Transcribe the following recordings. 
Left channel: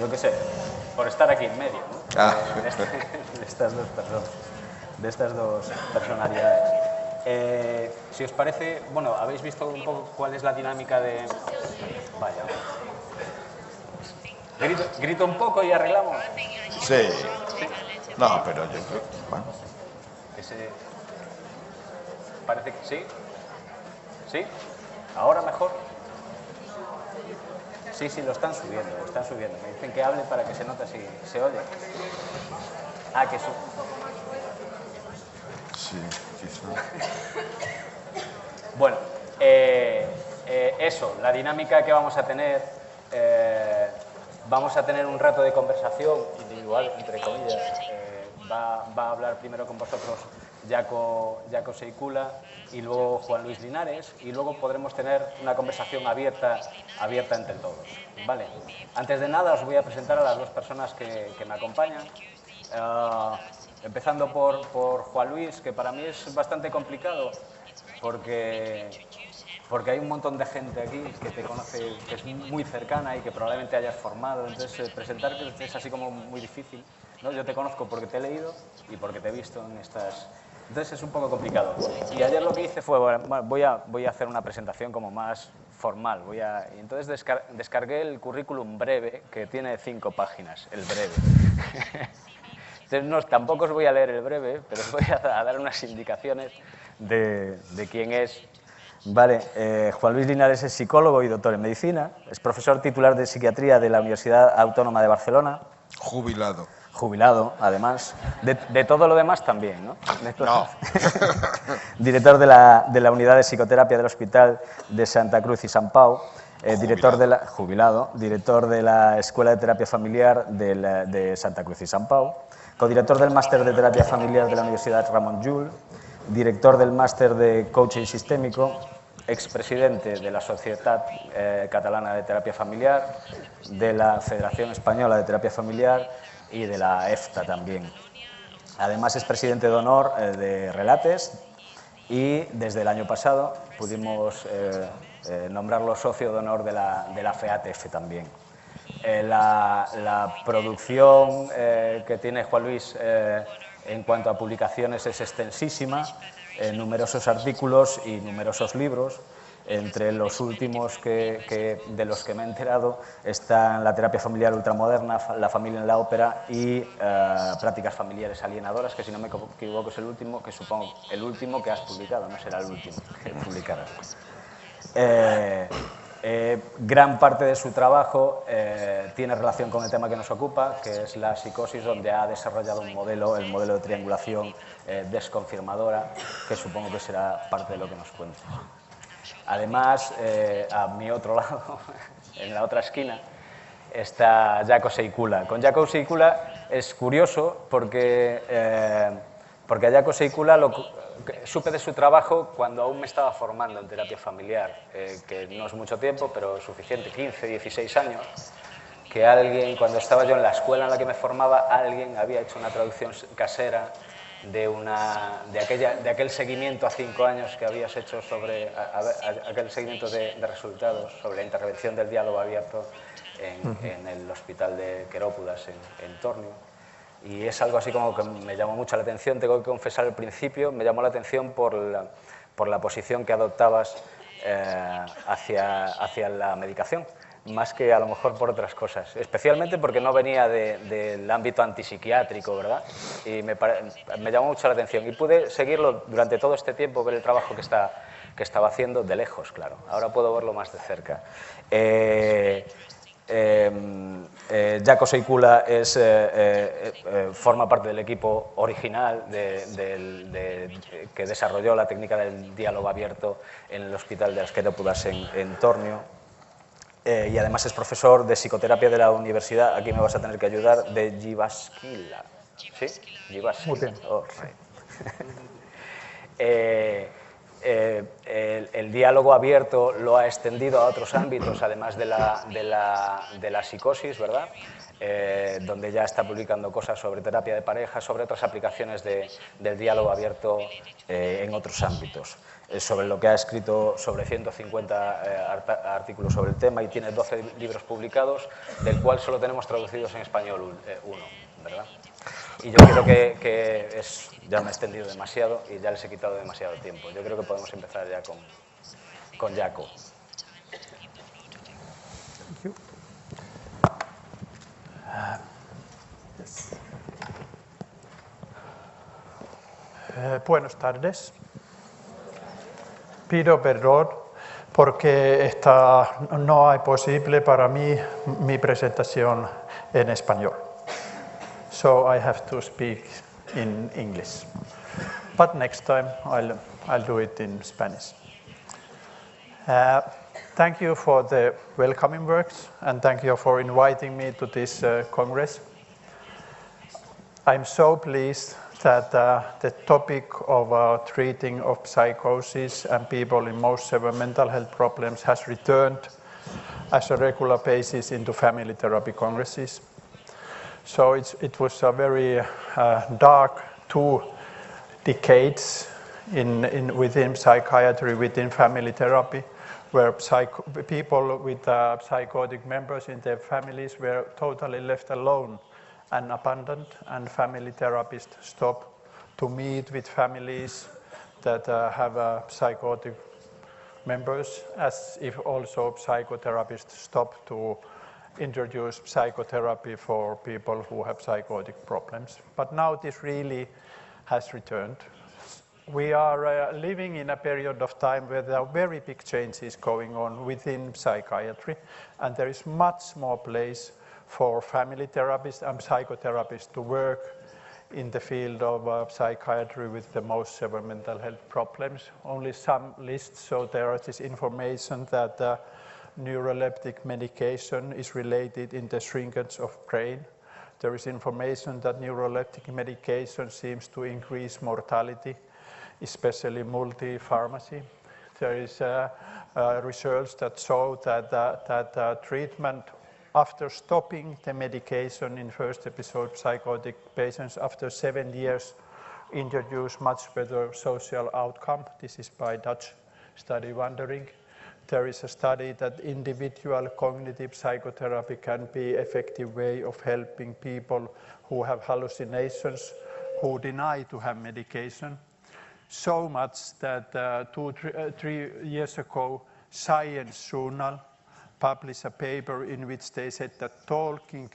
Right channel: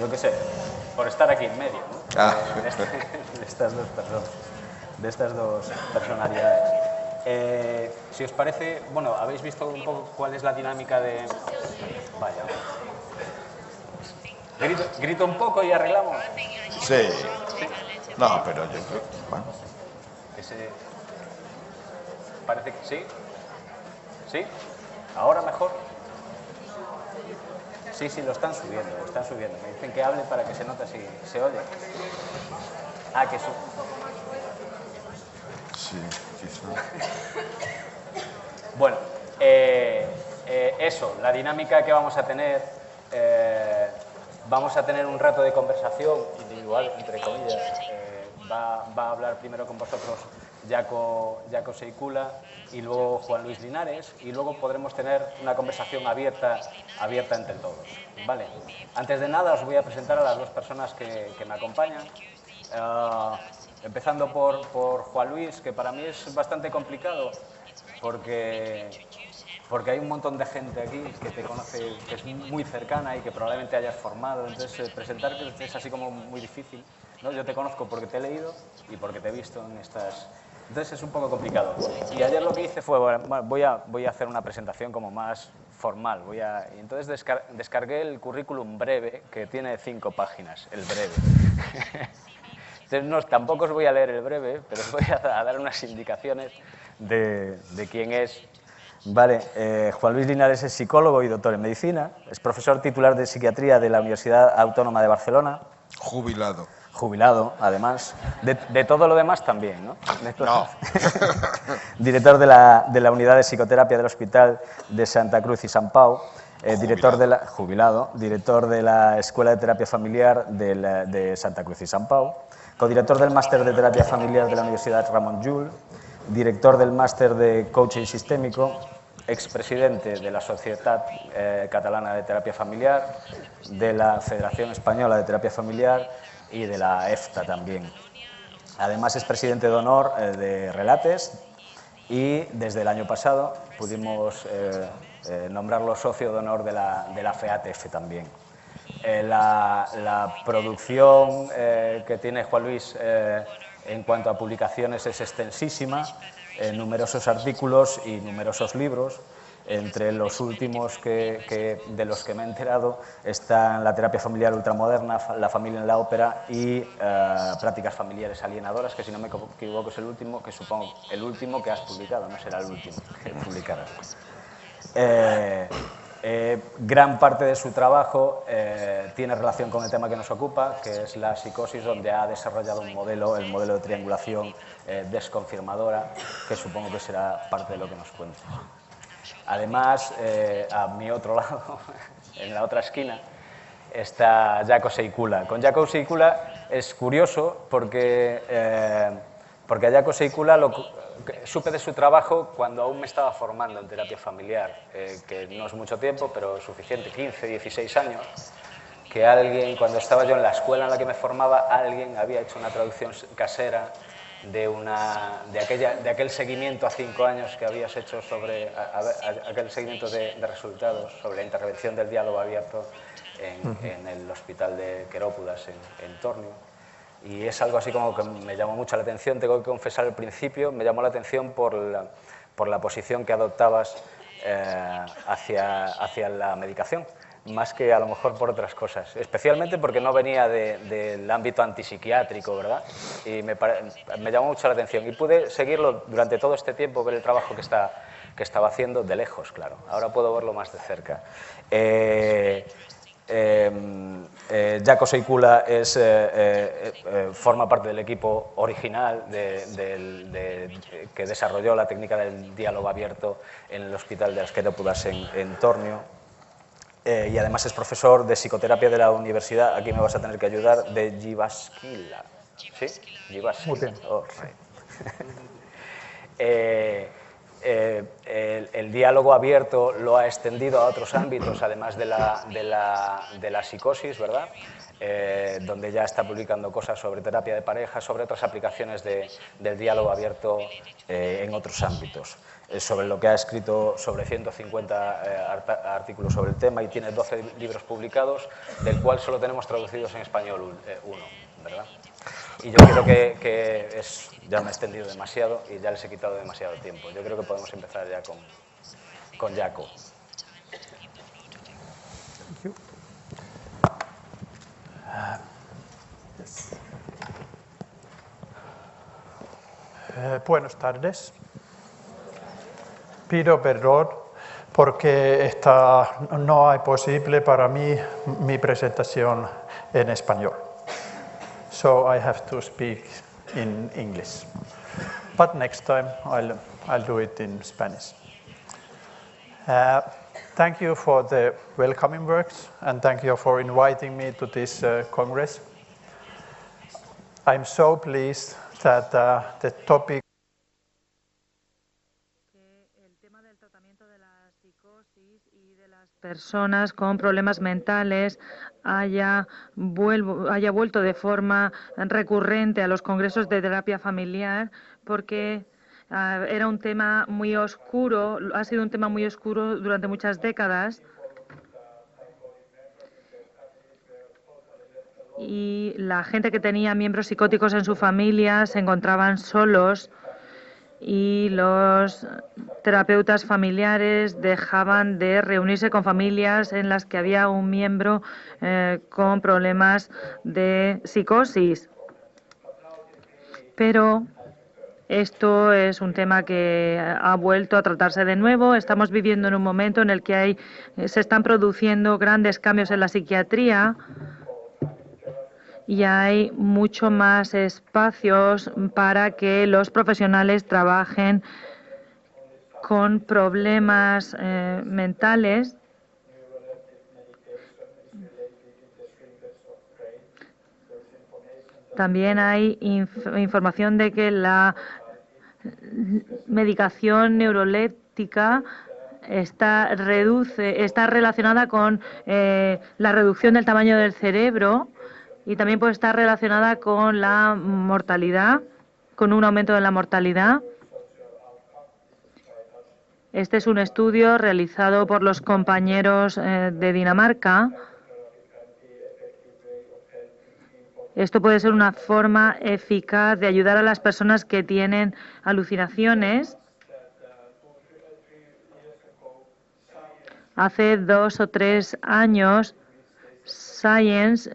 yo qué sé, por estar aquí en medio, ¿no? De estas dos personas, de estas dos personalidades. Si os parece, bueno, ¿habéis visto un poco cuál es la dinámica de...? Vaya. Grito un poco y arreglamos. Sí. No, pero yo creo... Bueno. Parece que sí. ¿Sí? ¿Ahora mejor? Sí, lo están subiendo, lo están subiendo. Me dicen que hable para que se note si se oye. Ah, que sube. Sí, quizá. Bueno, eso, la dinámica que vamos a tener un rato de conversación individual, entre comillas. Va a hablar primero con vosotros Jaco Seicula y luego Juan Luis Linares, y luego podremos tener una conversación abierta entre todos, ¿vale? Antes de nada os voy a presentar a las dos personas que me acompañan. Empezando por Juan Luis, que para mí es bastante complicado porque hay un montón de gente aquí que te conoce, que es muy cercana y que probablemente hayas formado. Entonces, presentarte es así como muy difícil, ¿no? Yo te conozco porque te he leído y porque te he visto en estas... Entonces, es un poco complicado. Y ayer lo que hice fue, bueno, voy a hacer una presentación como más formal. Y entonces descargué el currículum breve, que tiene 5 páginas, el breve. Entonces, tampoco os voy a leer el breve, pero os voy a dar unas indicaciones de quién es. Vale, Juan Luis Linares es psicólogo y doctor en medicina, es profesor titular de psiquiatría de la Universidad Autónoma de Barcelona. Jubilado. Jubilado, además. De todo lo demás también, ¿no? No. Director de la unidad de psicoterapia del Hospital de Santa Cruz y Sant Pau. Director de la Escuela de Terapia Familiar de Santa Cruz y Sant Pau. Codirector del Máster de Terapia Familiar de la Universidad Ramon Llull. Director del Máster de Coaching Sistémico, expresidente de la Sociedad Catalana de Terapia Familiar, de la Federación Española de Terapia Familiar y de la EFTA también. Además es presidente de honor de Relates y desde el año pasado pudimos nombrarlo socio de honor de la FEATF también. La producción que tiene Juan Luis en cuanto a publicaciones es extensísima, numerosos artículos y numerosos libros. Entre los últimos de los que me he enterado están La terapia familiar ultramoderna, La familia en la ópera y Prácticas familiares alienadoras, que si no me equivoco es el último, que supongo el último que has publicado, no será el último que publicarás. Gran parte de su trabajo tiene relación con el tema que nos ocupa, que es la psicosis, donde ha desarrollado el modelo de triangulación desconfirmadora, que supongo que será parte de lo que nos cuentes. Además, a mi otro lado, en la otra esquina, está Jaco Seicula. Con Jaco Seicula es curioso porque a Jaco Seicula supe de su trabajo cuando aún me estaba formando en terapia familiar, que no es mucho tiempo, pero suficiente, 15, 16 años, que alguien, cuando estaba yo en la escuela en la que me formaba, alguien había hecho una traducción casera de aquel seguimiento a 5 años que habías hecho sobre aquel seguimiento de resultados sobre la intervención del diálogo abierto en el hospital de Querópudas en Tornio. Y es algo así como que me llamó mucho la atención. Tengo que confesar, al principio me llamó la atención por la posición que adoptabas hacia la medicación, más que a lo mejor por otras cosas, especialmente porque no venía del ámbito antipsiquiátrico, ¿verdad? Y me llamó mucho la atención y pude seguirlo durante todo este tiempo, ver el trabajo que estaba haciendo de lejos, claro. Ahora puedo verlo más de cerca. Jaco Seicula forma parte del equipo original que desarrolló la técnica del diálogo abierto en el Hospital de las Querópudas en Tornio. Y además es profesor de psicoterapia de la universidad, aquí me vas a tener que ayudar, de Jyväskylä. ¿Sí? Jyväskylä. Oh, right. el diálogo abierto lo ha extendido a otros ámbitos, además de la psicosis, ¿verdad? Donde ya está publicando cosas sobre terapia de pareja, sobre otras aplicaciones del diálogo abierto en otros ámbitos. Sobre lo que ha escrito sobre 150 artículos sobre el tema y tiene 12 libros publicados, del cual solo tenemos traducidos en español uno, ¿verdad? Y yo creo que ya me he extendido demasiado y ya les he quitado demasiado tiempo. Yo creo que podemos empezar ya con Jaco. Buenas tardes. Pido perdón porque no hay posible para mí mi presentación en español. So I have to speak in English. But next time I'll do it in Spanish. Thank you for the welcoming words and thank you for inviting me to this Congress. I'm so pleased that the topic of treating of psychosis and people in most severe mental health problems has returned personas as a con regular problemas basis into mentales family therapy congresses. haya vuelto So de forma it was a very recurrente a los congresos de dark terapia familiar, porque decades era un tema within muy psychiatry, oscuro, within ha sido family un tema muy therapy, oscuro durante where muchas décadas. people with psychotic members in their families were totally left alone. Y la and gente que abandoned, tenía miembros and psicóticos en su family familia therapists se encontraban stopped to meet with solos families y that los have psychotic terapeutas familiares members, dejaban as de if reunirse also con familias psychotherapists en las que stopped había to un miembro introduce con psychotherapy problemas for people de who have psicosis. psychotic problems. But now this really Pero has returned. esto es un We tema are que living in ha a vuelto a period of tratarse time de where there are nuevo. very Estamos big viviendo en un changes momento en el going que on within se están psychiatry, produciendo and grandes there's cambios en la much more psiquiatría place for family therapists and y hay psychotherapists to mucho work más in the espacios field of para que psychiatry los with the most profesionales severe mental trabajen health problems. Only some con lists show there is problemas information mentales. that neuroleptic medication is related in the shrinkage of brain. There is information that También hay medication información seems to de que increase la mortality, especially medicación multipharmacy. neuroléptica está relacionada con la reducción del tamaño del cerebro y también puede estar relacionada con la mortalidad, con un aumento de la mortalidad. Este es un estudio realizado por los compañeros de Dinamarca. Esto puede ser una forma eficaz de ayudar a las personas que tienen alucinaciones. Hace 2 o 3 años, Science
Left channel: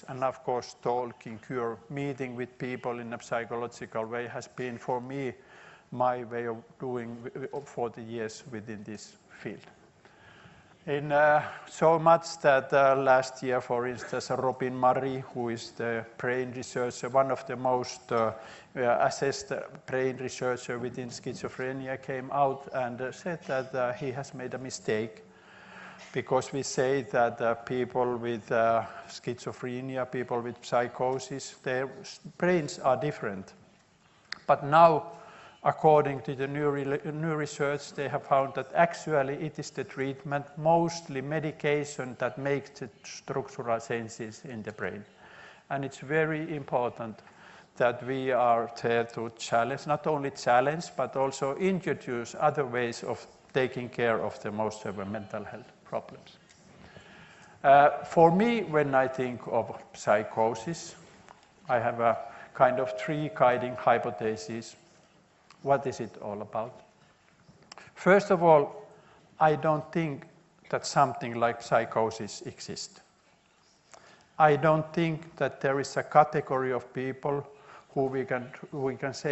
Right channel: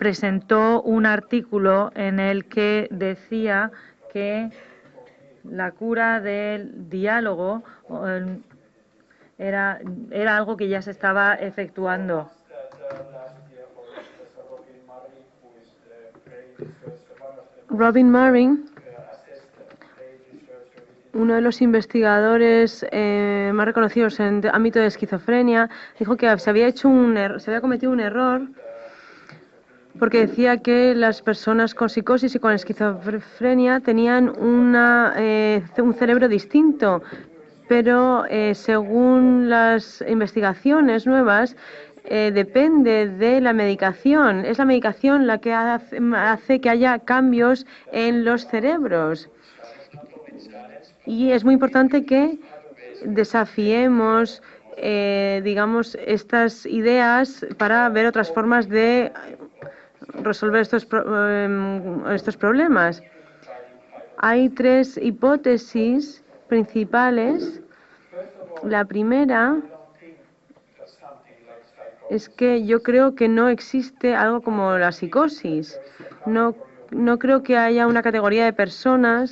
presentó un artículo en el que decía que la cura del diálogo era algo que ya se estaba efectuando. Robin Murray, uno de los investigadores más reconocidos en el ámbito de esquizofrenia, dijo que se había cometido un error porque decía que las personas con psicosis y con esquizofrenia tenían un cerebro distinto, pero según las investigaciones nuevas, depende de la medicación. Es la medicación la que hace que haya cambios en los cerebros. Y es muy importante que desafiemos, digamos, estas ideas para ver otras formas de resolver estos problemas. Hay 3 hipótesis principales. La primera es que yo creo que no existe algo como la psicosis. No creo que haya una categoría de personas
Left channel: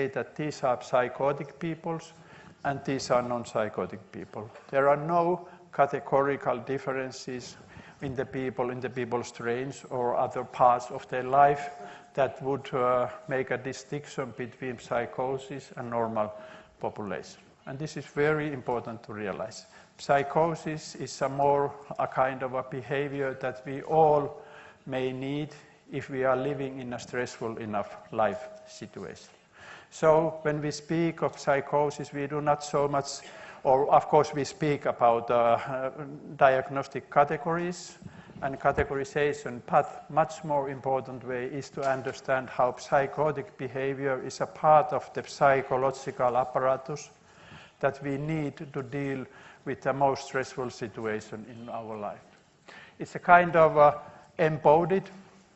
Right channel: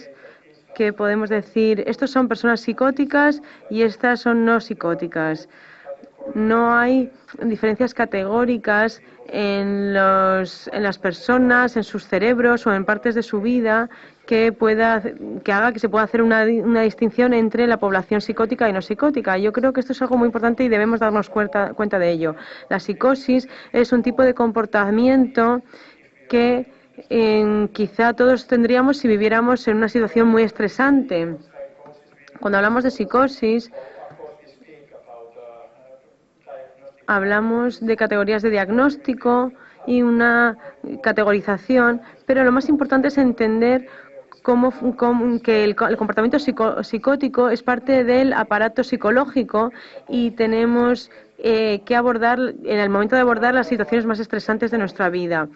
que podemos decir, estos son personas psicóticas y estas son no psicóticas. No hay diferencias categóricas en las personas, en sus cerebros o en partes de su vida que haga que se pueda hacer una distinción entre la población psicótica y no psicótica. Yo creo que esto es algo muy importante y debemos darnos damos cuenta de ello. La psicosis es un tipo de comportamiento que quizá todos tendríamos si viviéramos en una situación muy estresante. Cuando hablamos de psicosis, hablamos de categorías de diagnóstico y una categorización, pero lo más importante es entender que el comportamiento psicótico es parte del aparato psicológico y tenemos que abordar, en el momento de abordar las situaciones más estresantes de nuestra vida.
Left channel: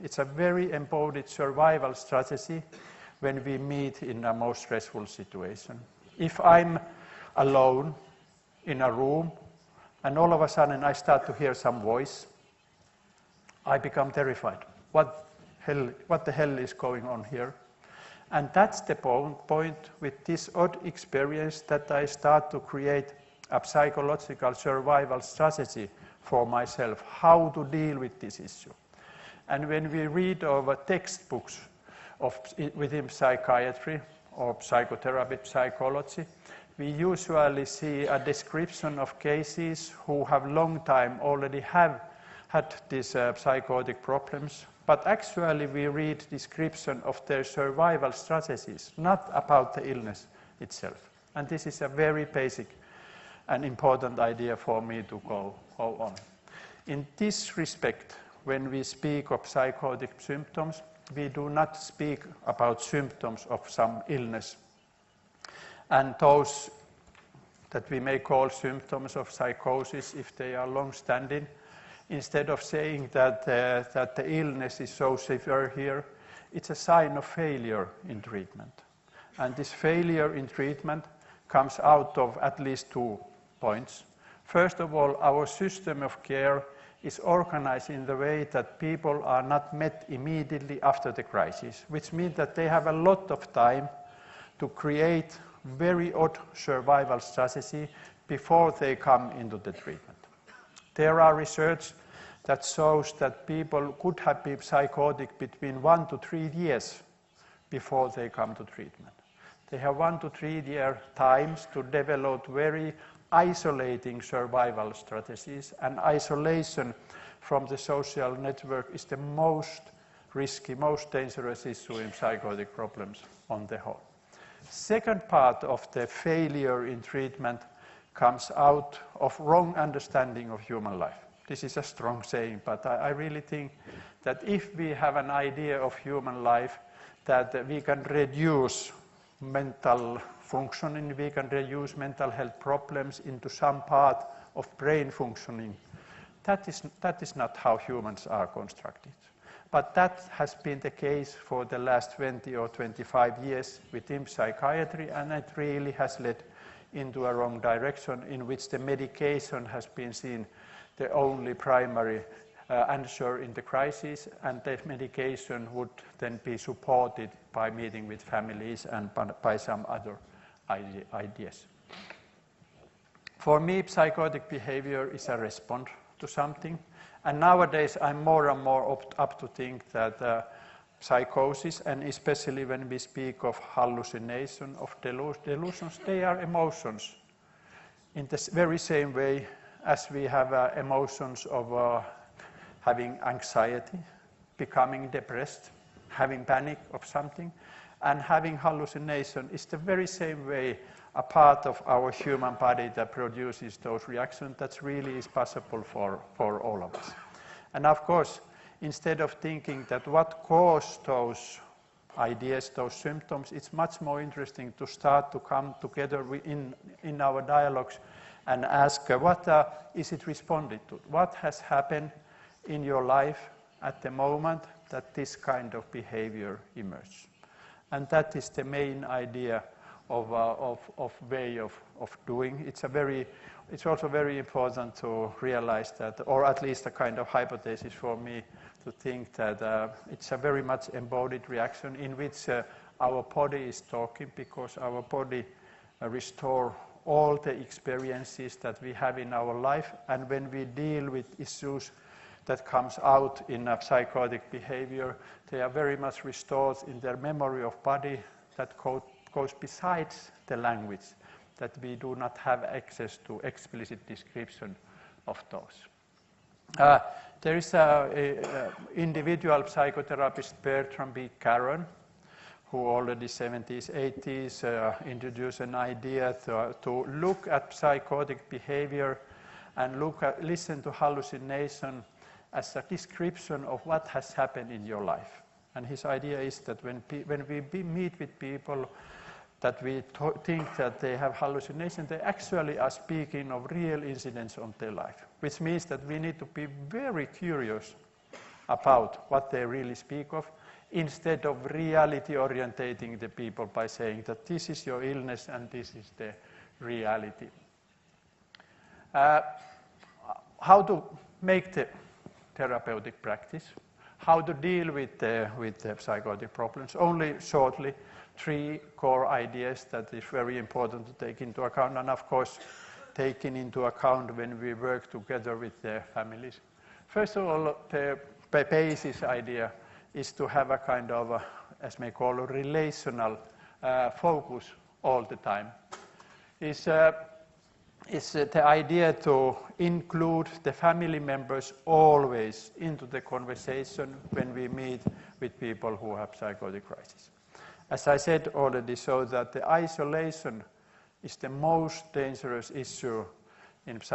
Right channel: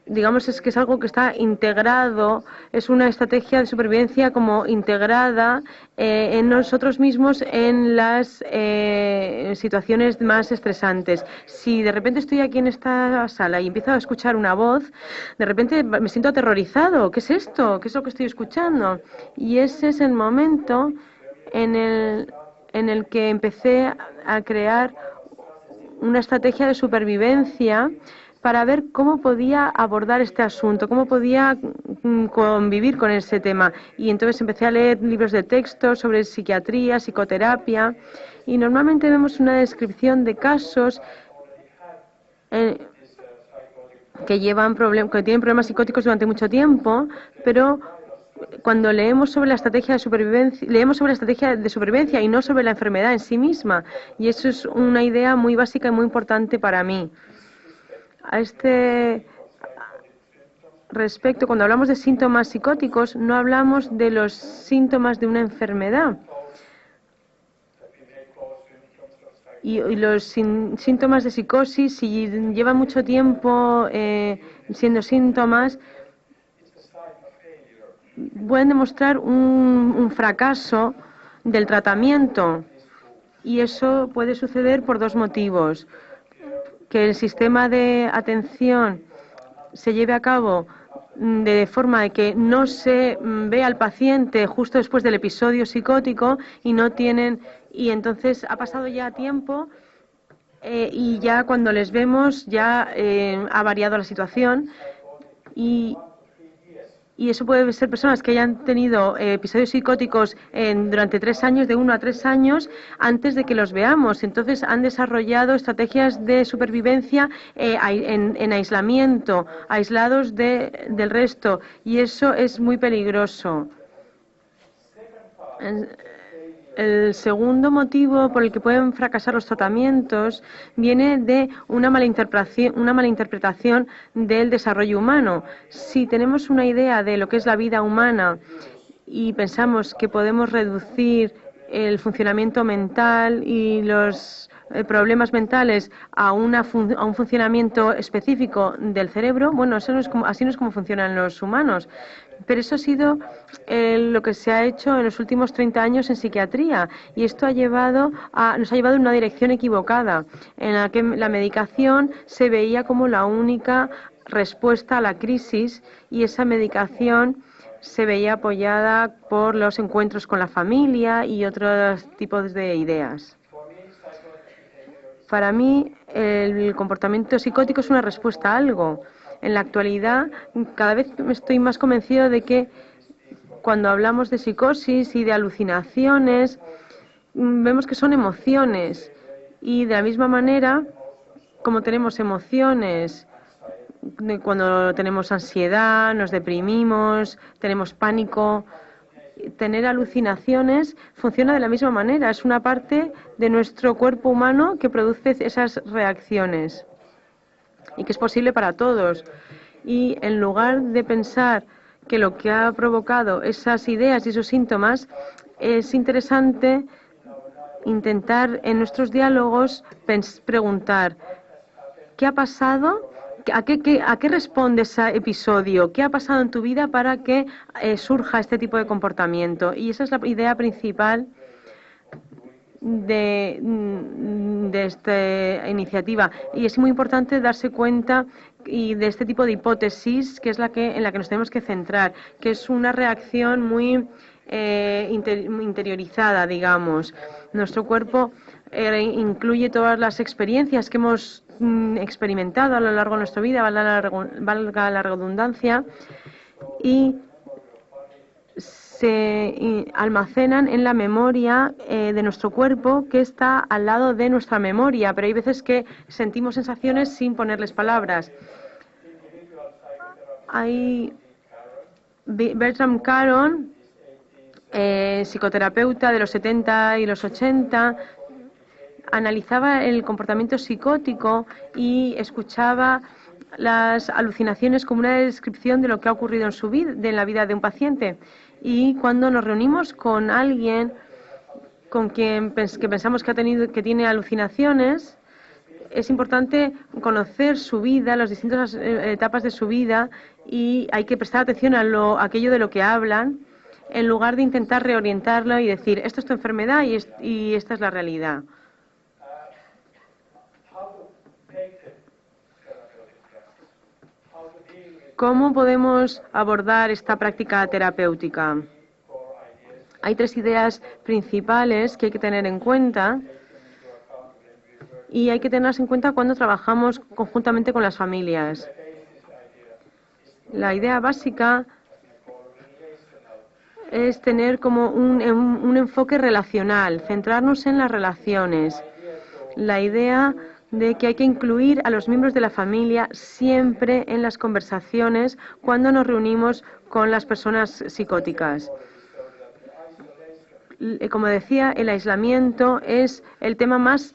Digamos que es algo que está integrado, es una estrategia de supervivencia como integrada en nosotros mismos en las situaciones más estresantes. Si de repente estoy aquí en esta sala y empiezo a escuchar una voz, de repente me siento aterrorizado. ¿Qué es esto? ¿Qué es lo que estoy escuchando? Y ese es el momento en el que empecé a crear una estrategia de supervivencia para ver cómo podía abordar este asunto, cómo podía convivir con este tema. Y entonces empecé a leer libros de texto sobre psiquiatría, psicoterapia, y normalmente vemos una descripción de casos que tienen problemas psicóticos durante mucho tiempo, pero cuando leemos sobre la estrategia de supervivencia, y no sobre la enfermedad en sí misma, y eso es una idea muy básica y muy importante para mí. A este respecto, cuando hablamos de síntomas psicóticos, no hablamos de los síntomas de una enfermedad. Y los síntomas de psicosis, si llevan mucho tiempo siendo síntomas, pueden demostrar un fracaso del tratamiento. Y eso puede suceder por dos motivos. Que el sistema de atención se lleve a cabo de forma de que no se ve al paciente justo después del episodio psicótico y entonces ha pasado ya tiempo y ya cuando les vemos ya ha variado la situación y eso puede ser personas que hayan tenido episodios psicóticos durante 3 años, de 1 a 3 años, antes de que los veamos. Entonces han desarrollado estrategias de supervivencia en aislamiento, aislados del resto, y eso es muy peligroso. El segundo motivo por el que pueden fracasar los tratamientos viene de una mala interpretación del desarrollo humano. Si tenemos una idea de lo que es la vida humana y pensamos que podemos reducir el funcionamiento mental y los problemas mentales a un funcionamiento específico del cerebro, bueno, así no es como funcionan los humanos. Pero eso ha sido lo que se ha hecho en los últimos 30 años en psiquiatría, y esto nos ha llevado en una dirección equivocada, en la que la medicación se veía como la única respuesta a la crisis, y esa medicación se veía apoyada por los encuentros con la familia y otros tipos de ideas. Para mí, el comportamiento psicótico es una respuesta a algo. En la actualidad, cada vez estoy más convencido de que cuando hablamos de psicosis y de alucinaciones, vemos que son emociones, y de la misma manera como tenemos emociones cuando tenemos ansiedad, nos deprimimos, tenemos pánico, tener alucinaciones funciona de la misma manera, es una parte de nuestro cuerpo humano que produce esas reacciones y que es posible para todos. Y en lugar de pensar que lo que ha provocado esas ideas y esos síntomas, es interesante intentar en nuestros diálogos preguntar ¿qué ha pasado? ¿A qué responde ese episodio? ¿Qué ha pasado en tu vida para que surja este tipo de comportamiento? Y esa es la idea principal de esta iniciativa, y es muy importante darse cuenta de este tipo de hipótesis, que es en la que nos tenemos que centrar, que es una reacción muy interiorizada, digamos. Nuestro cuerpo incluye todas las experiencias que hemos experimentado a lo largo de nuestra vida, valga la redundancia, y se almacenan en la memoria de nuestro cuerpo, que está al lado de nuestra memoria, pero hay veces que sentimos sensaciones sin ponerles palabras. Hay Bertram Caron, psicoterapeuta de los 70 y los 80, analizaba el comportamiento psicótico y escuchaba las alucinaciones como una descripción de lo que ha ocurrido en su vida, de la vida de un paciente. Y cuando nos reunimos con alguien con quien que pensamos que tiene alucinaciones, es importante conocer su vida, las distintas etapas de su vida, y hay que prestar atención a aquello de lo que hablan, en lugar de intentar reorientarlo y decir, esto es tu enfermedad y esta es la realidad. ¿Cómo podemos abordar esta práctica terapéutica? Hay 3 ideas principales que hay que tener en cuenta y hay que tenerlas en cuenta cuando trabajamos conjuntamente con las familias. La idea básica es tener como un enfoque relacional, centrarnos en las relaciones. La idea de que hay que incluir a los miembros de la familia siempre en las conversaciones cuando nos reunimos con las personas psicóticas. Como decía, el aislamiento es el tema más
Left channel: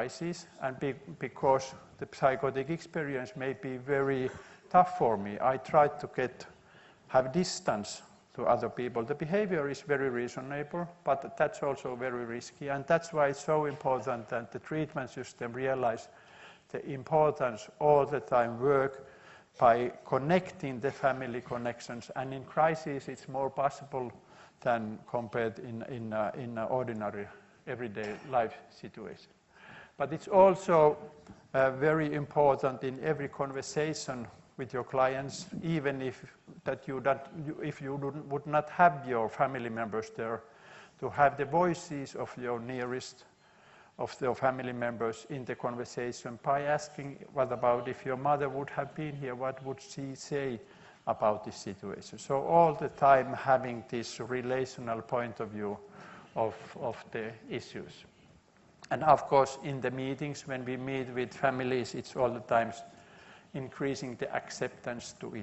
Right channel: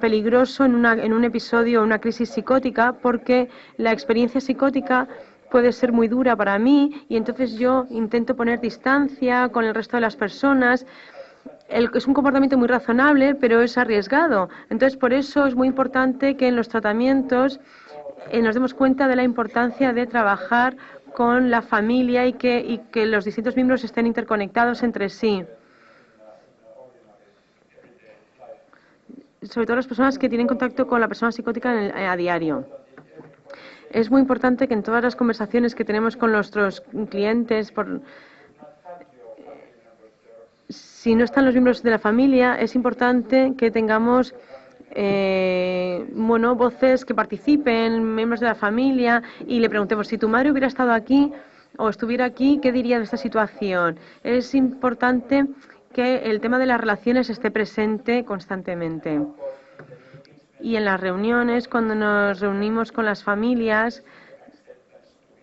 peligroso en un episodio o una crisis psicótica, porque la experiencia psicótica puede ser muy dura para mí y entonces yo intento poner distancia con el resto de las personas. Es un comportamiento muy razonable, pero es arriesgado. Entonces, por eso es muy importante que en los tratamientos nos demos cuenta de la importancia de trabajar con la familia y que los distintos miembros estén interconectados entre sí. Sobre todo las personas que tienen contacto con la persona psicótica a diario. Es muy importante que en todas las conversaciones que tenemos con nuestros clientes, si no están los miembros de la familia, es importante que tengamos voces que participen, miembros de la familia, y le preguntemos, si tu madre hubiera estado aquí o estuviera aquí, ¿qué diría de esta situación? Es importante que el tema de las relaciones esté presente constantemente. Y en las reuniones, cuando nos reunimos con las familias,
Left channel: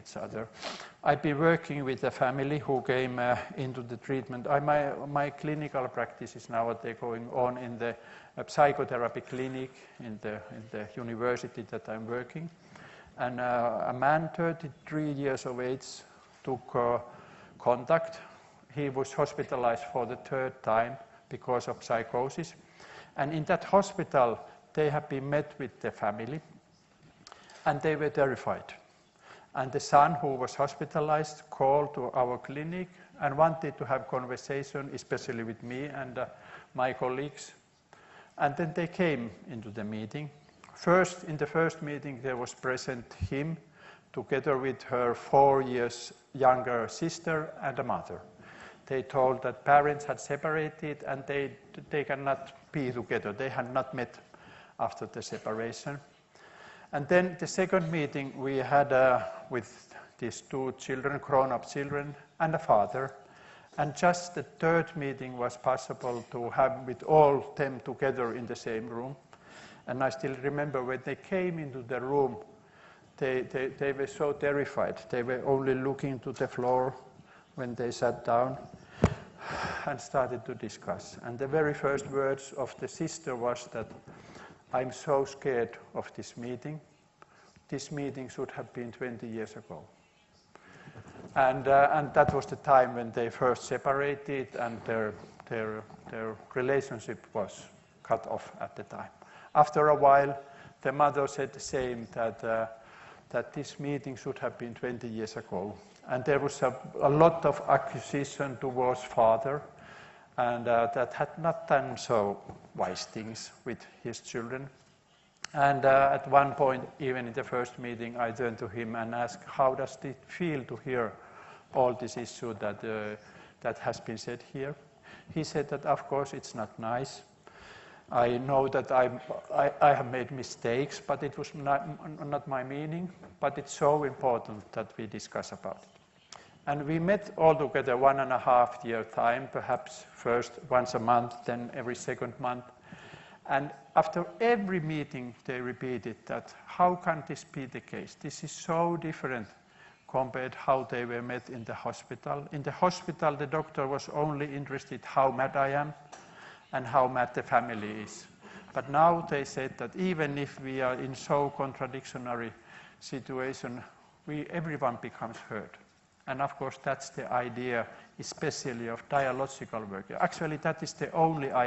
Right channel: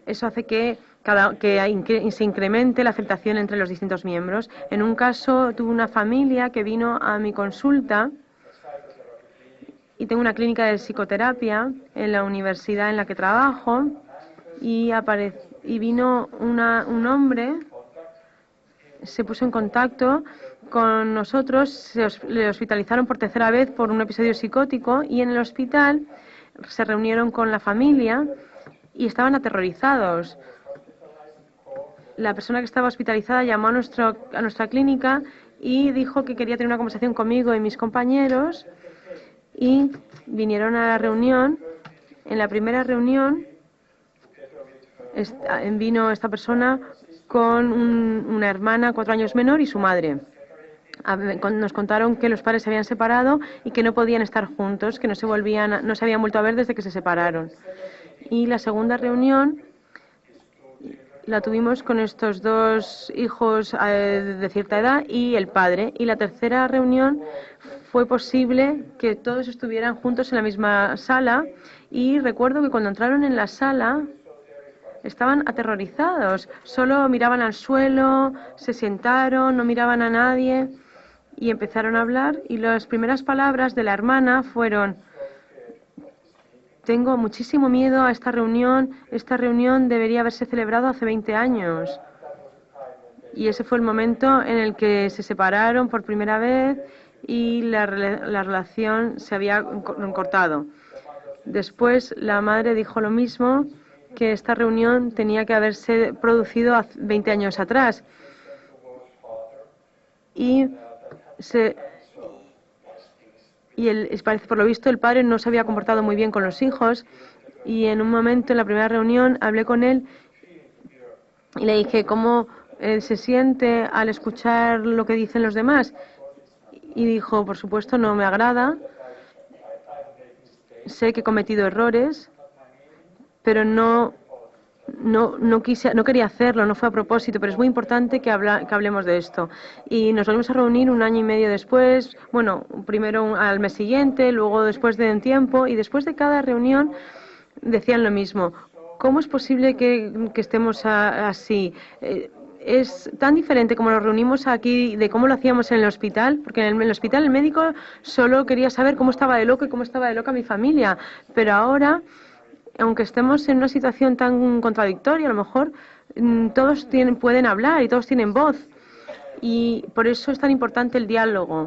eso hace que se incremente la aceptación entre los distintos miembros. En un caso, tuve una familia que vino a mi consulta y tengo una clínica de psicoterapia en la universidad en la que trabajo, y vino un hombre. Se puso en contacto con nosotros, le hospitalizaron por 3ª vez por un episodio psicótico, y en el hospital se reunieron con la familia y estaban aterrorizados. La persona que estaba hospitalizada llamó a nuestra clínica y dijo que quería tener una conversación conmigo y mis compañeros, y vinieron a la reunión. En la primera reunión vino esta persona con una hermana 4 años menor y su madre. Nos contaron que los padres se habían separado y que no podían estar juntos, que no se habían vuelto a ver desde que se separaron. Y la segunda reunión la tuvimos con estos 2 hijos de cierta edad y el padre. Y la tercera reunión fue posible que todos estuvieran juntos en la misma sala, y recuerdo que cuando entraron en la sala estaban aterrorizados. Solo miraban al suelo, se sentaron, no miraban a nadie y empezaron a hablar, y las primeras palabras de la hermana fueron: tengo muchísimo miedo a esta reunión debería haberse celebrado hace 20 años. Y ese fue el momento en el que se separaron por primera vez y la relación se había cortado. Después la madre dijo lo mismo, que esta reunión tenía que haberse producido 20 años atrás. Por lo visto el padre no se había comportado muy bien con los hijos, y en un momento en la primera reunión hablé con él y le dije cómo se siente al escuchar lo que dicen los demás, y dijo: por supuesto no me agrada, sé que he cometido errores, pero no quería hacerlo, no fue a propósito, pero es muy importante que hablemos de esto. Y nos volvemos a reunir 1 año y medio después, bueno, primero al mes siguiente, luego después de un tiempo, y después de cada reunión decían lo mismo. ¿Cómo es posible que estemos así? Es tan diferente como nos reunimos aquí de cómo lo hacíamos en el hospital, porque en el hospital el médico solo quería saber cómo estaba de loco y cómo estaba de loca mi familia, pero ahora, aunque estemos en una situación tan contradictoria, a lo mejor todos pueden hablar y todos tienen voz, y por eso es tan importante el diálogo.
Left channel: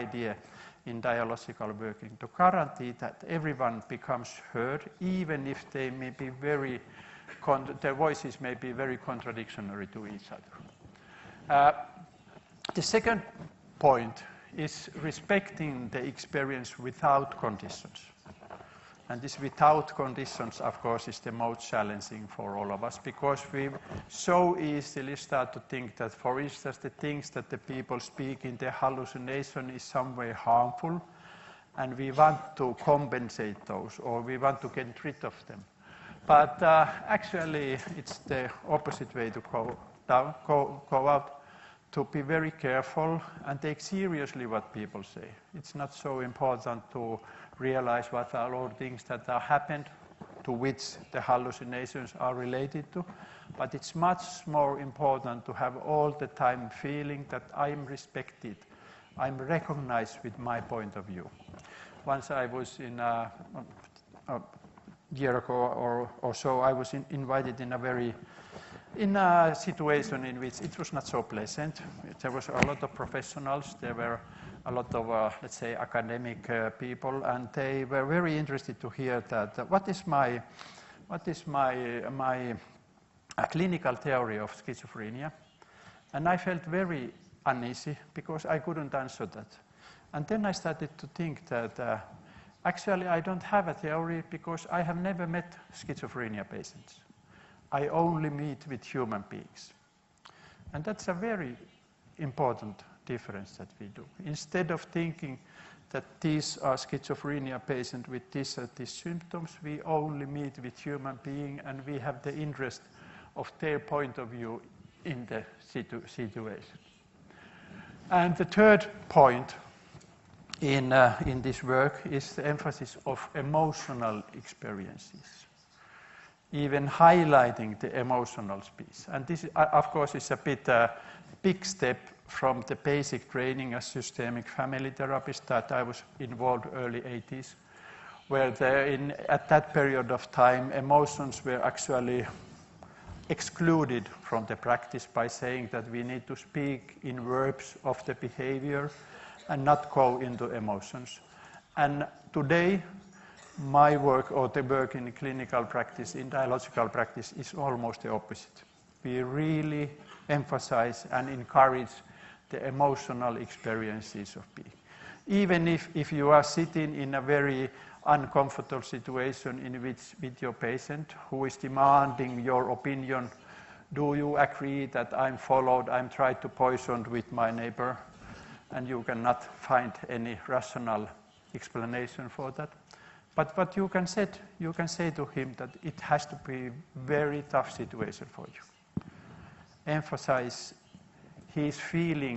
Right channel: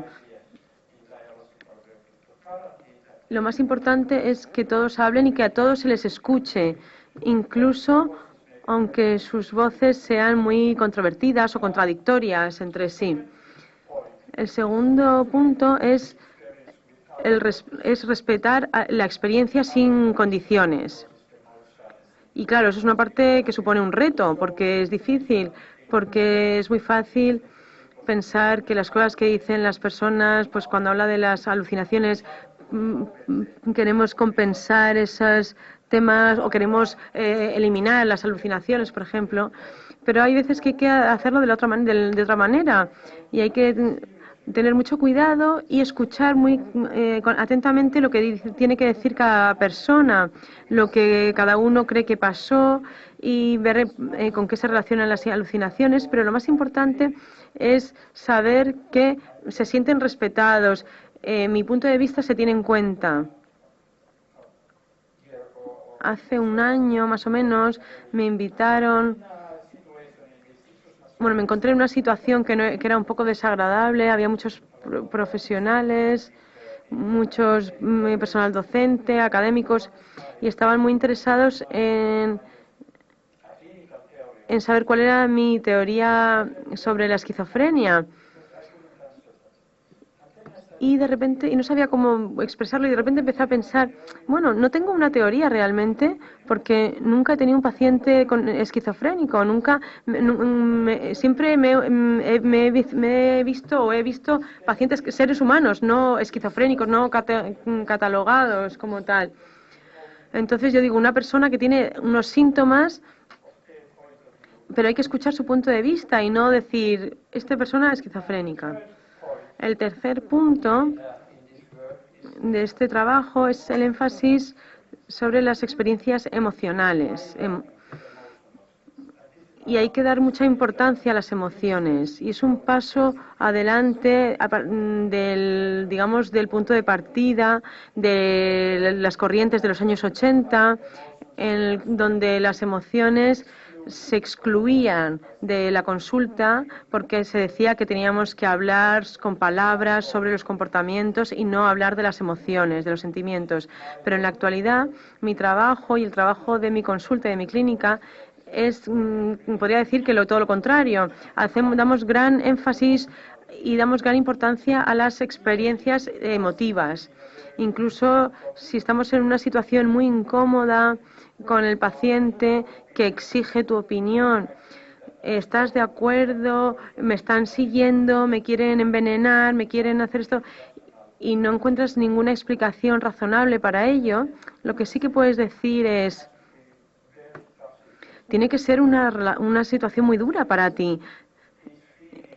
Lo más importante es que todos hablen y que a todos se les escuche, incluso aunque sus voces sean muy controvertidas o contradictorias entre sí. El segundo punto es respetar la experiencia sin condiciones. Y claro, eso es una parte que supone un reto, porque es difícil, porque es muy fácil pensar que las cosas que dicen las personas, pues cuando habla de las alucinaciones, queremos compensar esos temas o queremos eliminar las alucinaciones, por ejemplo. Pero hay veces que hay que hacerlo de otra manera y hay que tener mucho cuidado y escuchar muy atentamente lo que tiene que decir cada persona, lo que cada uno cree que pasó y ver con qué se relacionan las alucinaciones, pero lo más importante es saber que se sienten respetados. Mi punto de vista se tiene en cuenta. Hace 1 año, más o menos, me invitaron. Bueno, me encontré en una situación que era un poco desagradable. Había muchos profesionales, muchos personal docente, académicos, y estaban muy interesados en saber cuál era mi teoría sobre la esquizofrenia. Y de repente, no sabía cómo expresarlo, y de repente empecé a pensar, bueno, no tengo una teoría realmente, porque nunca he tenido un paciente esquizofrénico, siempre me he visto pacientes, seres humanos, no esquizofrénicos, no catalogados como tal. Entonces yo digo, una persona que tiene unos síntomas, pero hay que escuchar su punto de vista y no decir, esta persona es esquizofrénica. El tercer punto de este trabajo es el énfasis sobre las experiencias emocionales. Y hay que dar mucha importancia a las emociones. Y es un paso adelante del punto de partida de las corrientes de los años 80, donde las emociones se excluían de la consulta porque se decía que teníamos que hablar con palabras sobre los comportamientos y no hablar de las emociones, de los sentimientos. Pero en la actualidad, mi trabajo y el trabajo de mi consulta y de mi clínica podría decir que todo lo contrario. Damos gran énfasis y damos gran importancia a las experiencias emotivas. Incluso si estamos en una situación muy incómoda con el paciente que exige tu opinión, ¿estás de acuerdo? ¿Me están siguiendo? ¿Me quieren envenenar? ¿Me quieren hacer esto? Y no encuentras ninguna explicación razonable para ello. Lo que sí que puedes decir es, tiene que ser una situación muy dura para ti.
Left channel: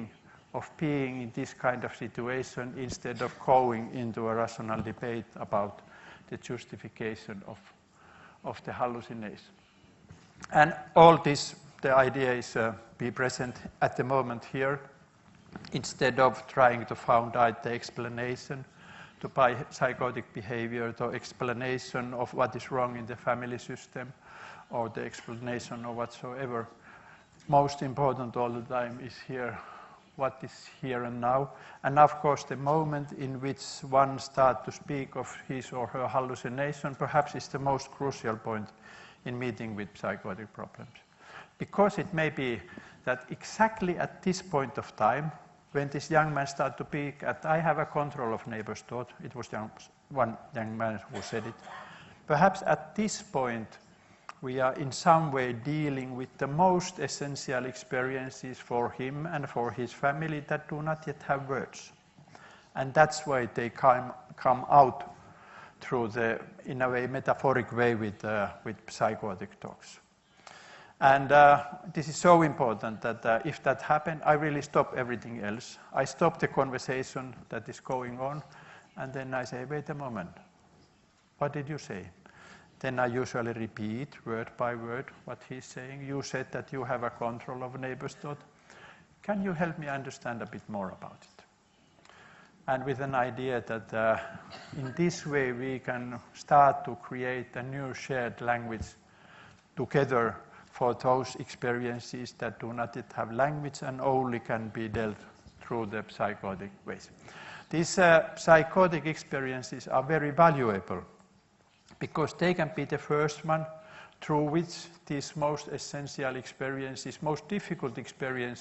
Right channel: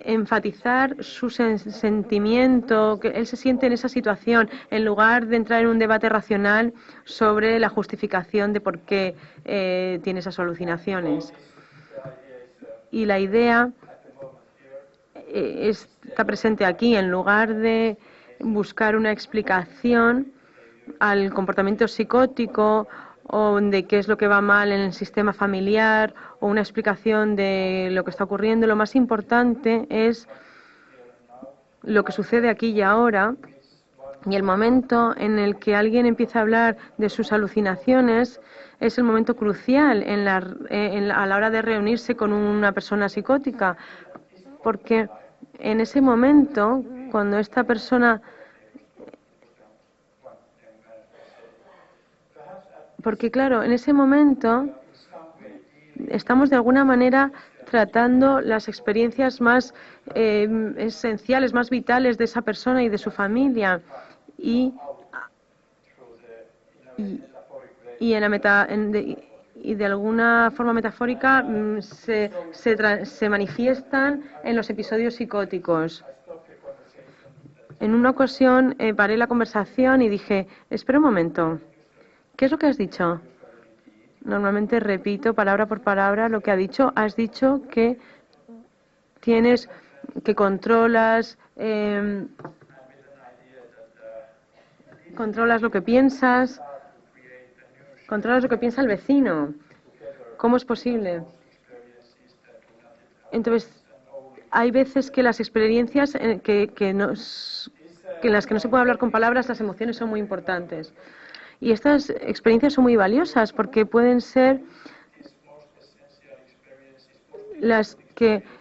Enfatizar su sentimiento, que él se siente en esa situación, en lugar de entrar en un debate racional sobre la justificación de por qué tiene esas alucinaciones. Y la idea está presente aquí, en lugar de buscar una explicación al comportamiento psicótico o de qué es lo que va mal en el sistema familiar o una explicación de lo que está ocurriendo. Lo más importante es lo que sucede aquí y ahora, y el momento en el que alguien empieza a hablar de sus alucinaciones es el momento crucial a la hora de reunirse con una persona psicótica, porque en ese momento, cuando esta persona... Porque claro, en ese momento estamos de alguna manera tratando las experiencias más esenciales, más vitales de esa persona y de su familia. y de alguna forma metafórica se manifiestan en los episodios psicóticos. En una ocasión paré la conversación y dije, espera un momento, ¿qué es lo que has dicho? Normalmente repito palabra por palabra lo que ha dicho. Has dicho que controlas lo que piensas, controlas lo que piensa el vecino. ¿Cómo es posible? Entonces, hay veces que las experiencias en las que no se puede hablar con palabras, las emociones son muy importantes. Y estas experiencias son muy valiosas porque pueden ser las que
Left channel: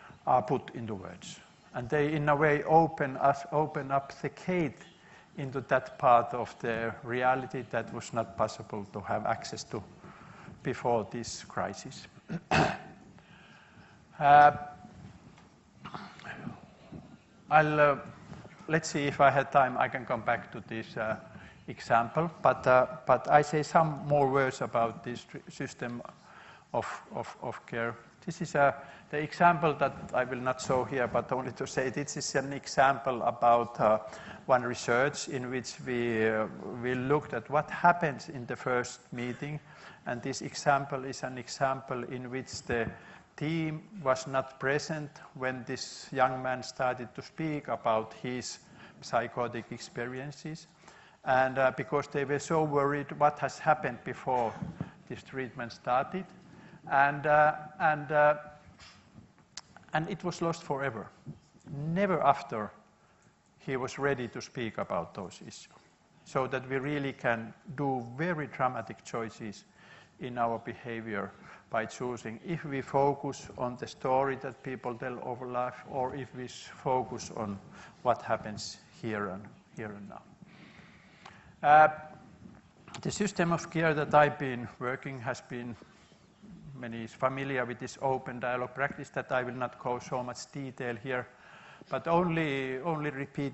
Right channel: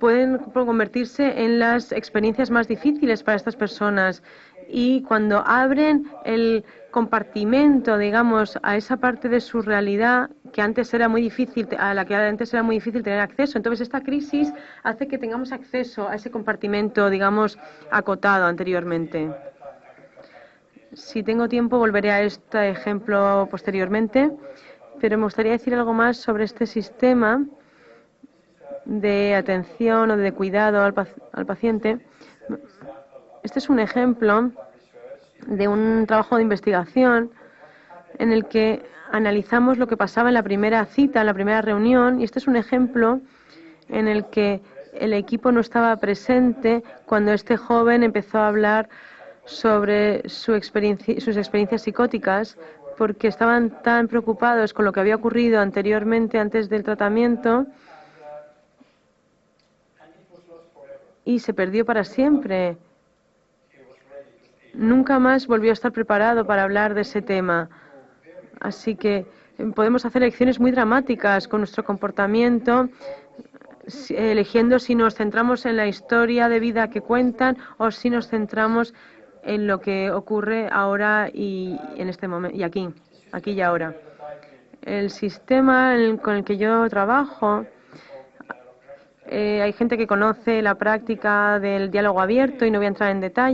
pueden convertirse en las experiencias más difíciles para estas personas. Y cuando abren el compartimento, digamos, a esa parte de su realidad que antes era muy difícil, a la que antes era muy difícil tener acceso, entonces esta crisis hace que tengamos acceso a ese compartimento, digamos, acotado anteriormente. Si tengo tiempo, volveré a este ejemplo posteriormente, pero me gustaría decir algo más sobre este sistema de atención o de cuidado al paciente. Este es un ejemplo de un trabajo de investigación en el que analizamos lo que pasaba en la primera cita, en la primera reunión, y este es un ejemplo en el que el equipo no estaba presente cuando este joven empezó a hablar sobre sus experiencias psicóticas, porque estaban tan preocupados con lo que había ocurrido anteriormente, antes del tratamiento, y se perdió para siempre. Nunca más volvió a estar preparado para hablar de ese tema. Así que podemos hacer elecciones muy dramáticas con nuestro comportamiento, eligiendo si nos centramos en la historia de vida que cuentan o si nos centramos en lo que ocurre ahora y en este momento y aquí y ahora. El sistema con el que yo trabajo, hay gente que conoce la práctica del diálogo abierto y no voy a entrar en detalle,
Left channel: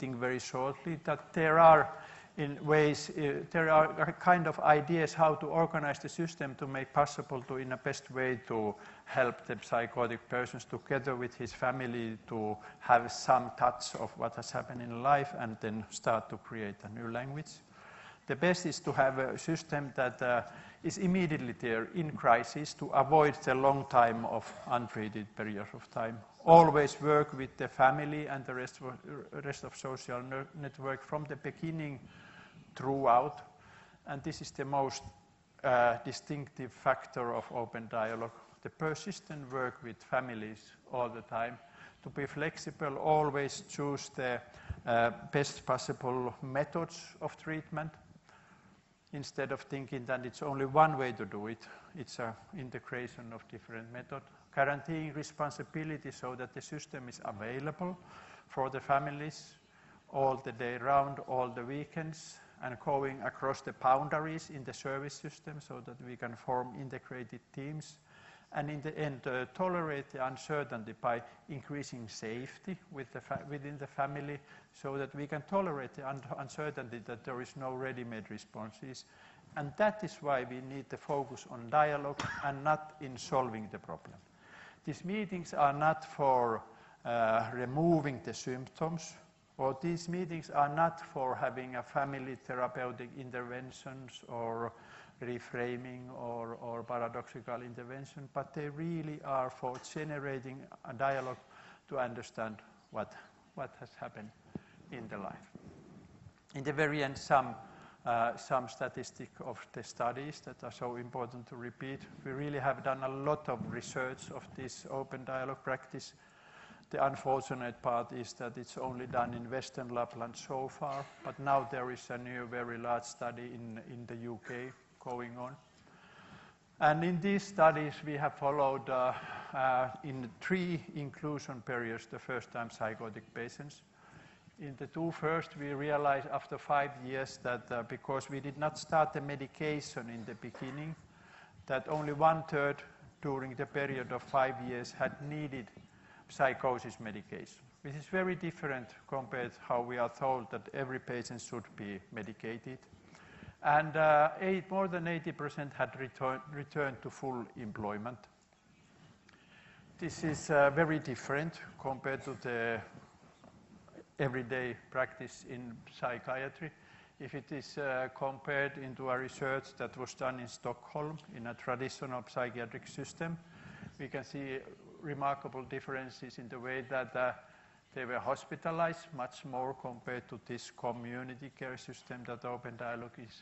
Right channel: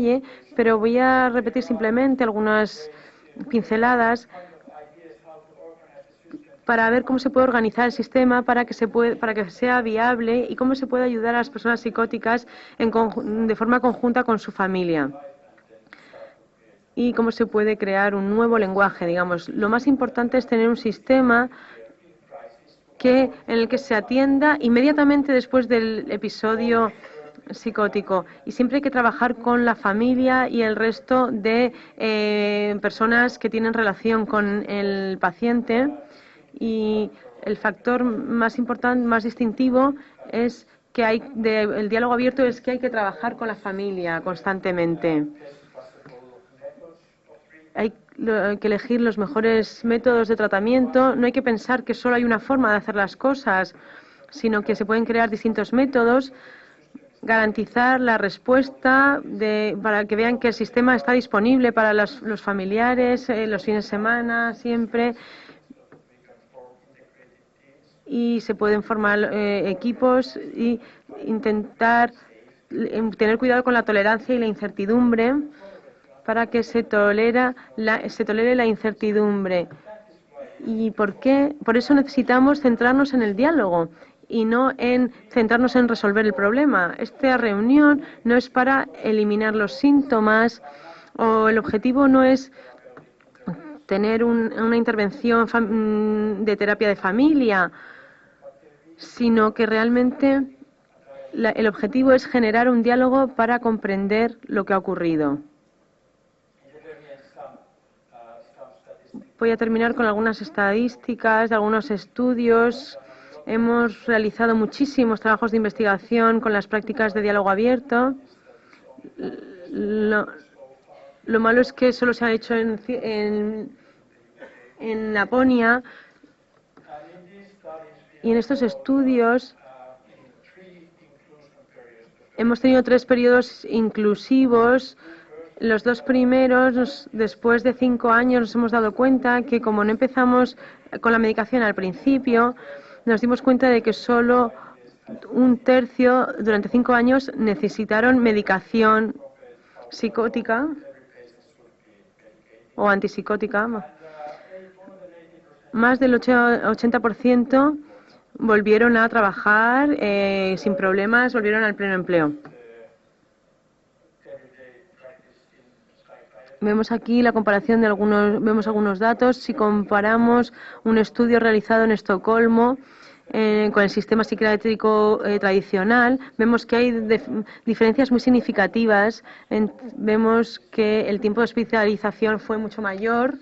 pero voy a repetir simplemente algunas pinceladas para ver cómo se puede organizar el sistema para que sea viable y cómo se puede ayudar a las personas psicóticas de forma conjunta con su familia y cómo se puede crear un nuevo lenguaje, digamos. Lo más importante es tener un sistema en el que se atienda inmediatamente después del episodio psicótico, y siempre hay que trabajar con la familia y el resto de personas que tienen relación con el paciente, y el factor más importante, más distintivo es que el diálogo abierto es que hay que trabajar con la familia constantemente. Hay que elegir los mejores métodos de tratamiento. No hay que pensar que solo hay una forma de hacer las cosas, sino que se pueden crear distintos métodos, garantizar la respuesta para que vean que el sistema está disponible para los familiares, los fines de semana, siempre, y se pueden formar equipos y intentar tener cuidado con la tolerancia y la incertidumbre para que se tolere la incertidumbre. ¿Y por qué? Por eso necesitamos centrarnos en el diálogo y no en centrarnos en resolver el problema. Esta reunión no es para eliminar los síntomas, o el objetivo no es tener una intervención de terapia de familia, sino que realmente el objetivo es generar un diálogo para comprender lo que ha ocurrido. Voy a terminar con algunas estadísticas de algunos estudios. Hemos realizado muchísimos trabajos de investigación con las prácticas de diálogo abierto. Lo malo es que solo se ha hecho en Laponia. Y en estos estudios hemos tenido 3 periodos inclusivos. Los 2 primeros, después de 5 años, nos hemos dado cuenta que como no empezamos con la medicación al principio, nos dimos cuenta de que solo 1/3 durante 5 años necesitaron medicación psicótica o antipsicótica, más del 80% volvieron a trabajar sin problemas, volvieron al pleno empleo. Vemos aquí la comparación de vemos algunos datos. Si comparamos un estudio realizado en Estocolmo con el sistema psiquiátrico tradicional, vemos que hay diferencias muy significativas. Vemos que el tiempo de hospitalización fue mucho mayor.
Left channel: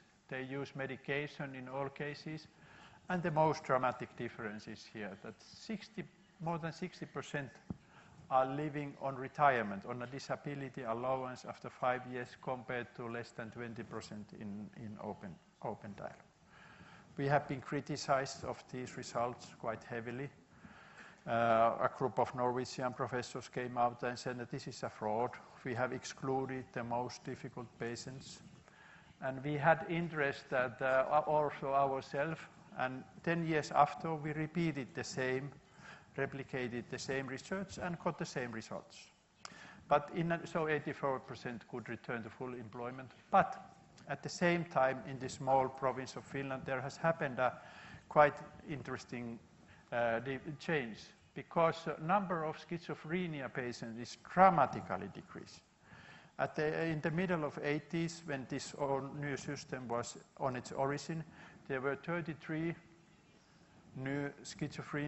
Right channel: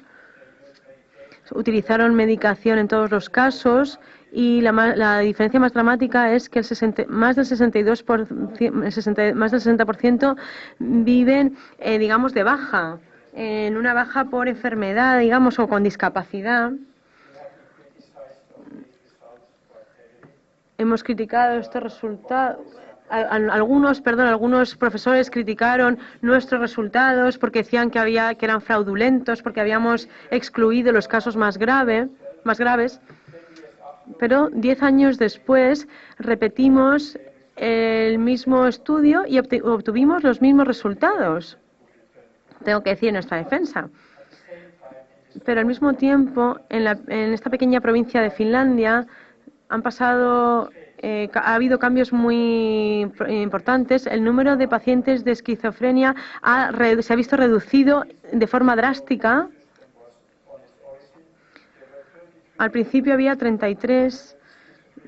Utilizaron medicación en todos los casos y la diferencia más dramática es que más del 60% viven, digamos, de baja, en una baja por enfermedad, digamos, o con discapacidad. Hemos criticado estos resultados. Algunos profesores criticaron nuestros resultados porque decían que eran fraudulentos, porque habíamos excluido los casos más graves. Pero 10 años después repetimos el mismo estudio y obtuvimos los mismos resultados. Tengo que decir en nuestra defensa. Pero al mismo tiempo, en esta pequeña provincia de Finlandia, ha habido cambios muy importantes. El número de pacientes de esquizofrenia se ha visto reducido de forma drástica. Al principio había 33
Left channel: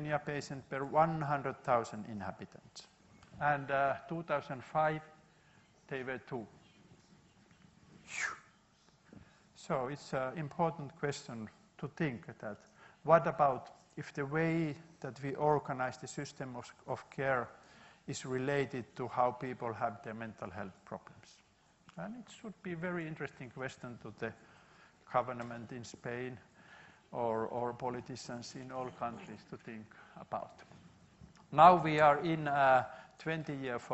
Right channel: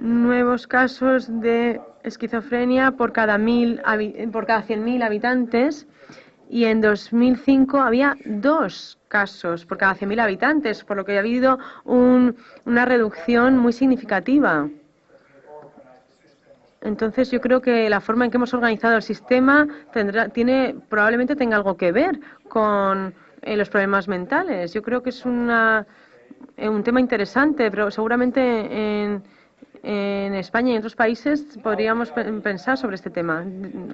nuevos casos de esquizofrenia por cada 100.000 habitantes y en 2005 había 2 casos por cada 100.000 habitantes, por lo que ha habido una reducción muy significativa. Entonces yo creo que la forma en que hemos organizado el sistema probablemente tenga algo que ver con los problemas mentales. Yo creo que es un tema interesante, pero seguramente en España y en otros países podríamos pensar sobre este tema,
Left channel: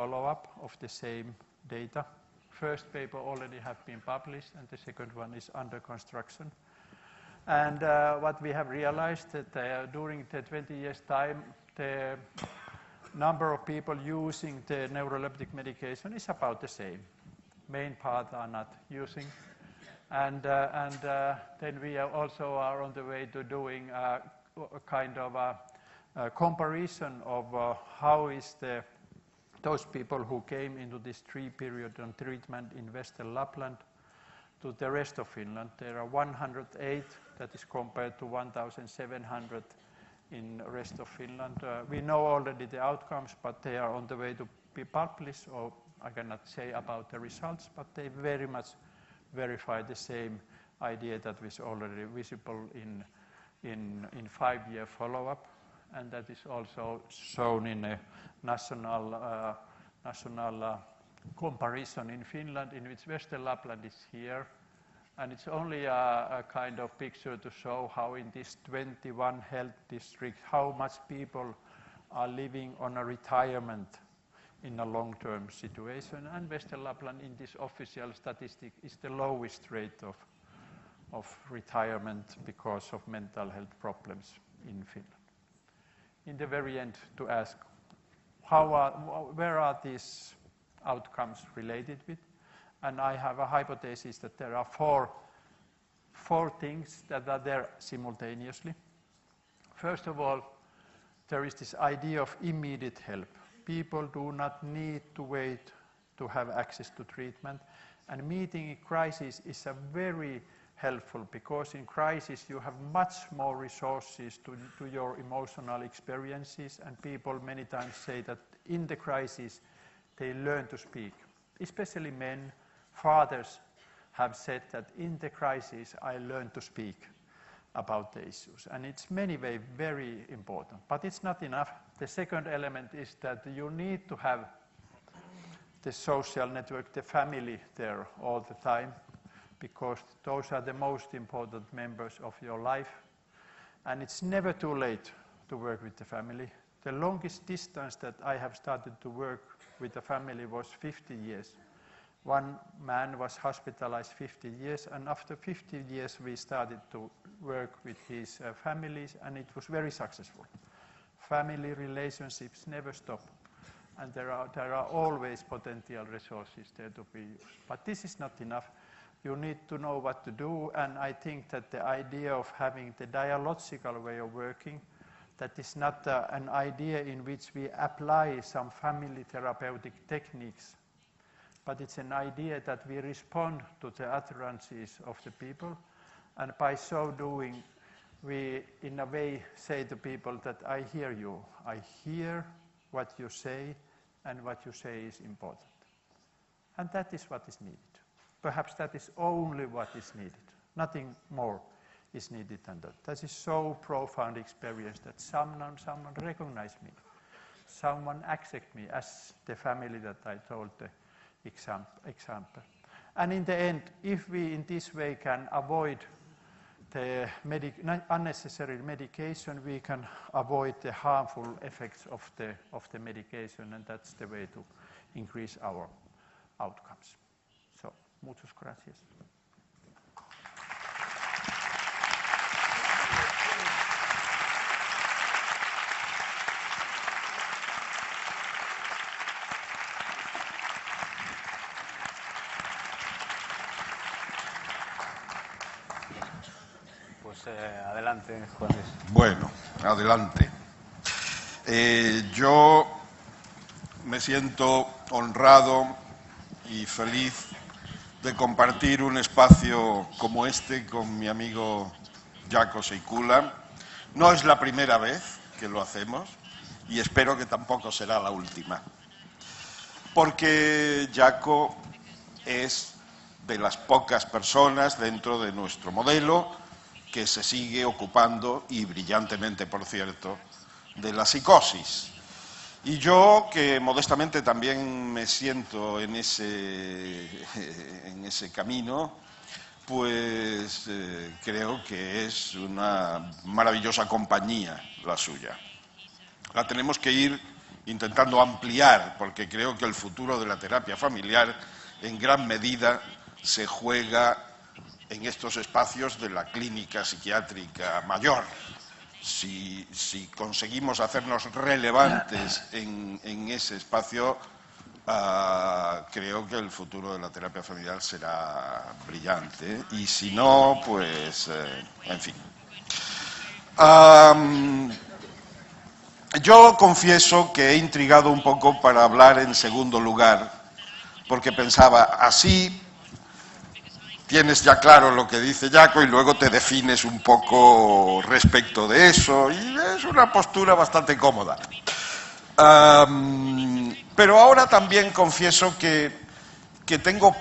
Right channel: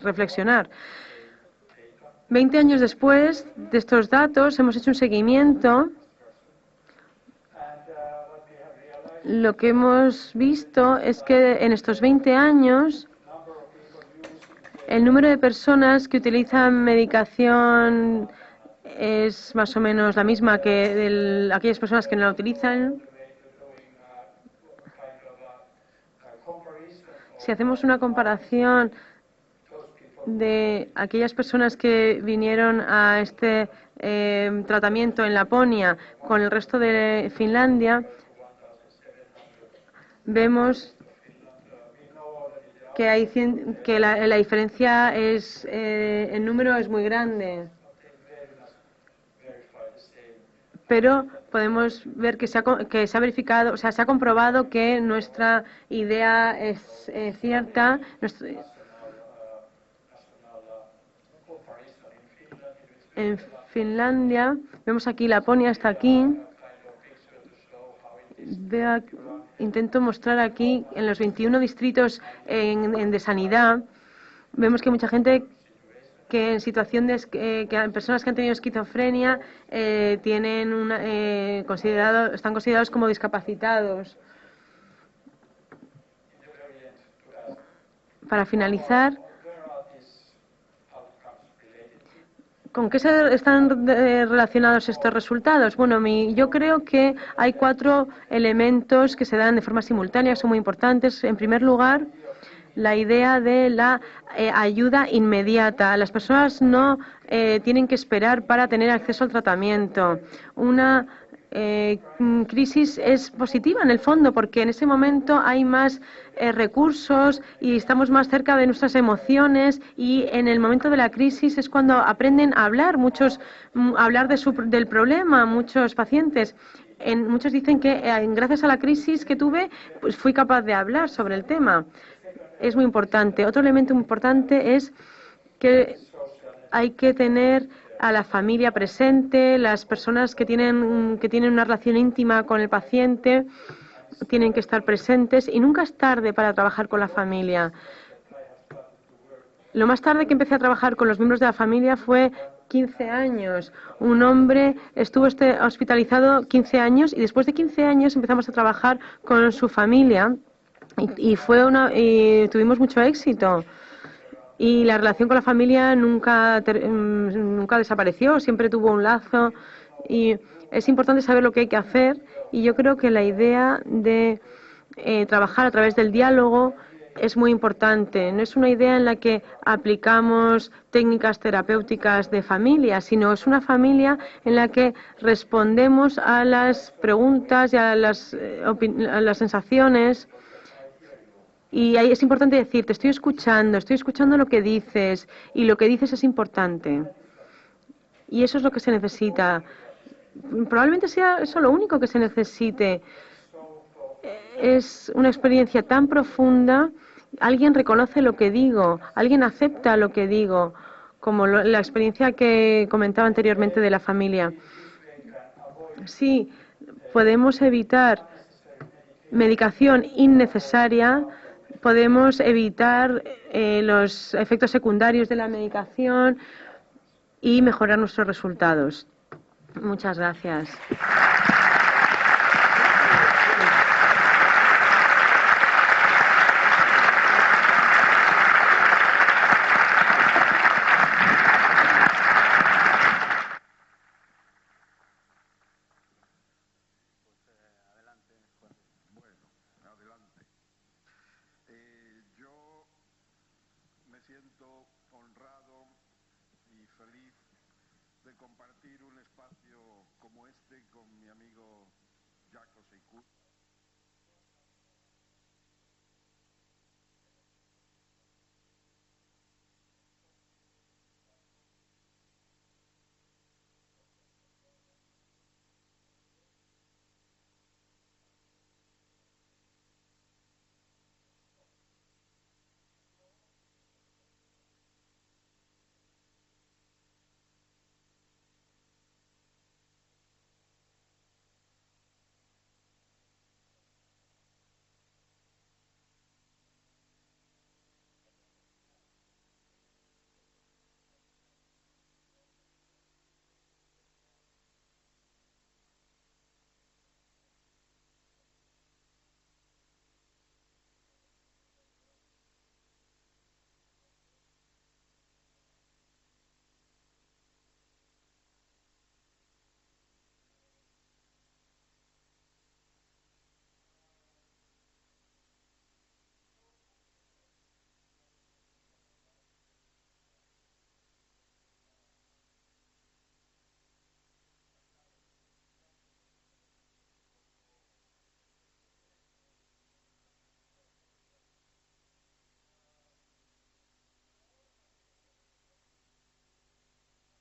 reflexionar. 20 años después de estos datos hemos hecho un seguimiento. Lo que hemos visto es que en estos 20 años el número de personas que utilizan medicación es más o menos la misma que aquellas personas que no la utilizan. Si hacemos una comparación de aquellas personas que vinieron a este tratamiento en Laponia con el resto de Finlandia, vemos que la diferencia en número es muy grande. Pero podemos ver que se ha verificado, o sea, se ha comprobado que nuestra idea es cierta. En Finlandia, vemos aquí Laponia hasta aquí. Intento mostrar aquí en los 21 distritos de sanidad. Vemos que mucha gente que en situación que personas que han tenido esquizofrenia están considerados como discapacitados. Para finalizar, ¿con qué están relacionados estos resultados? Bueno, yo creo que hay 4 elementos que se dan de forma simultánea, son muy importantes. En primer lugar, la idea de la ayuda inmediata. Las personas no tienen que esperar para tener acceso al tratamiento. Una crisis es positiva en el fondo porque en ese momento hay más recursos y estamos más cerca de nuestras emociones y en el momento de la crisis es cuando aprenden a hablar, del problema, muchos pacientes. Muchos dicen que gracias a la crisis que tuve, pues fui capaz de hablar sobre el tema. Es muy importante. Otro elemento importante es que hay que tener a la familia presente, las personas que tienen una relación íntima con el paciente tienen que estar presentes y nunca es tarde para trabajar con la familia. Lo más tarde que empecé a trabajar con los miembros de la familia fue 15 años. Un hombre estuvo hospitalizado 15 años y después de 15 años empezamos a trabajar con su familia y tuvimos mucho éxito. Y la relación con la familia nunca desapareció, siempre tuvo un lazo y es importante saber lo que hay que hacer, y yo creo que la idea de trabajar a través del diálogo es muy importante. No es una idea en la que aplicamos técnicas terapéuticas de familia, sino es una familia en la que respondemos a las preguntas y a las sensaciones. Y ahí es importante decir, te estoy escuchando lo que dices, y lo que dices es importante. Y eso es lo que se necesita. Probablemente sea eso lo único que se necesite. Es una experiencia tan profunda. Alguien reconoce lo que digo, alguien acepta lo que digo, como la experiencia que comentaba anteriormente de la familia. Sí, podemos evitar medicación innecesaria, podemos evitar los efectos secundarios de la medicación y mejorar nuestros resultados. Muchas gracias. Adelante, Juanes. Bueno, adelante. Yo me siento honrado y feliz de compartir un espacio como este con mi amigo Jaakko Seikkula. No es la primera vez que lo hacemos y espero que tampoco será la última, porque Jaakko es de las pocas personas dentro de nuestro modelo que se sigue ocupando, y brillantemente, por cierto, de la psicosis. Y yo, que modestamente también me siento en ese camino, pues creo que es una maravillosa compañía la suya. La tenemos que ir intentando ampliar, porque creo que el futuro de la terapia familiar en gran medida se juega en estos espacios de la clínica psiquiátrica mayor. Si conseguimos hacernos relevantes en ese espacio, creo que el futuro de la terapia familiar será brillante, y si no, pues, en fin. Yo confieso que he intrigado un poco para hablar en segundo lugar, porque pensaba, así tienes ya claro lo que dice Jaakko y luego te defines un poco respecto de eso, y es una postura bastante cómoda. Pero ahora también confieso que tengo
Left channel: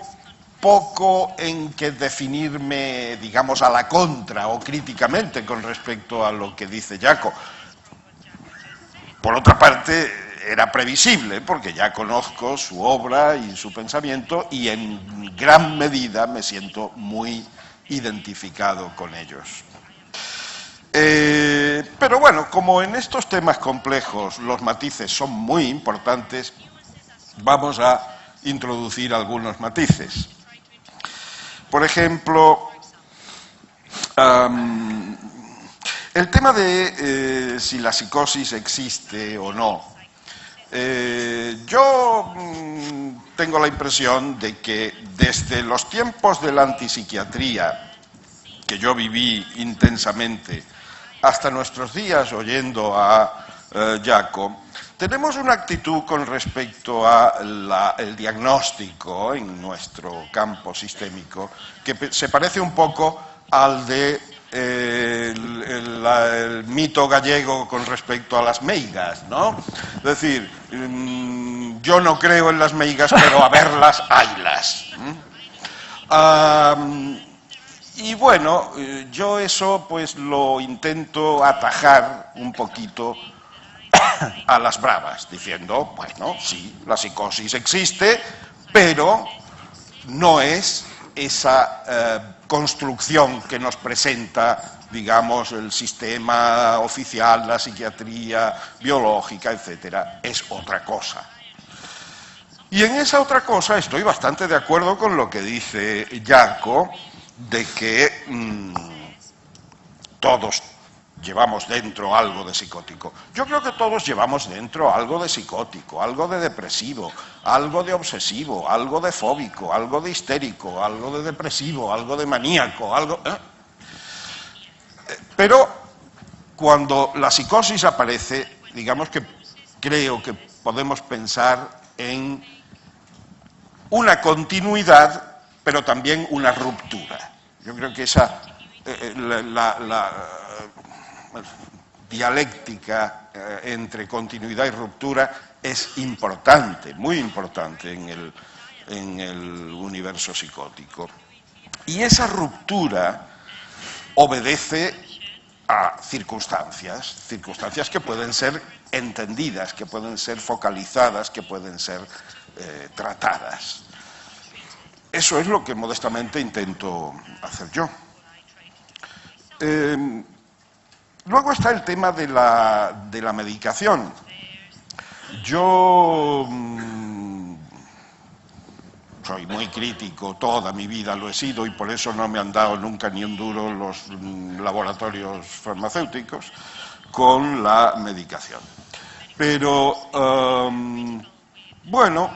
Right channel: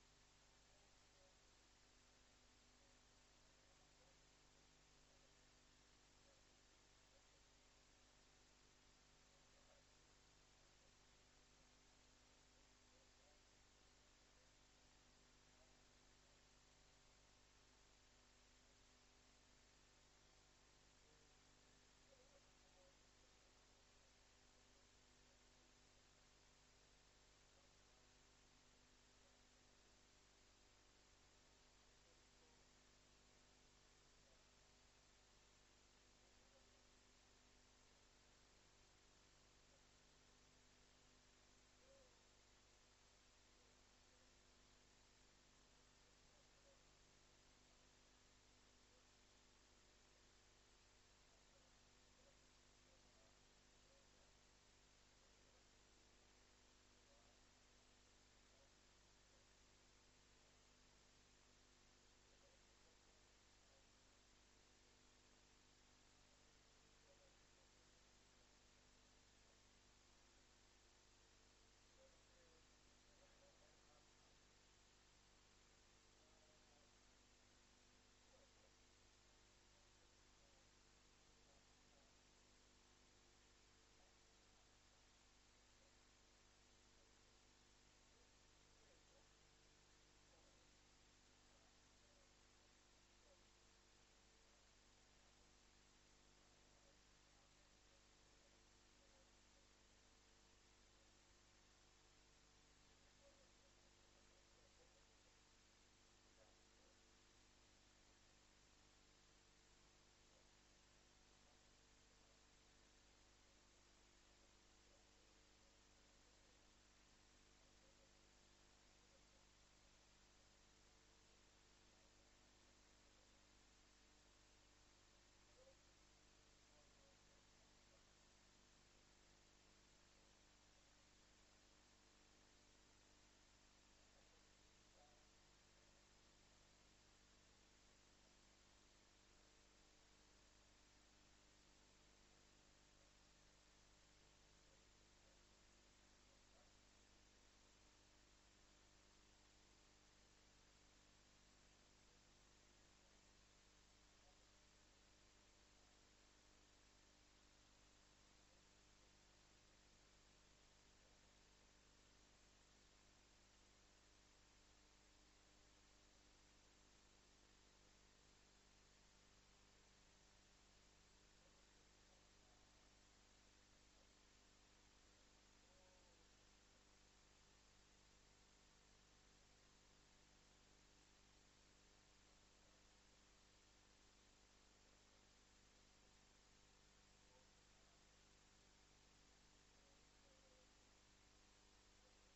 poco en que definirme, digamos, a la contra o críticamente con respecto a lo que dice Jaakko. Por otra parte, era previsible, porque ya conozco su obra y su pensamiento, y en gran medida me siento muy identificado con ellos. Pero bueno, como en estos temas complejos los matices son muy importantes, vamos a introducir algunos matices. Por ejemplo, el tema de si la psicosis existe o no. Yo tengo la impresión de que desde los tiempos de la antipsiquiatría, que yo viví intensamente, hasta nuestros días oyendo a Jaakko, tenemos una actitud con respecto al diagnóstico en nuestro campo sistémico que se parece un poco al de el mito gallego con respecto a las meigas, ¿no? Es decir, yo no creo en las meigas, pero a verlas, haylas. Y bueno, yo eso pues lo intento atajar un poquito a las bravas, diciendo, bueno, sí, la psicosis existe, pero no es esa construcción que nos presenta, digamos, el sistema oficial, la psiquiatría biológica, etcétera, es otra cosa. Y en esa otra cosa estoy bastante de acuerdo con lo que dice Jaakko, de que todos llevamos dentro algo de psicótico. Yo creo que todos llevamos dentro algo de psicótico, algo de depresivo, algo de obsesivo, algo de fóbico, algo de histérico, algo de depresivo, algo de maníaco, algo... Pero cuando la psicosis aparece, digamos que creo que podemos pensar en una continuidad, pero también una ruptura. Yo creo que esa... la dialéctica entre continuidad y ruptura es importante, muy importante en el universo psicótico. Y esa ruptura obedece a circunstancias que pueden ser entendidas, que pueden ser focalizadas, que pueden ser tratadas. Eso es lo que modestamente intento hacer yo. Luego está el tema de la medicación. Yo soy muy crítico, toda mi vida lo he sido, y por eso no me han dado nunca ni un duro los laboratorios farmacéuticos con la medicación. Pero, bueno,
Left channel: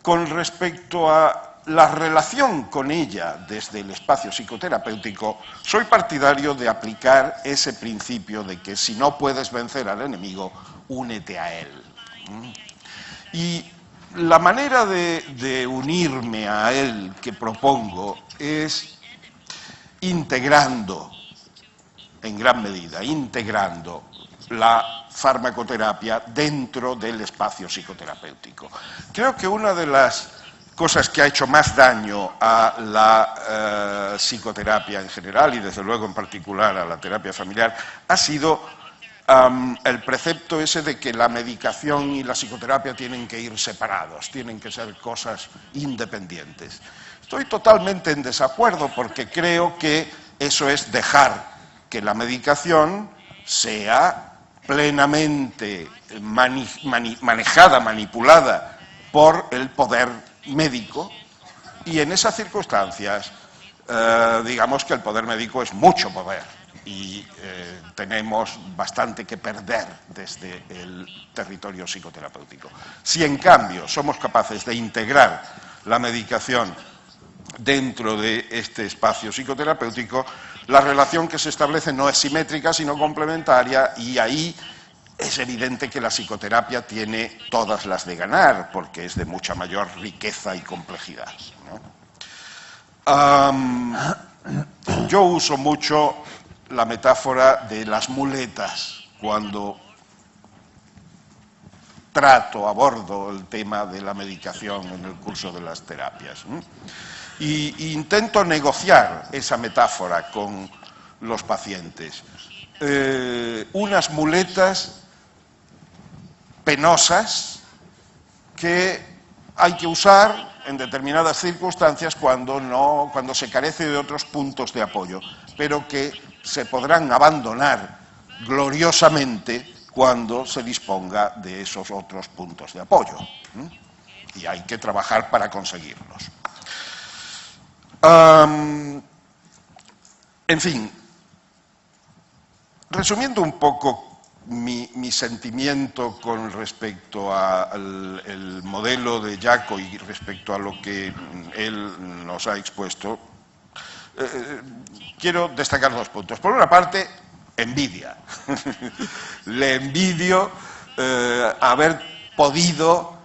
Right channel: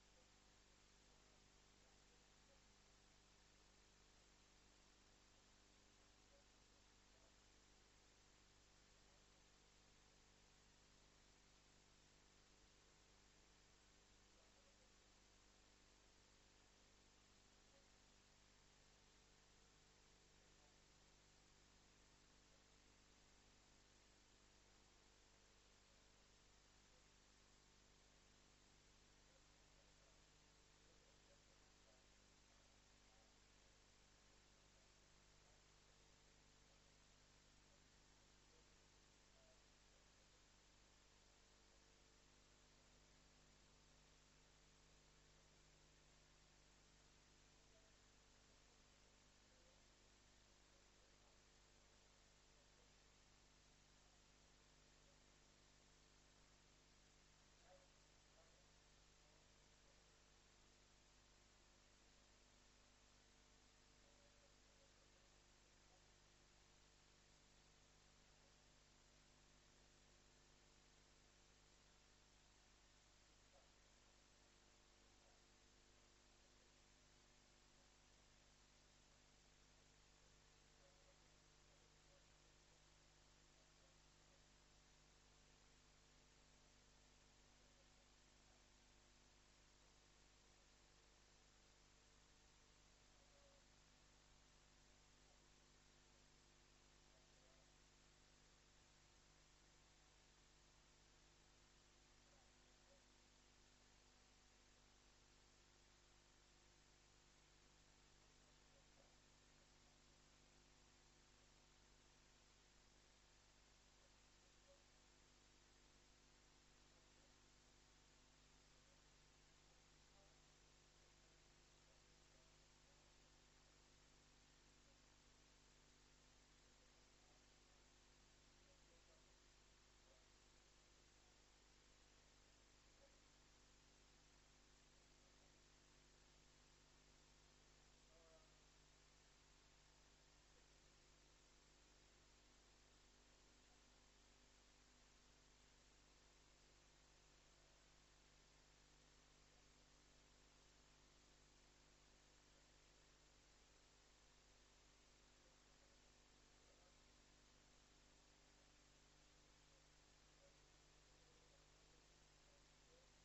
con respecto a la relación con ella desde el espacio psicoterapéutico, soy partidario de aplicar ese principio de que si no puedes vencer al enemigo, únete a él. Y la manera de unirme a él que propongo es integrando, en gran medida, integrando la farmacoterapia dentro del espacio psicoterapéutico. Creo que una de las cosas que ha hecho más daño a la psicoterapia en general y desde luego en particular a la terapia familiar ha sido el precepto ese de que la medicación y la psicoterapia tienen que ir separados, tienen que ser cosas independientes. Estoy totalmente en desacuerdo porque creo que eso es dejar que la medicación sea plenamente manejada, manipulada por el poder médico, y en esas circunstancias digamos que el poder médico es mucho poder y tenemos bastante que perder desde el territorio psicoterapéutico. Si en cambio somos capaces de integrar la medicación dentro de este espacio psicoterapéutico, la relación que se establece no es simétrica sino complementaria, y ahí es evidente que la psicoterapia tiene todas las de ganar, porque es de mucha mayor riqueza y complejidad, ¿no? Yo uso mucho la metáfora de las muletas cuando abordo el tema de la medicación en el curso de las terapias, ¿no? Y intento negociar esa metáfora con los pacientes. Unas muletas penosas que hay que usar en determinadas circunstancias cuando se carece de otros puntos de apoyo, pero que se podrán abandonar gloriosamente cuando se disponga de esos otros puntos de apoyo. Y hay que trabajar para conseguirlos. En fin, resumiendo un poco mi sentimiento con respecto al modelo de Jaco y respecto a lo que él nos ha expuesto, quiero destacar dos puntos. Por una parte, envidia. Le envidio haber podido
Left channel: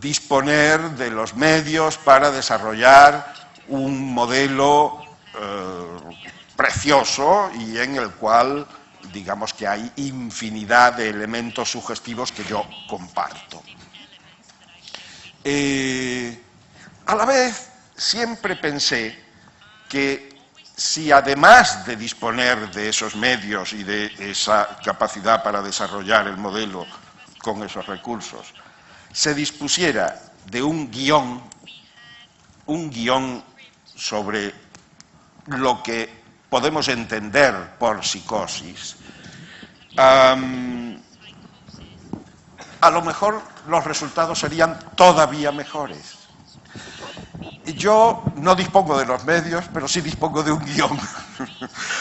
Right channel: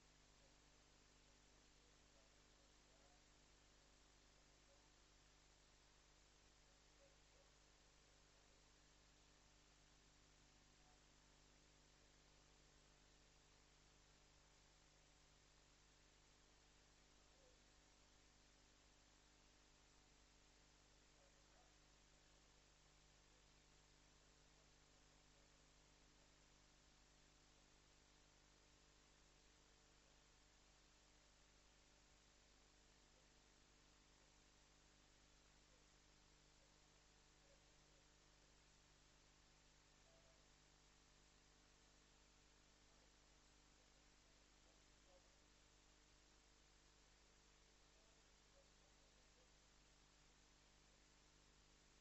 disponer de los medios para desarrollar un modelo precioso y en el cual digamos que hay infinidad de elementos sugestivos que yo comparto. A la vez, siempre pensé que si además de disponer de esos medios y de esa capacidad para desarrollar el modelo con esos recursos, se dispusiera de un guión sobre lo que podemos entender por psicosis, a lo mejor los resultados serían todavía mejores. Yo no dispongo de los medios, pero sí dispongo de un guión.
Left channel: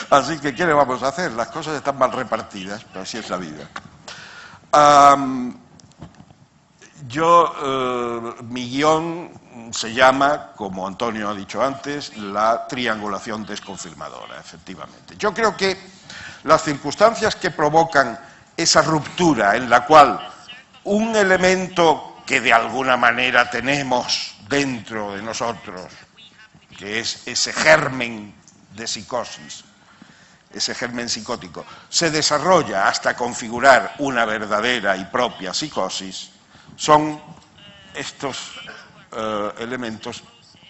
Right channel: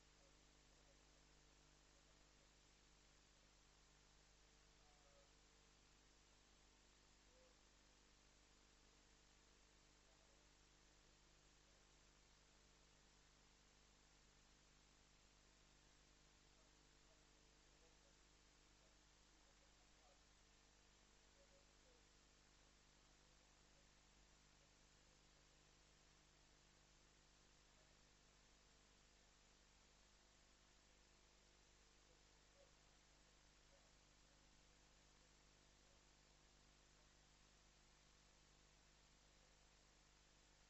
Así que, ¿qué le vamos a hacer? Las cosas están mal repartidas, pero así es la vida. Mi guión se llama, como Antonio ha dicho antes, la triangulación desconfirmadora, efectivamente. Yo creo que las circunstancias que provocan esa ruptura en la cual un elemento que de alguna manera tenemos dentro de nosotros, que es ese germen de psicosis, ese germen psicótico, se desarrolla hasta configurar una verdadera y propia psicosis, son estos elementos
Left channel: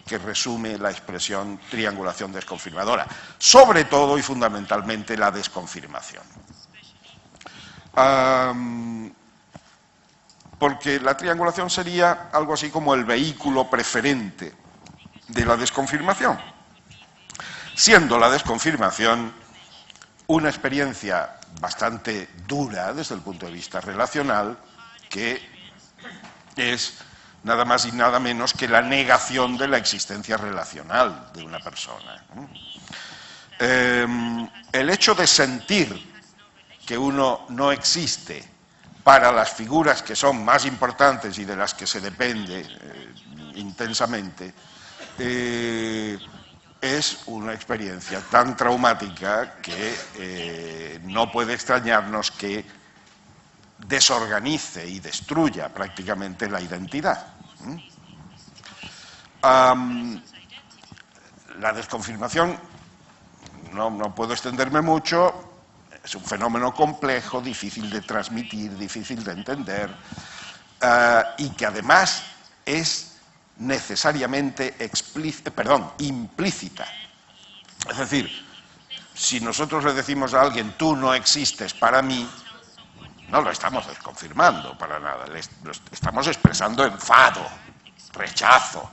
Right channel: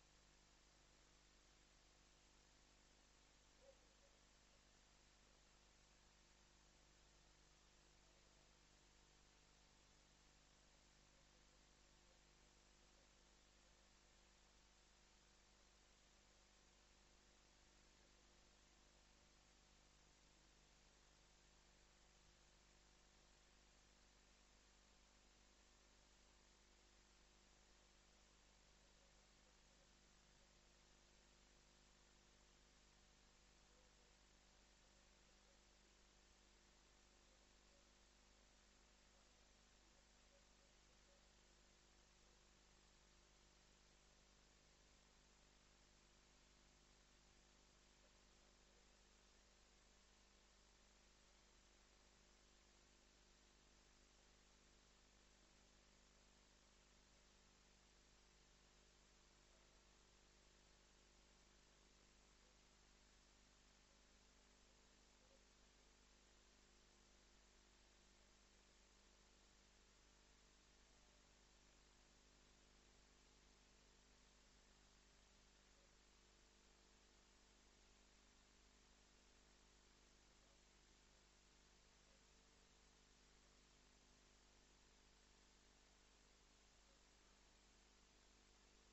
que resume la expresión triangulación desconfirmadora, sobre todo y fundamentalmente la desconfirmación. Porque la triangulación sería algo así como el vehículo preferente de la desconfirmación, siendo la desconfirmación una experiencia bastante dura desde el punto de vista relacional, que es nada más y nada menos que la negación de la existencia relacional de una persona. El hecho de sentir que uno no existe para las figuras que son más importantes y de las que se depende intensamente, es una experiencia tan traumática que no puede extrañarnos que desorganice y destruya prácticamente la identidad. La desconfirmación, no puedo extenderme mucho, es un fenómeno complejo, difícil de transmitir, difícil de entender, y que además es necesariamente implícita. Es decir, si nosotros le decimos a alguien, tú no existes para mí, no lo estamos desconfirmando para nada, estamos expresando enfado, rechazo,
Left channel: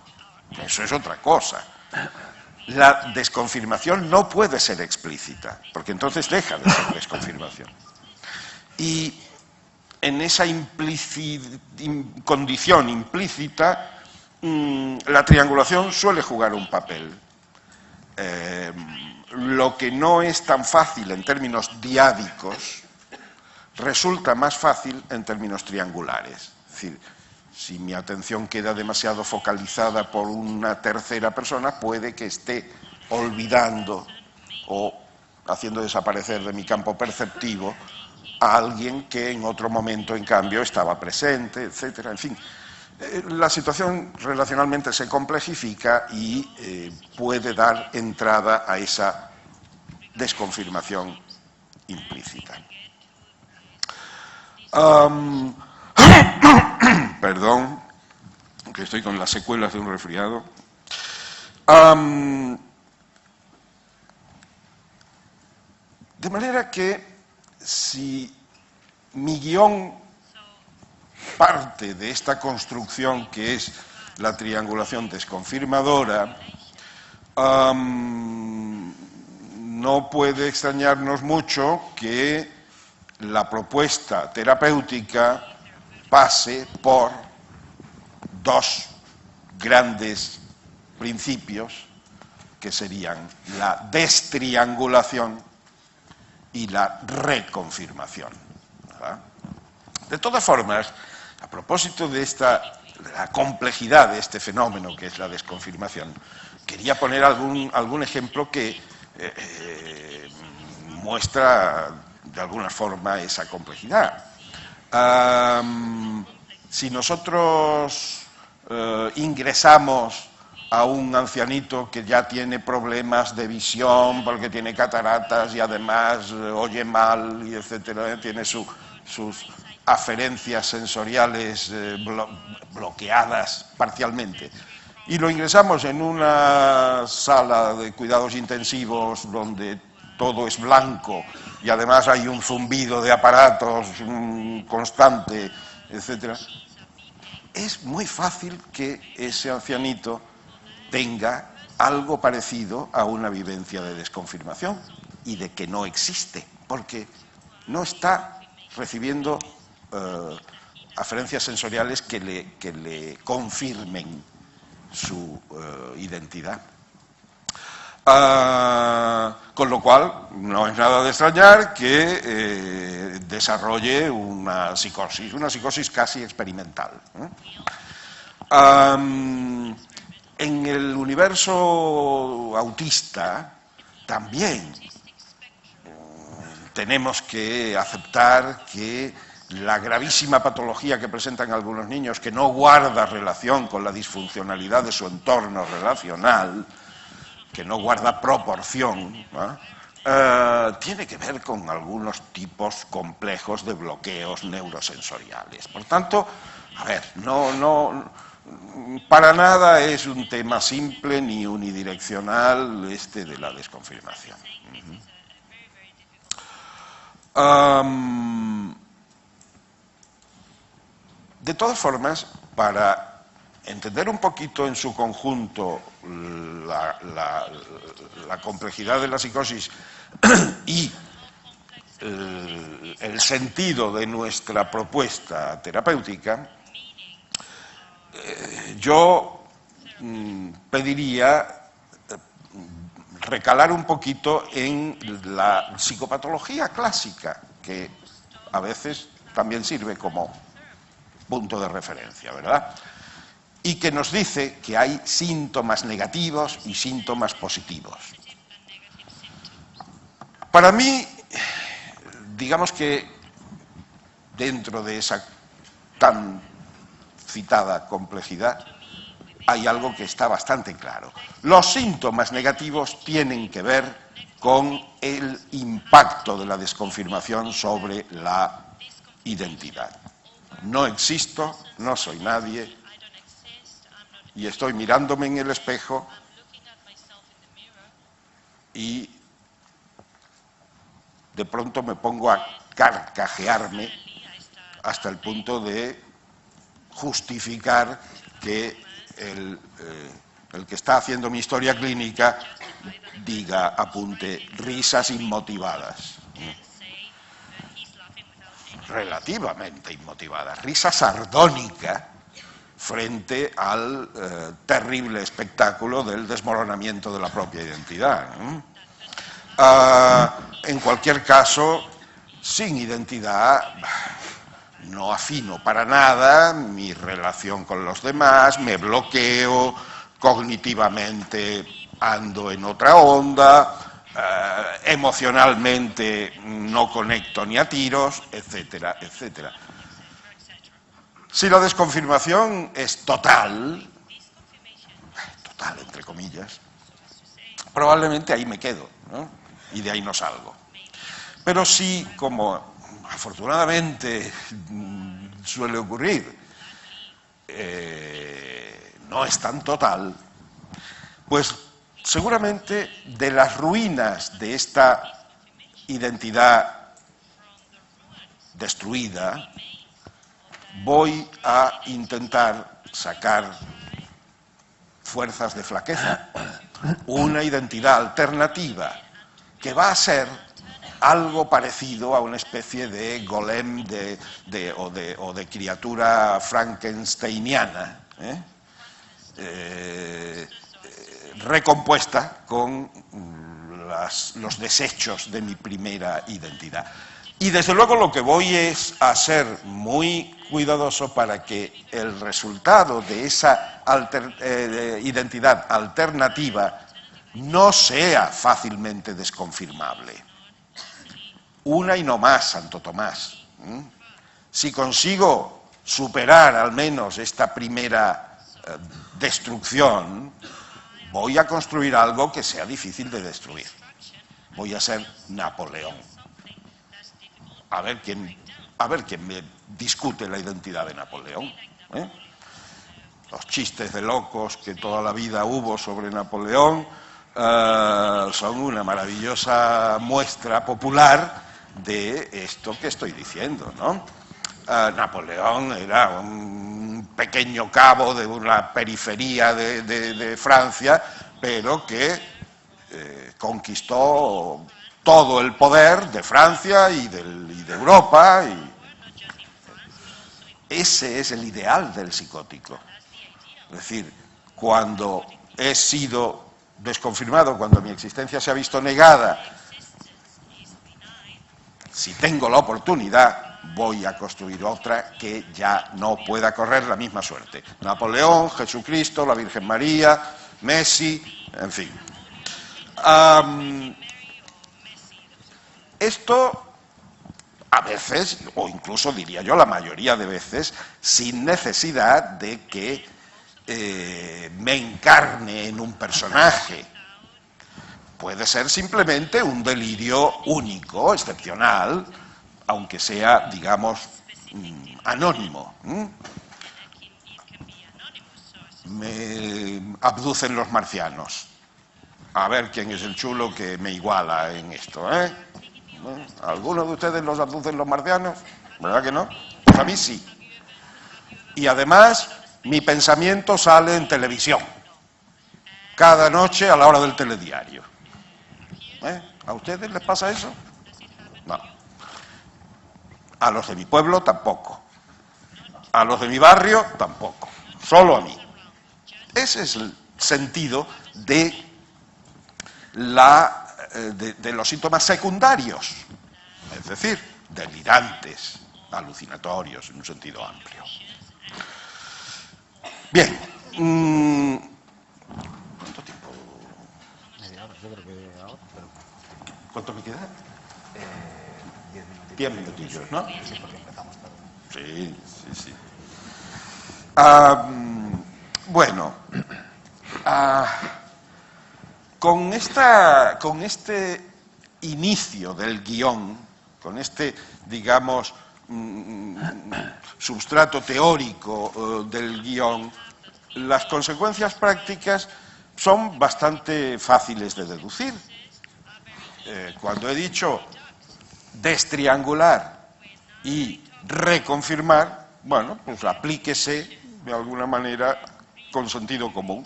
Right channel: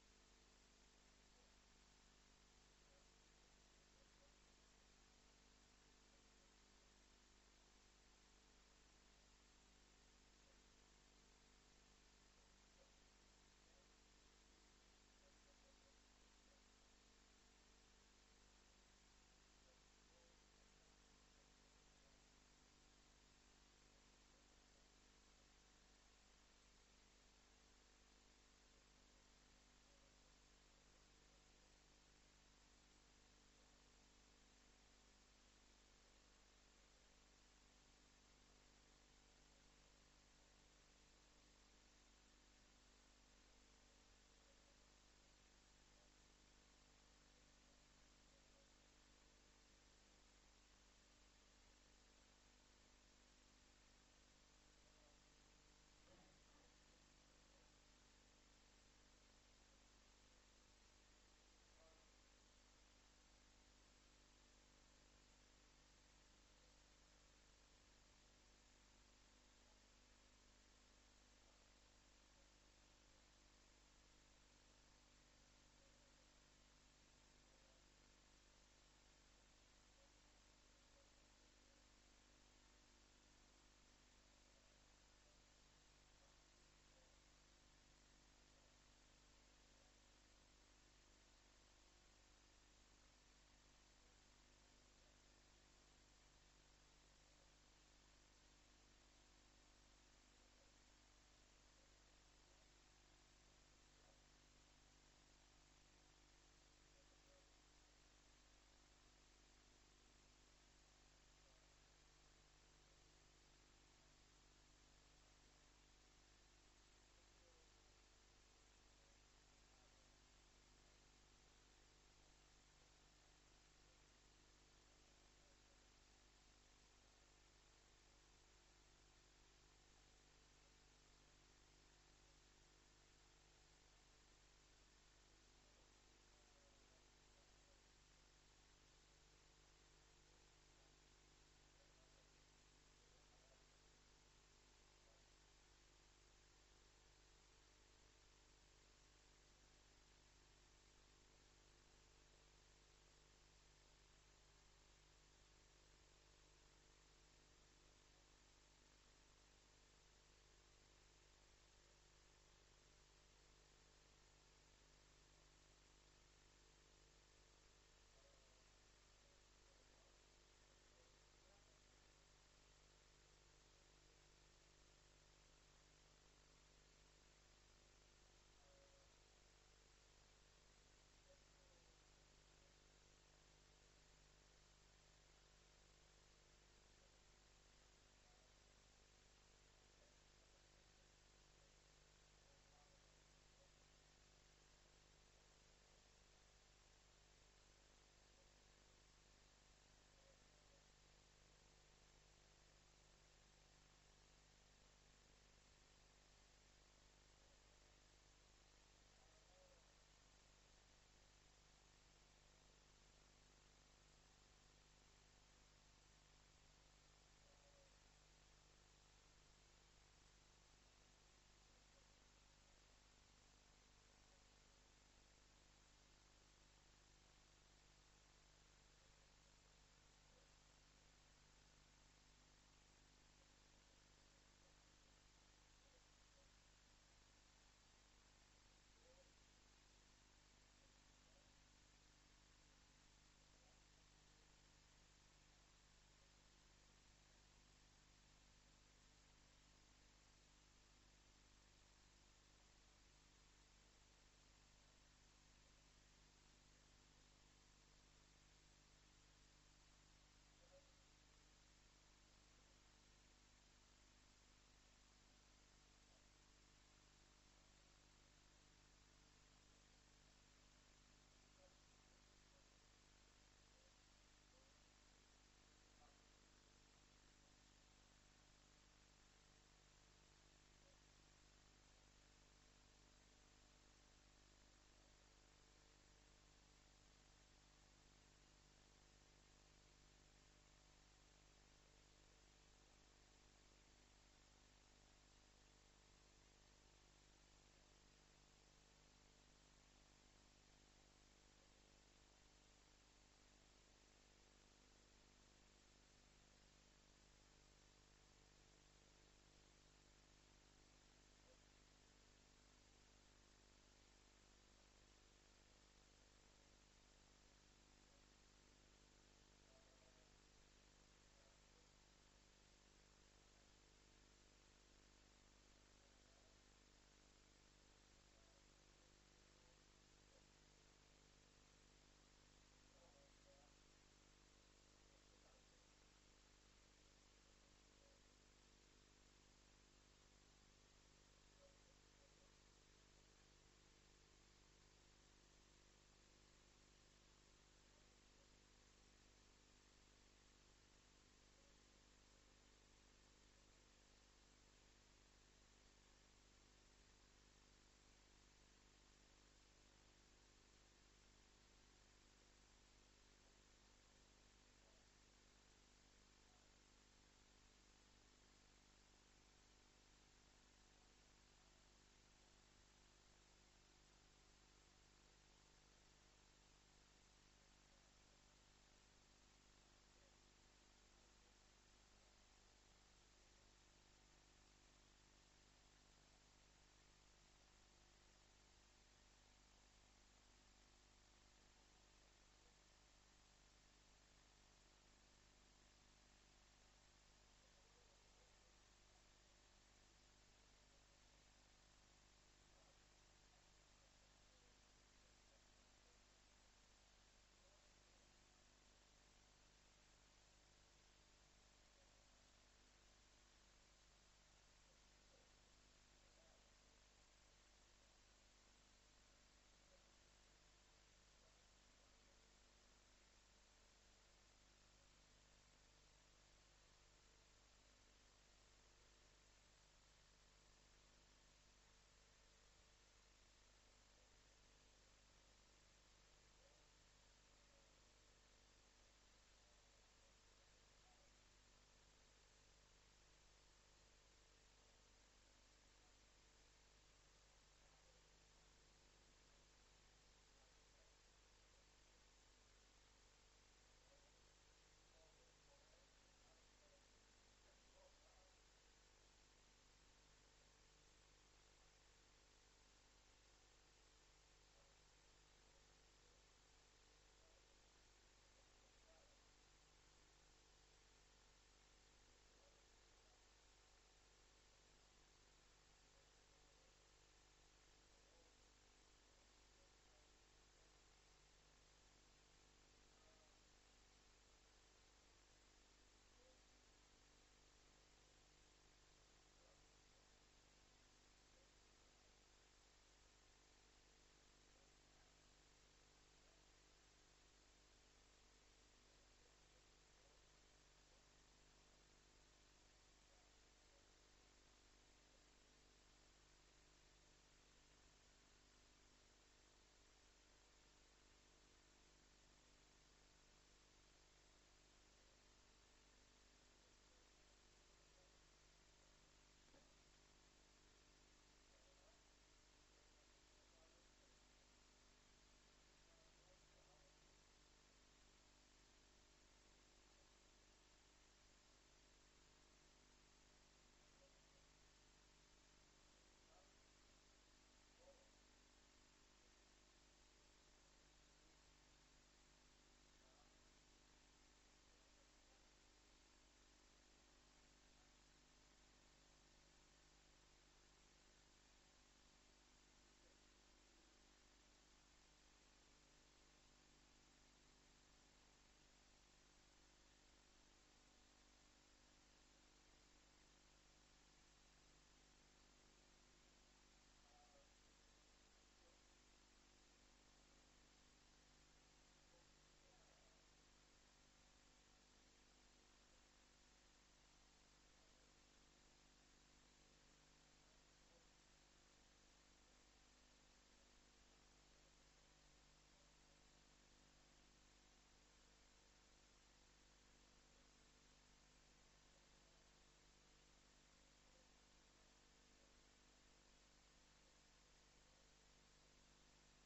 eso es otra cosa. La desconfirmación no puede ser explícita, porque entonces deja de ser desconfirmación. Y en esa condición implícita, la triangulación suele jugar un papel. Lo que no es tan fácil en términos diádicos, resulta más fácil en términos triangulares. Es decir, si mi atención queda demasiado focalizada por una tercera persona, puede que esté olvidando o haciendo desaparecer de mi campo perceptivo a alguien que en otro momento, en cambio, estaba presente, etcétera. En fin, la situación relacionalmente se complejifica y puede dar entrada a esa desconfirmación implícita. Perdón, que estoy con las secuelas de un resfriado. De manera que si mi guión parte de esta construcción que es la triangulación desconfirmadora, no puede extrañarnos mucho que la propuesta terapéutica pase por dos grandes principios que serían la destriangulación y la reconfirmación. ¿Verdad? De todas formas, a propósito de la complejidad de este fenómeno que es la desconfirmación, quería poner algún ejemplo que muestra de alguna forma esa complejidad. Si nosotros ingresamos a un ancianito que ya tiene problemas de visión porque tiene cataratas y además oye mal y etcétera, tiene sus aferencias sensoriales bloqueadas parcialmente, y lo ingresamos en una sala de cuidados intensivos donde todo es blanco y además hay un zumbido de aparatos constante, etcétera, es muy fácil que ese ancianito tenga algo parecido a una vivencia de desconfirmación y de que no existe, porque no está recibiendo aferencias sensoriales que le confirmen su identidad. Con lo cual, no es nada de extrañar que desarrolle una psicosis casi experimental. En el universo autista también tenemos que aceptar que la gravísima patología que presentan algunos niños, que no guarda relación con la disfuncionalidad de su entorno relacional, que no guarda proporción, tiene que ver con algunos tipos complejos de bloqueos neurosensoriales. Por tanto, a ver, para nada es un tema simple ni unidireccional este de la desconfirmación. De todas formas, para entender un poquito en su conjunto la complejidad de la psicosis y el sentido de nuestra propuesta terapéutica, yo pediría recalar un poquito en la psicopatología clásica, que a veces también sirve como punto de referencia, ¿verdad? Y que nos dice que hay síntomas negativos y síntomas positivos. Para mí, digamos que dentro de esa tan citada complejidad, hay algo que está bastante claro. Los síntomas negativos tienen que ver con el impacto de la desconfirmación sobre la identidad. No existo, no soy nadie, y estoy mirándome en el espejo y de pronto me pongo a carcajearme hasta el punto de justificar que el que está haciendo mi historia clínica apunte risas inmotivadas. Relativamente inmotivadas, risa sardónica frente al terrible espectáculo del desmoronamiento de la propia identidad. En cualquier caso, sin identidad no afino para nada mi relación con los demás, me bloqueo, cognitivamente ando en otra onda, emocionalmente no conecto ni a tiros, etcétera, etcétera. Si la desconfirmación es total entre comillas, probablemente ahí me quedo, ¿no? Y de ahí no salgo. Pero si, como afortunadamente suele ocurrir, no es tan total, pues seguramente de las ruinas de esta identidad destruida, voy a intentar sacar fuerzas de flaqueza, una identidad alternativa que va a ser algo parecido a una especie de golem o de criatura frankensteiniana, recompuesta con los desechos de mi primera identidad. Y desde luego lo que voy es a ser muy cuidadoso para que el resultado de esa identidad alternativa no sea fácilmente desconfirmable. Una y no más, Santo Tomás. Si consigo superar al menos esta primera destrucción, voy a construir algo que sea difícil de destruir. Voy a ser Napoleón. A ver quién me discute la identidad de Napoleón. Los chistes de locos que toda la vida hubo sobre Napoleón son una maravillosa muestra popular de esto que estoy diciendo, ¿no? Napoleón era un pequeño cabo de una periferia de Francia, pero que conquistó todo el poder de Francia y de Europa. Ese es el ideal del psicótico. Es decir, cuando he sido desconfirmado, cuando mi existencia se ha visto negada, si tengo la oportunidad, voy a construir otra que ya no pueda correr la misma suerte. Napoleón, Jesucristo, la Virgen María, Messi, en fin. Esto, a veces, o incluso diría yo la mayoría de veces, sin necesidad de que me encarne en un personaje. Puede ser simplemente un delirio único, excepcional, aunque sea, digamos, anónimo. Me abducen los marcianos. A ver quién es el chulo que me iguala en esto, ¿eh? ¿Alguno de ustedes los abducen los marcianos? ¿Verdad que no? Pues a mí sí. Y además, mi pensamiento sale en televisión. Cada noche a la hora del telediario. ¿A ustedes les pasa eso? No. A los de mi pueblo tampoco. A los de mi barrio tampoco. Solo a mí. Ese es el sentido de los síntomas secundarios. Es decir, delirantes, alucinatorios, en un sentido amplio. Bien. ¿Cuánto tiempo? Media hora, yo creo que ahora. Pero... ¿Cuánto me queda? 10 minutillos. 10 minutillos, ¿no? Sí, porque empezamos tarde. Sí. Bueno, con este inicio del guión, con este, digamos, substrato teórico del guión, las consecuencias prácticas son bastante fáciles de deducir. Cuando he dicho destriangular y reconfirmar, bueno, pues aplíquese de alguna manera con sentido común.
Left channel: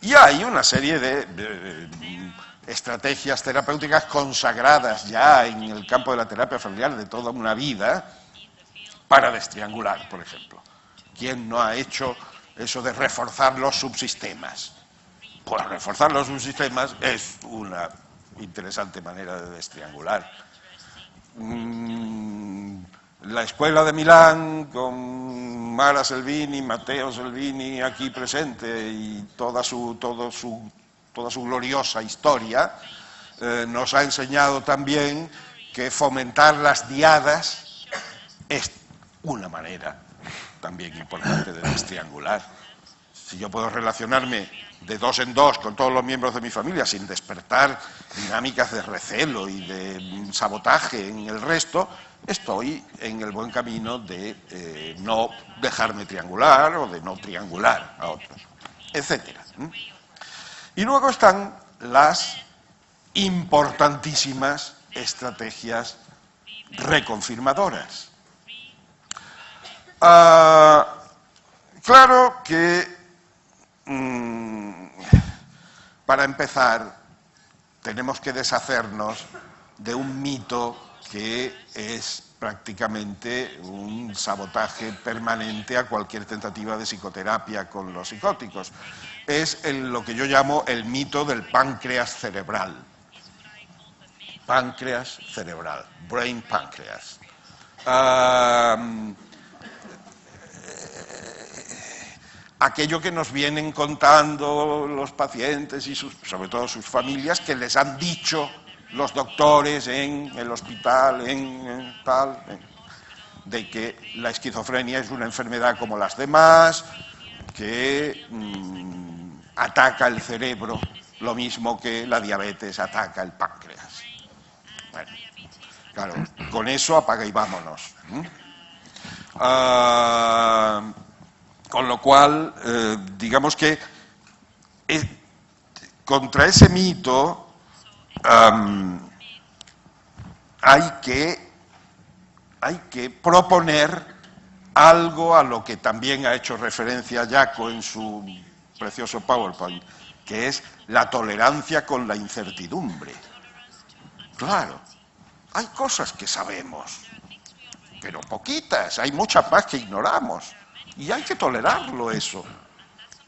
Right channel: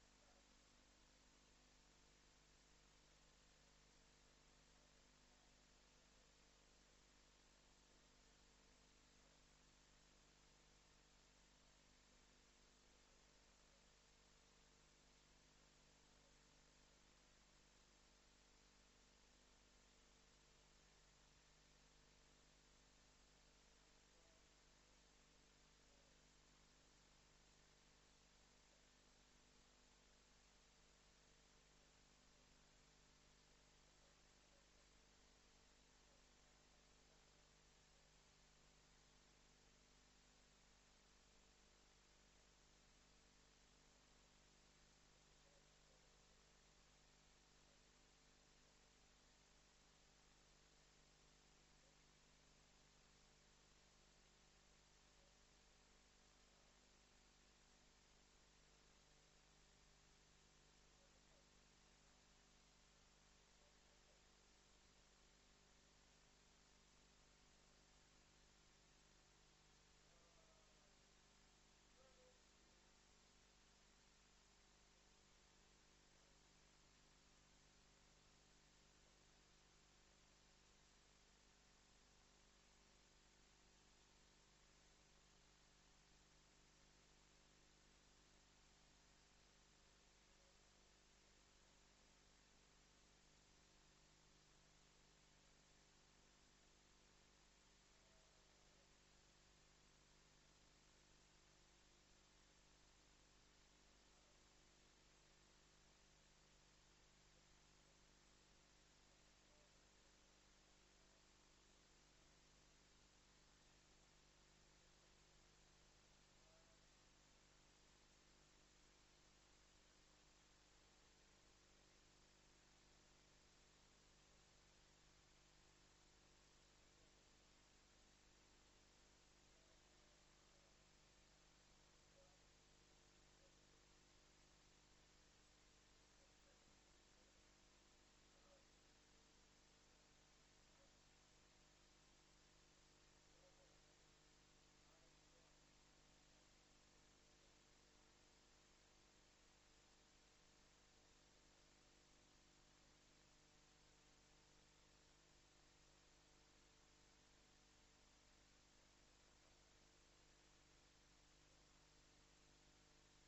Y hay una serie de estrategias terapéuticas consagradas ya en el campo de la terapia familiar de toda una vida para destriangular, por ejemplo. ¿Quién no ha hecho eso de reforzar los subsistemas? Pues reforzar los subsistemas es una interesante manera de destriangular. La Escuela de Milán, con Mara Selvini, Matteo Selvini aquí presente y toda su gloriosa historia, nos ha enseñado también que fomentar las diadas es una manera también importante de destriangular. Si yo puedo relacionarme de dos en dos con todos los miembros de mi familia sin despertar dinámicas de recelo y de sabotaje en el resto, estoy en el buen camino de no dejarme triangular o de no triangular a otros, etc. Y luego están las importantísimas estrategias reconfirmadoras. Claro que para empezar tenemos que deshacernos de un mito que es prácticamente un sabotaje permanente a cualquier tentativa de psicoterapia con los psicóticos. Es lo que yo llamo el mito del páncreas cerebral. Páncreas cerebral, brain pancreas. Aquello que nos vienen contando los pacientes y sobre todo sus familias, que les han dicho los doctores en el hospital, de que la esquizofrenia es una enfermedad como las demás, que ataca el cerebro, lo mismo que la diabetes ataca el páncreas. Bueno, claro, con eso apaga y vámonos. Con lo cual, digamos que contra ese mito hay que proponer algo a lo que también ha hecho referencia Jaco en su precioso PowerPoint, que es la tolerancia con la incertidumbre. Claro, hay cosas que sabemos, pero poquitas, hay muchas más que ignoramos. Y hay que tolerarlo eso.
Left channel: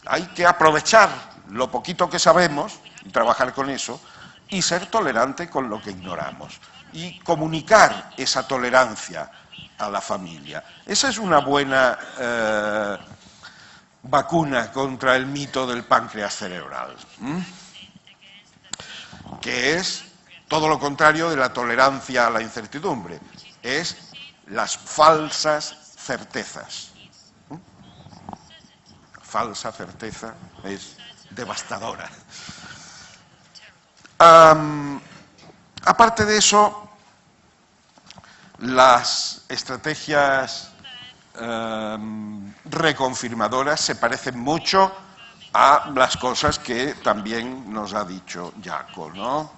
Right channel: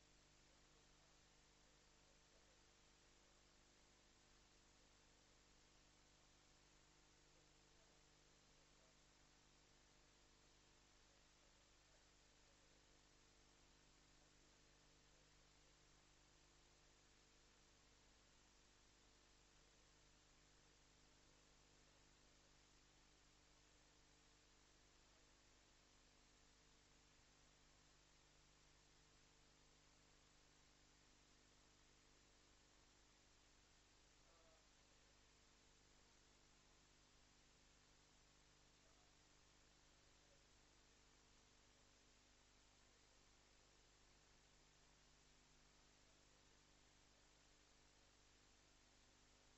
Hay que aprovechar lo poquito que sabemos y trabajar con eso y ser tolerante con lo que ignoramos y comunicar esa tolerancia a la familia. Esa es una buena vacuna contra el mito del páncreas cerebral, que es todo lo contrario de la tolerancia a la incertidumbre, es las falsas certezas. Falsa certeza es devastadora. Aparte de eso, las estrategias reconfirmadoras se parecen mucho a las cosas que también nos ha dicho Jaco, ¿no?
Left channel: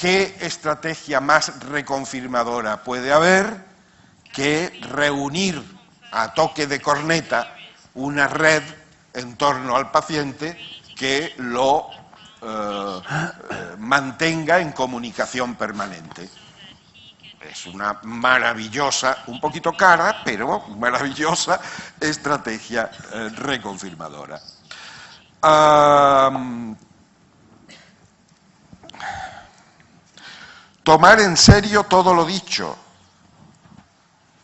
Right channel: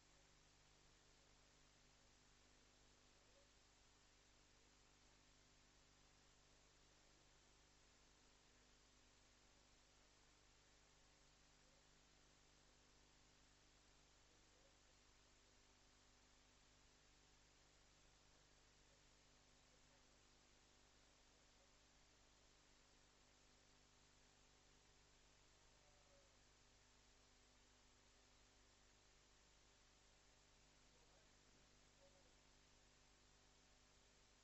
¿Qué estrategia más reconfirmadora puede haber que reunir a toque de corneta una red en torno al paciente que lo mantenga en comunicación permanente? Es una maravillosa, un poquito cara, pero maravillosa estrategia reconfirmadora. Tomar en serio todo lo dicho.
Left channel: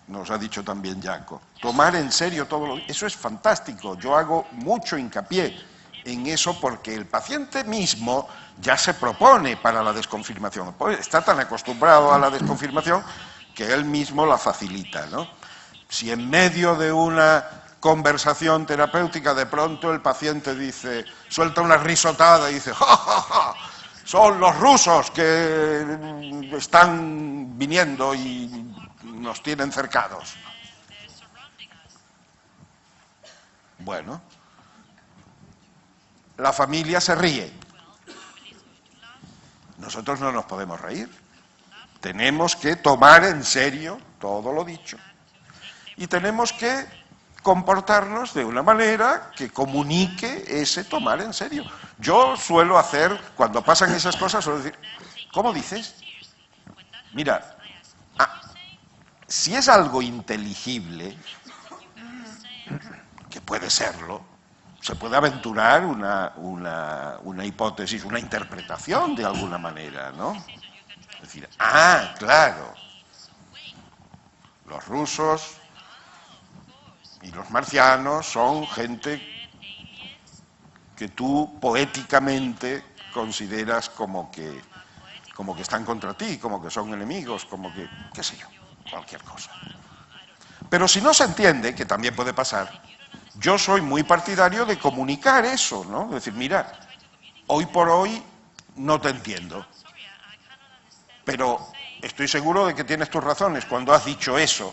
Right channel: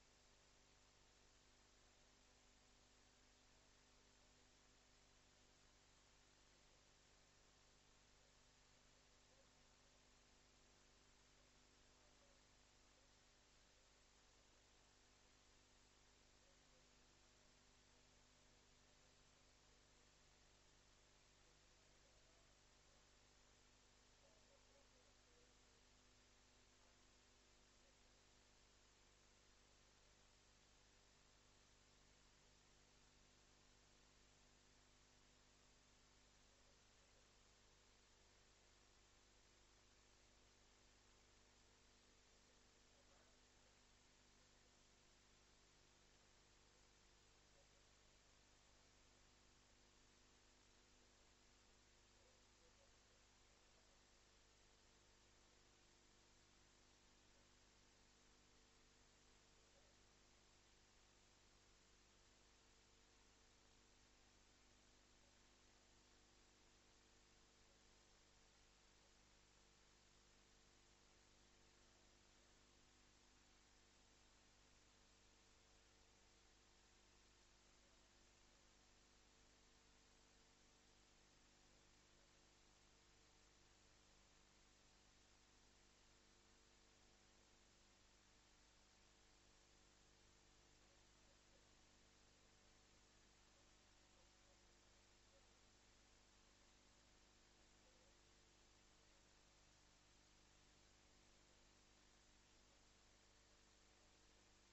Nos ha dicho también Jaco. Tomar en serio todo lo dicho. Eso es fantástico. Yo hago mucho hincapié en eso porque el paciente mismo ya se propone para la desconfirmación. Está tan acostumbrado a la desconfirmación que él mismo la facilita, ¿no? Si en medio de una conversación terapéutica de pronto el paciente dice, suelta una risotada y dice, ¡ja, ja, ja! Son los rusos que están viniendo y nos tienen cercados. Bueno, la familia se ríe. Nosotros no nos podemos reír. Tenemos que tomar en serio todo lo dicho. Y tenemos que comportarnos de una manera que comunique ese tomar en serio. Yo suelo hacer, cuando pasan esas cosas, suelo decir, ¿cómo dices? Mira, si es algo inteligible, que puede serlo, se puede aventurar una hipótesis, una interpretación de alguna manera, ¿no? Es decir, claro, los rusos y los marcianos son gente que tú poéticamente consideras como que están contra ti, como que son enemigos, como que, qué sé yo, cualquier cosa. Pero si no se entiende, que también puede pasar, yo soy muy partidario de comunicar eso, ¿no? Es decir, mira, hoy por hoy no te entiendo, pero estoy seguro de que tienes tus razones cuando has dicho eso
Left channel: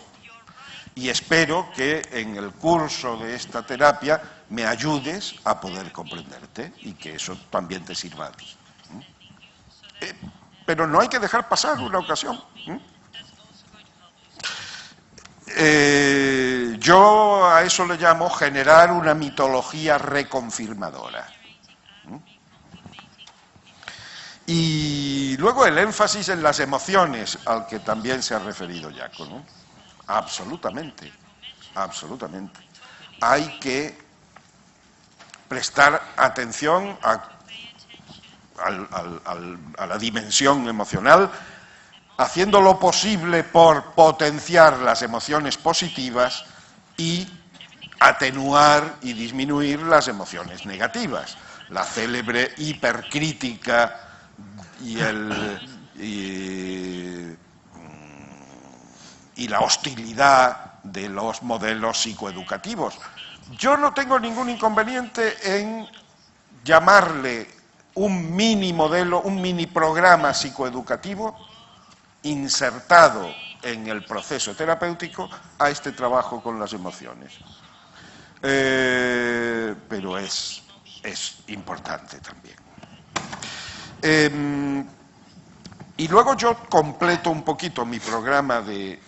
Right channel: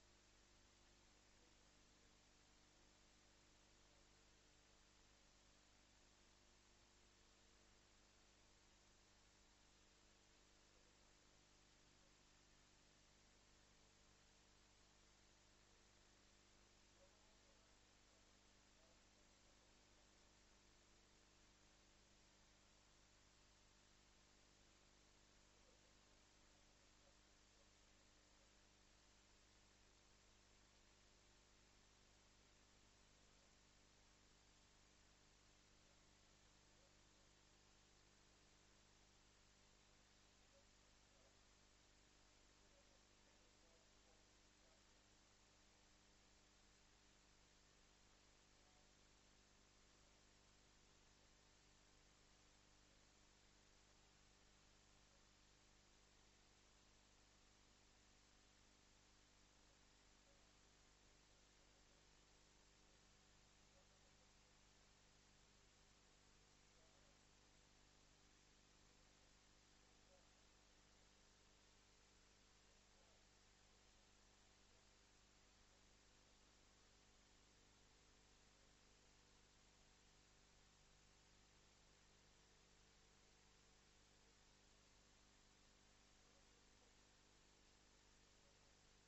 y espero que en el curso de esta terapia me ayudes a poder comprenderte y que eso también te sirva a ti. Pero no hay que dejar pasar una ocasión. Yo a eso le llamo generar una mitología reconfirmadora. Y luego el énfasis en las emociones, al que también se ha referido Jaco, ¿no? Absolutamente, absolutamente. Hay que prestar atención a la dimensión emocional, haciendo lo posible por potenciar las emociones positivas y atenuar y disminuir las emociones negativas. La célebre hipercrítica y la hostilidad de los modelos psicoeducativos. Yo no tengo ningún inconveniente en llamarle un mini modelo, un mini programa psicoeducativo insertado en el proceso terapéutico a este trabajo con las emociones. Pero es importante también. Y luego yo completo un poquito mi programa de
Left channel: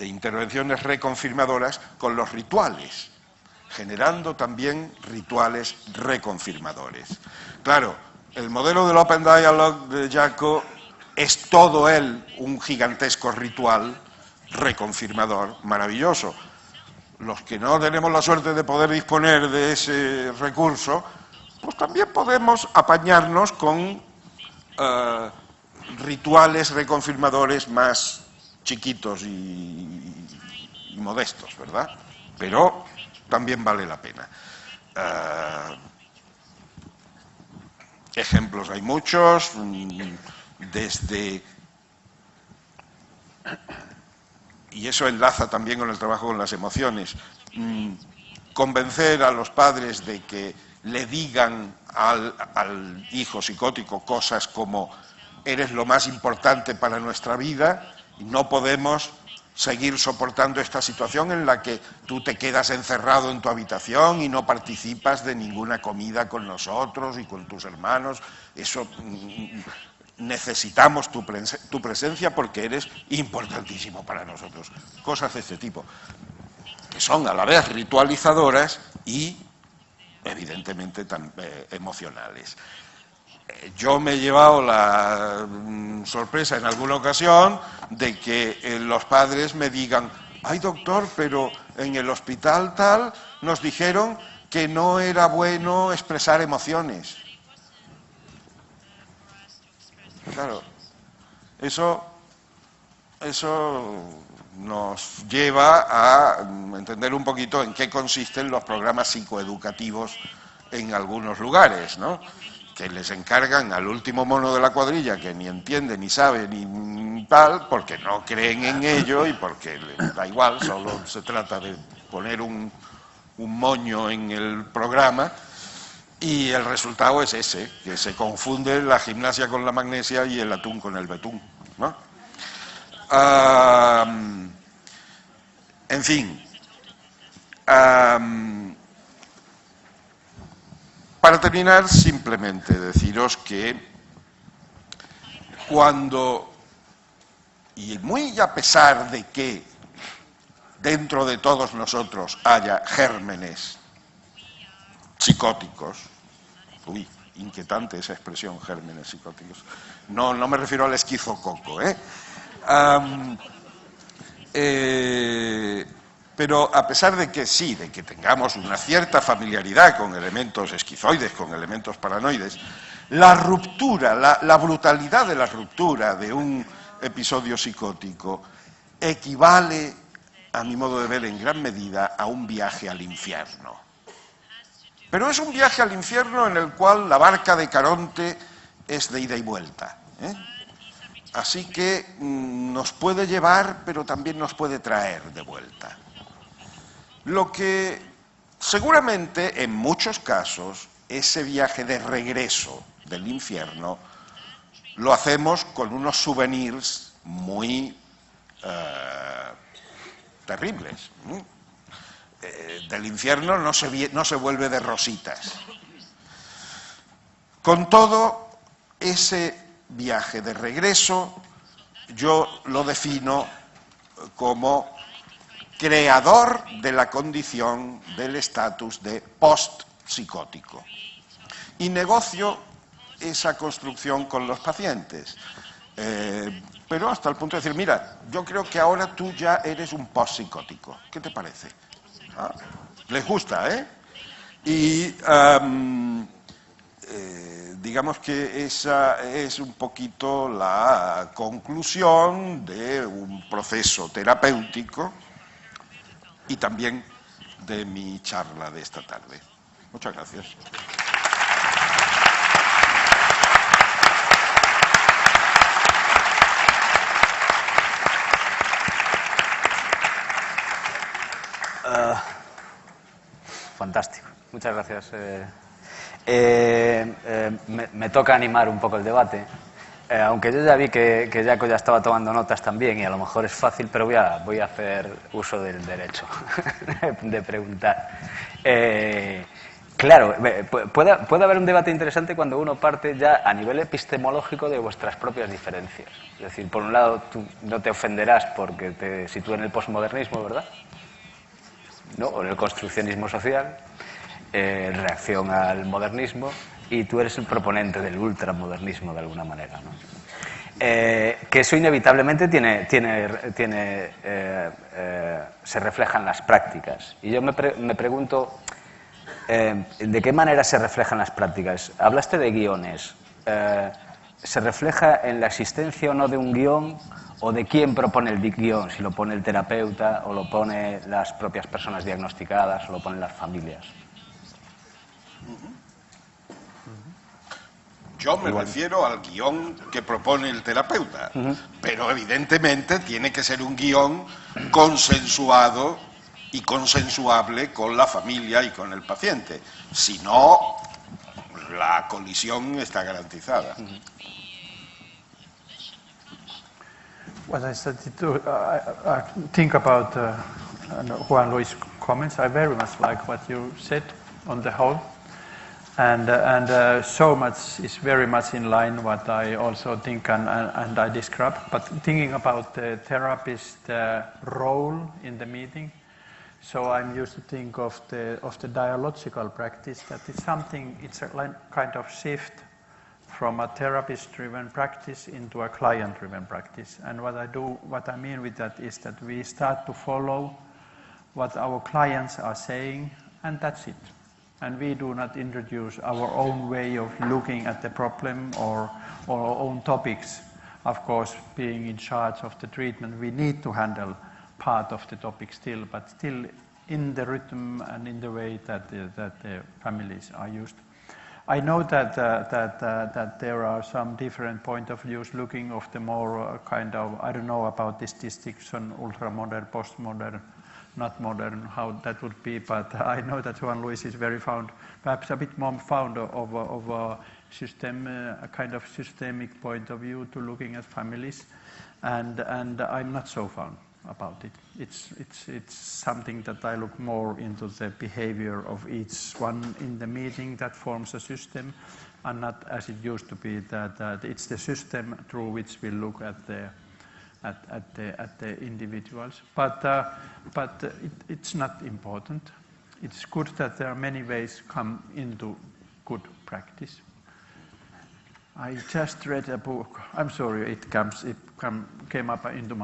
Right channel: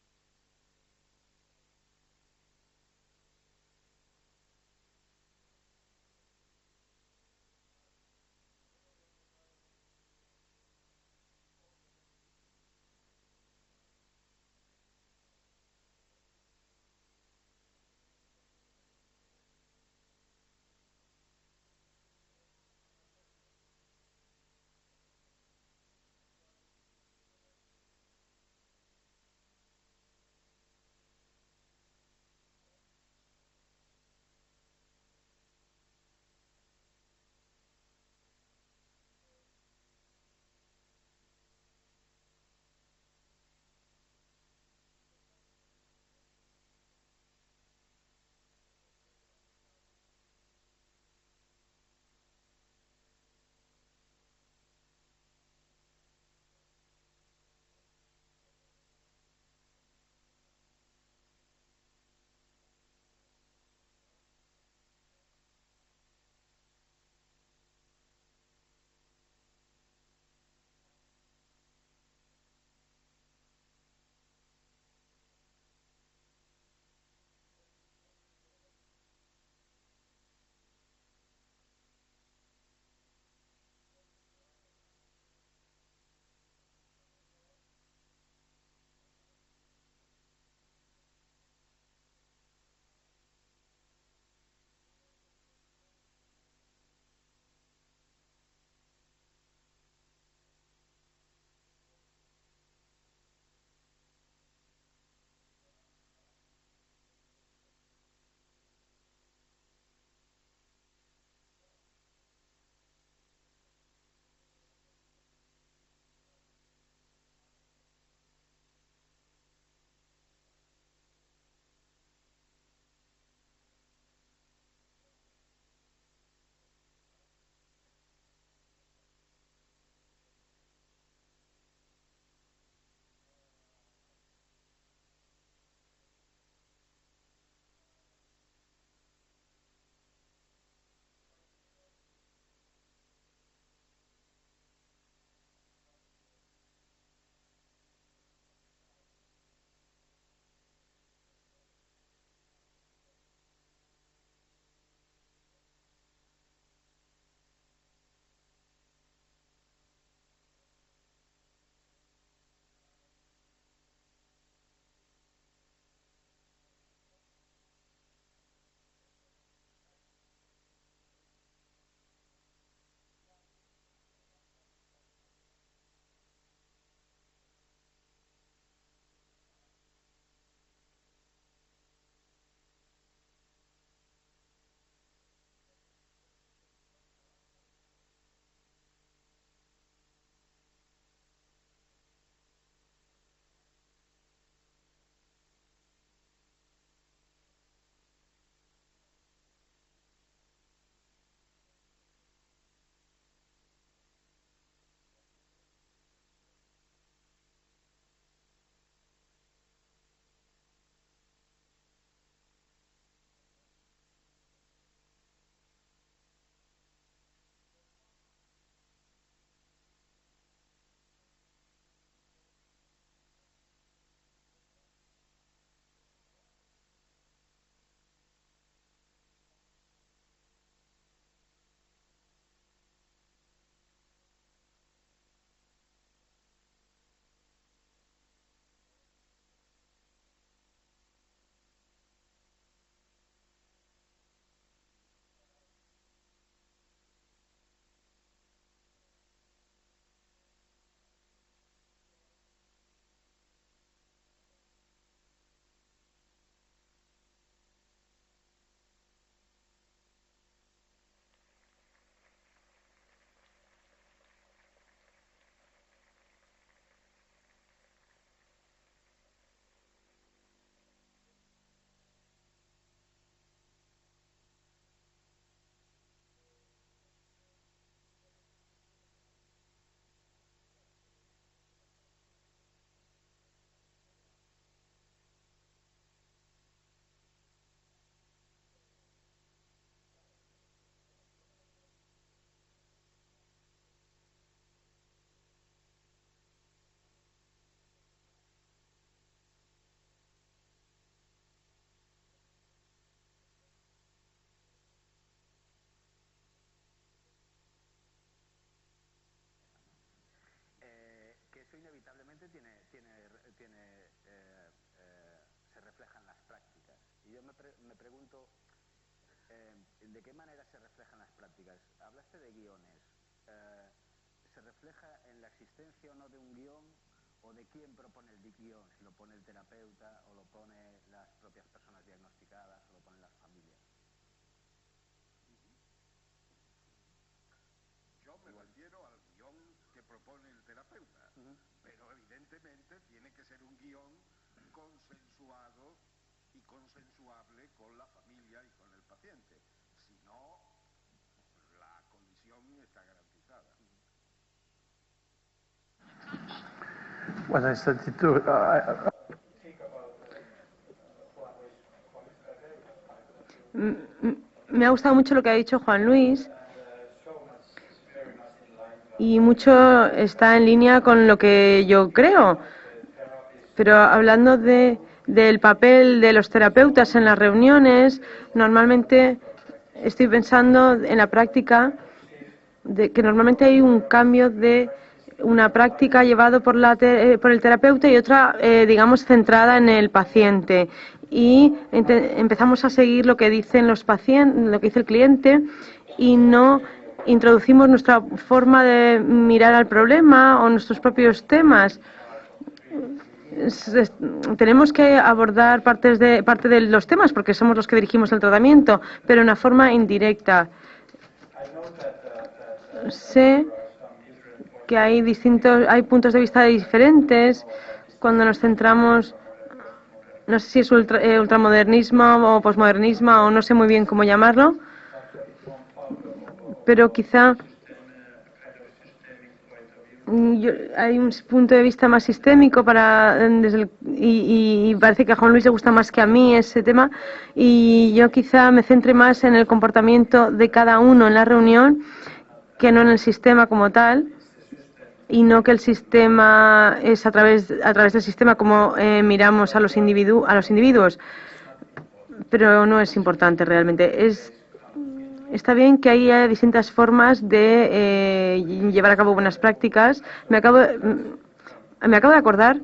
intervenciones reconfirmadoras con los rituales, generando también rituales reconfirmadores. Claro, el modelo del Open Dialogue de Jaco es todo él un gigantesco ritual reconfirmador maravilloso. los que no tenemos la suerte de poder disponer de ese recurso, pues también podemos apañarnos con rituales reconfirmadores más chiquitos y modestos, ¿verdad? Pero también vale la pena. Ejemplos hay muchos, desde... Y eso enlaza también con el trabajo con las emociones. Convencer a los padres de que le digan al hijo psicótico cosas como eres lo más importante para nuestra vida y no podemos seguir soportando esta situación en la que tú te quedas encerrado en tu habitación y no participas de ninguna comida con nosotros y con tus hermanos. Eso... necesitamos tu presencia porque eres importantísimo para nosotros. Cosas de este tipo, que son a la vez ritualizadoras y evidentemente emocionales. Yo me he llevado la sorpresa en alguna ocasión de que los padres me digan: ay, doctor, pero en el hospital tal nos dijeron que no era bueno expresar emociones. Claro, eso nos lleva a entender un poquito en qué consisten los programas psicoeducativos en algunos lugares, ¿no? Que les encargan al último mono de la cuadrilla que ni entiende, ni sabe, ni tal, porque no creen en ello y porque les da igual, solo se trata de poner un moño en el programa. Y el resultado es ese, que se confunde la gimnasia con la magnesia y el atún con el betún, ¿no? En fin, para terminar, simplemente deciros que cuando, y muy a pesar de que dentro de todos nosotros haya gérmenes psicóticos, uy, inquietante esa expresión, gérmenes psicóticos, no me refiero al esquizococo, pero a pesar de que sí, de que tengamos una cierta familiaridad con elementos esquizoides, con elementos paranoides, la ruptura, la brutalidad de la ruptura de un episodio psicótico equivale, a mi modo de ver, en gran medida a un viaje al infierno. Pero es un viaje al infierno en el cual la barca de Caronte es de ida y vuelta, Así que nos puede llevar, pero también nos puede traer de vuelta. Lo que seguramente, en muchos casos, ese viaje de regreso del infierno lo hacemos con unos souvenirs muy terribles. Del infierno no se vuelve de rositas. Con todo, ese viaje de regreso yo lo defino como creador de la condición del estatus de post-psicótico. Y negocio esa construcción con los pacientes. Pero hasta el punto de decir, mira, yo creo que ahora tú ya eres un post-psicótico. ¿Qué te parece? Les gusta, ¿eh? Y digamos que esa es un poquito la conclusión de un proceso terapéutico y también de mi charla de esta tarde. Muchas gracias. Fantástico, muchas gracias. Me toca animar un poco el debate, aunque yo ya vi que Jaco ya estaba tomando notas también y a lo mejor es fácil, pero voy a hacer uso del derecho de preguntar. Claro, puede haber un debate interesante cuando uno parte ya a nivel epistemológico de vuestras propias diferencias. Es decir, por un lado, tú no te ofenderás porque te sitúen en el posmodernismo, ¿verdad? ¿No? O en el construccionismo social, reacción al modernismo, y tú eres el proponente del ultramodernismo de alguna manera, ¿no? que eso inevitablemente se refleja en las prácticas. Y yo me pregunto, ¿de qué manera se reflejan las prácticas? Hablaste de guiones. ¿Se refleja en la existencia o no de un guión o de quién propone el guión? Si lo pone el terapeuta o lo pone las propias personas diagnosticadas o lo ponen las familias. Yo me refiero al guión que propone el terapeuta, pero evidentemente tiene que ser un guión consensuado y consensuable con la familia y con el paciente. Si no, la colisión está garantizada. What I started to think about Juan Luis' comments, I very much like what you said on the whole. Me ha gustado mucho lo que ha dicho Juan Luis. And so much is very much in line what Y I mucho also think está en línea con lo que yo creo. Pero hablando del papel de los terapeutas en las reuniones, normalmente estoy pensando en la práctica que normalmente hay un cambio de una práctica llevado por el terapeuta y otra, digamos, centrada en el paciente. Y empezamos a seguir lo que dicen los pacientes, lo que dice el cliente, y no introducimos nuestra forma de mirar al problema o nuestros propios temas. Tenemos que abordar parte de los temas porque somos los que dirigimos el tratamiento, pero de una forma indirecta. Sé que hay puntos de vista diferentes cuando nos centramos, no sé si es ultramodernismo o posmodernismo o no sé muy bien cómo llamarlo, pero quizá hay un punto de vista más sistémico y parece que a Juan Luis le gusta más que a mí ese tema, y yo quizá me centre más en el comportamiento de cada uno en la reunión que no en el sistema como tal, y no que el sistema es a través del sistema como miramos a los individuos, pero no es importante realmente. Está bien que haya distintas formas de llevar a cabo buenas prácticas. Me acabo de acordar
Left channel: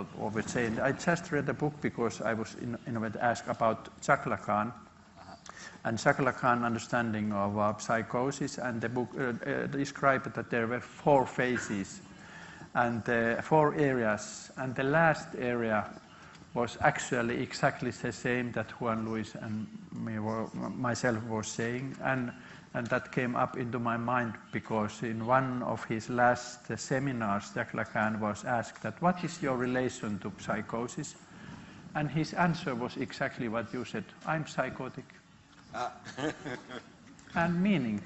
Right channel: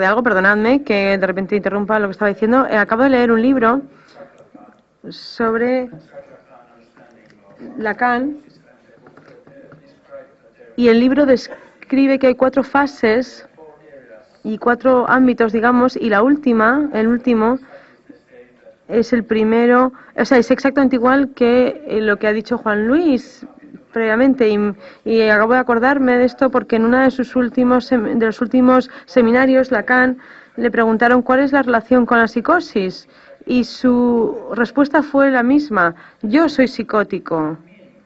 de algo, perdonadme que de repente interrumpa lo que estaba diciendo. Acabo de leer un libro sobre Lacan, y el libro describe que hay 4 fases y 4 ámbitos, digamos, y el último es el primero, o sea, es exactamente igual que lo que ha dicho Juan Luis previamente, y acabo de acordarme de esto porque en uno de los últimos seminarios Lacan le preguntaron cuál es la relación con la psicosis y su respuesta fue la misma: yo soy psicótico, en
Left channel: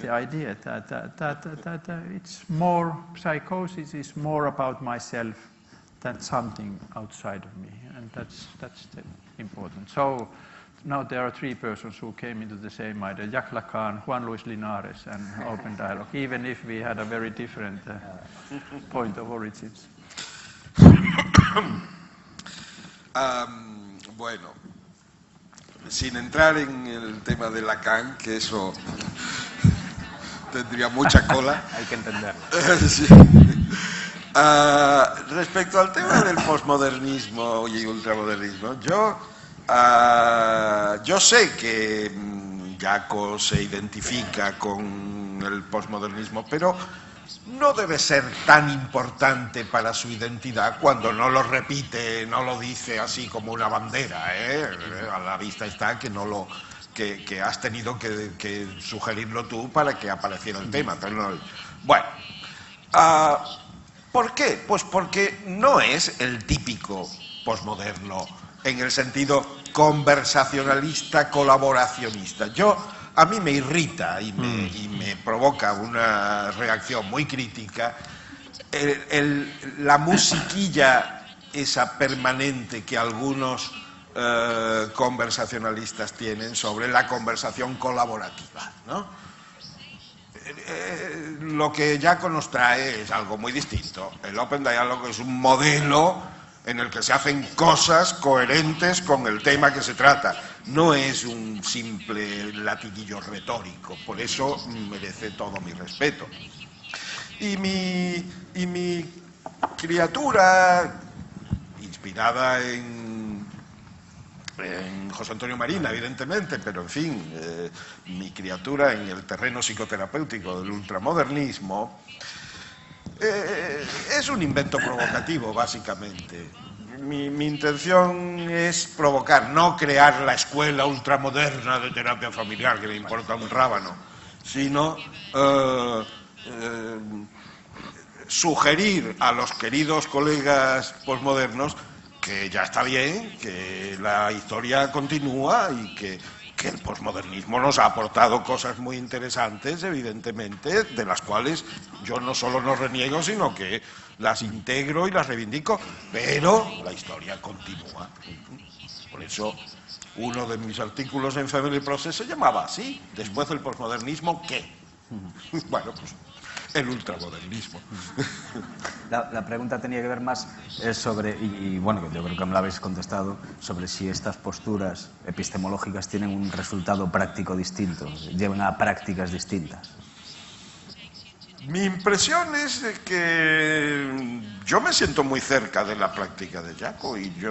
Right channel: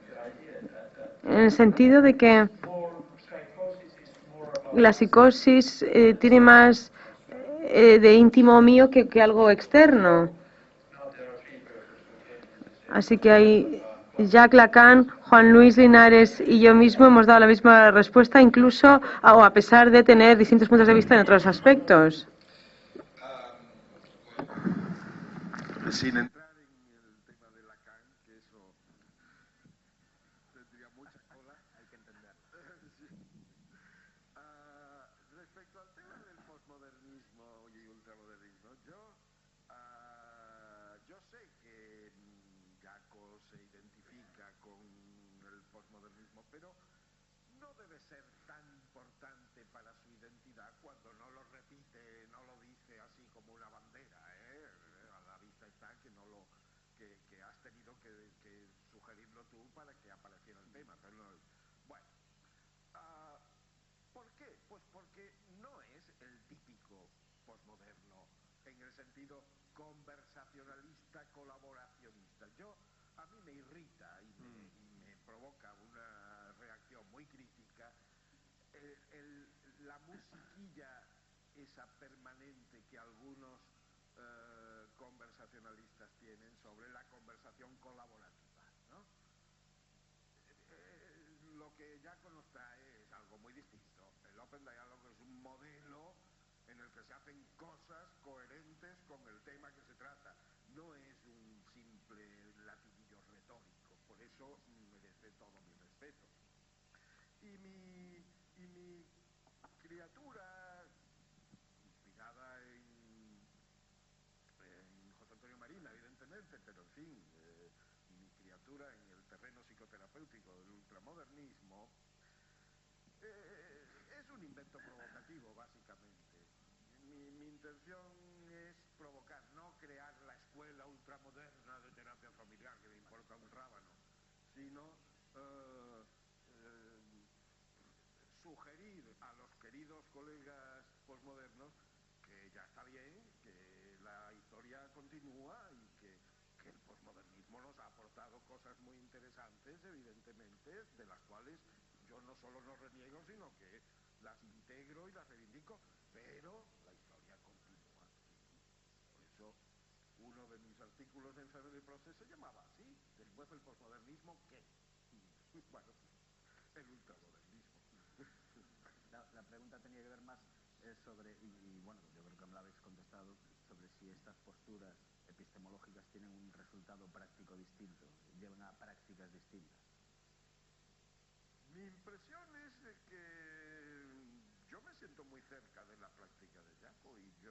el sentido de que la psicosis tiene más de íntimo mío que algo externo. Así que hay Jacques Lacan, Juan Luis Linares y yo mismo hemos dado la misma respuesta, incluso a pesar de tener distintos puntos de vista en otros aspectos. Bueno, sin entrar en el tema de Lacan, que eso tendría mucha cola. Hay que entenderlo. Sí. Respecto al tema del posmodernismo y ultramodernismo, yo sé que Jaco se identifica con el posmodernismo, pero no debe ser tan importante para su identidad cuando no lo repite, no lo dice así como una bandera, A la vista está que que has tenido que sugerirlo tú para que apareciera el tema. Pero no, bueno, ¿por qué? Pues porque no es el típico posmoderno en el sentido conversacionalista, colaboracionista. A mí me irrita y me provoca una reacción muy crítica la musiquilla esa permanente que algunos conversacionalistas tienen sobre la conversación colaborativa, ¿no? Lo que Jaco nos trae es algo muy distinto. El Open Dialogue es un modelo en el que se hacen cosas coherentes con el tema que se trata. No es un simple latiguillo retórico, por eso merece todo mi respeto. Y mi criatura, inspirada en José Antonio Marina, evidentemente, pero en fin, mi criatura en el terreno psicoterapéutico del ultramodernismo, es un invento provocativo, básicamente. Mi intención es provocar, no crear la escuela ultramoderna de terapia familiar, que me importa un rábano, sino sugerir a los queridos colegas posmodernos que ya está bien, que la historia continúa y que el posmodernismo nos ha aportado cosas muy interesantes, evidentemente, de las cuales yo no solo no reniego, sino que las integro y las reivindico, pero la historia continúa. Por eso, uno de mis artículos en Family Process se llamaba así: después del posmodernismo, ¿qué? Bueno, pues el ultramodernismo. La pregunta tenía que ver más sobre, y bueno, yo creo que me la habéis contestado, sobre si estas posturas epistemológicas tienen un resultado práctico distinto, llevan a prácticas distintas. Mi impresión es de que yo me siento muy cerca de la práctica de Jaco y yo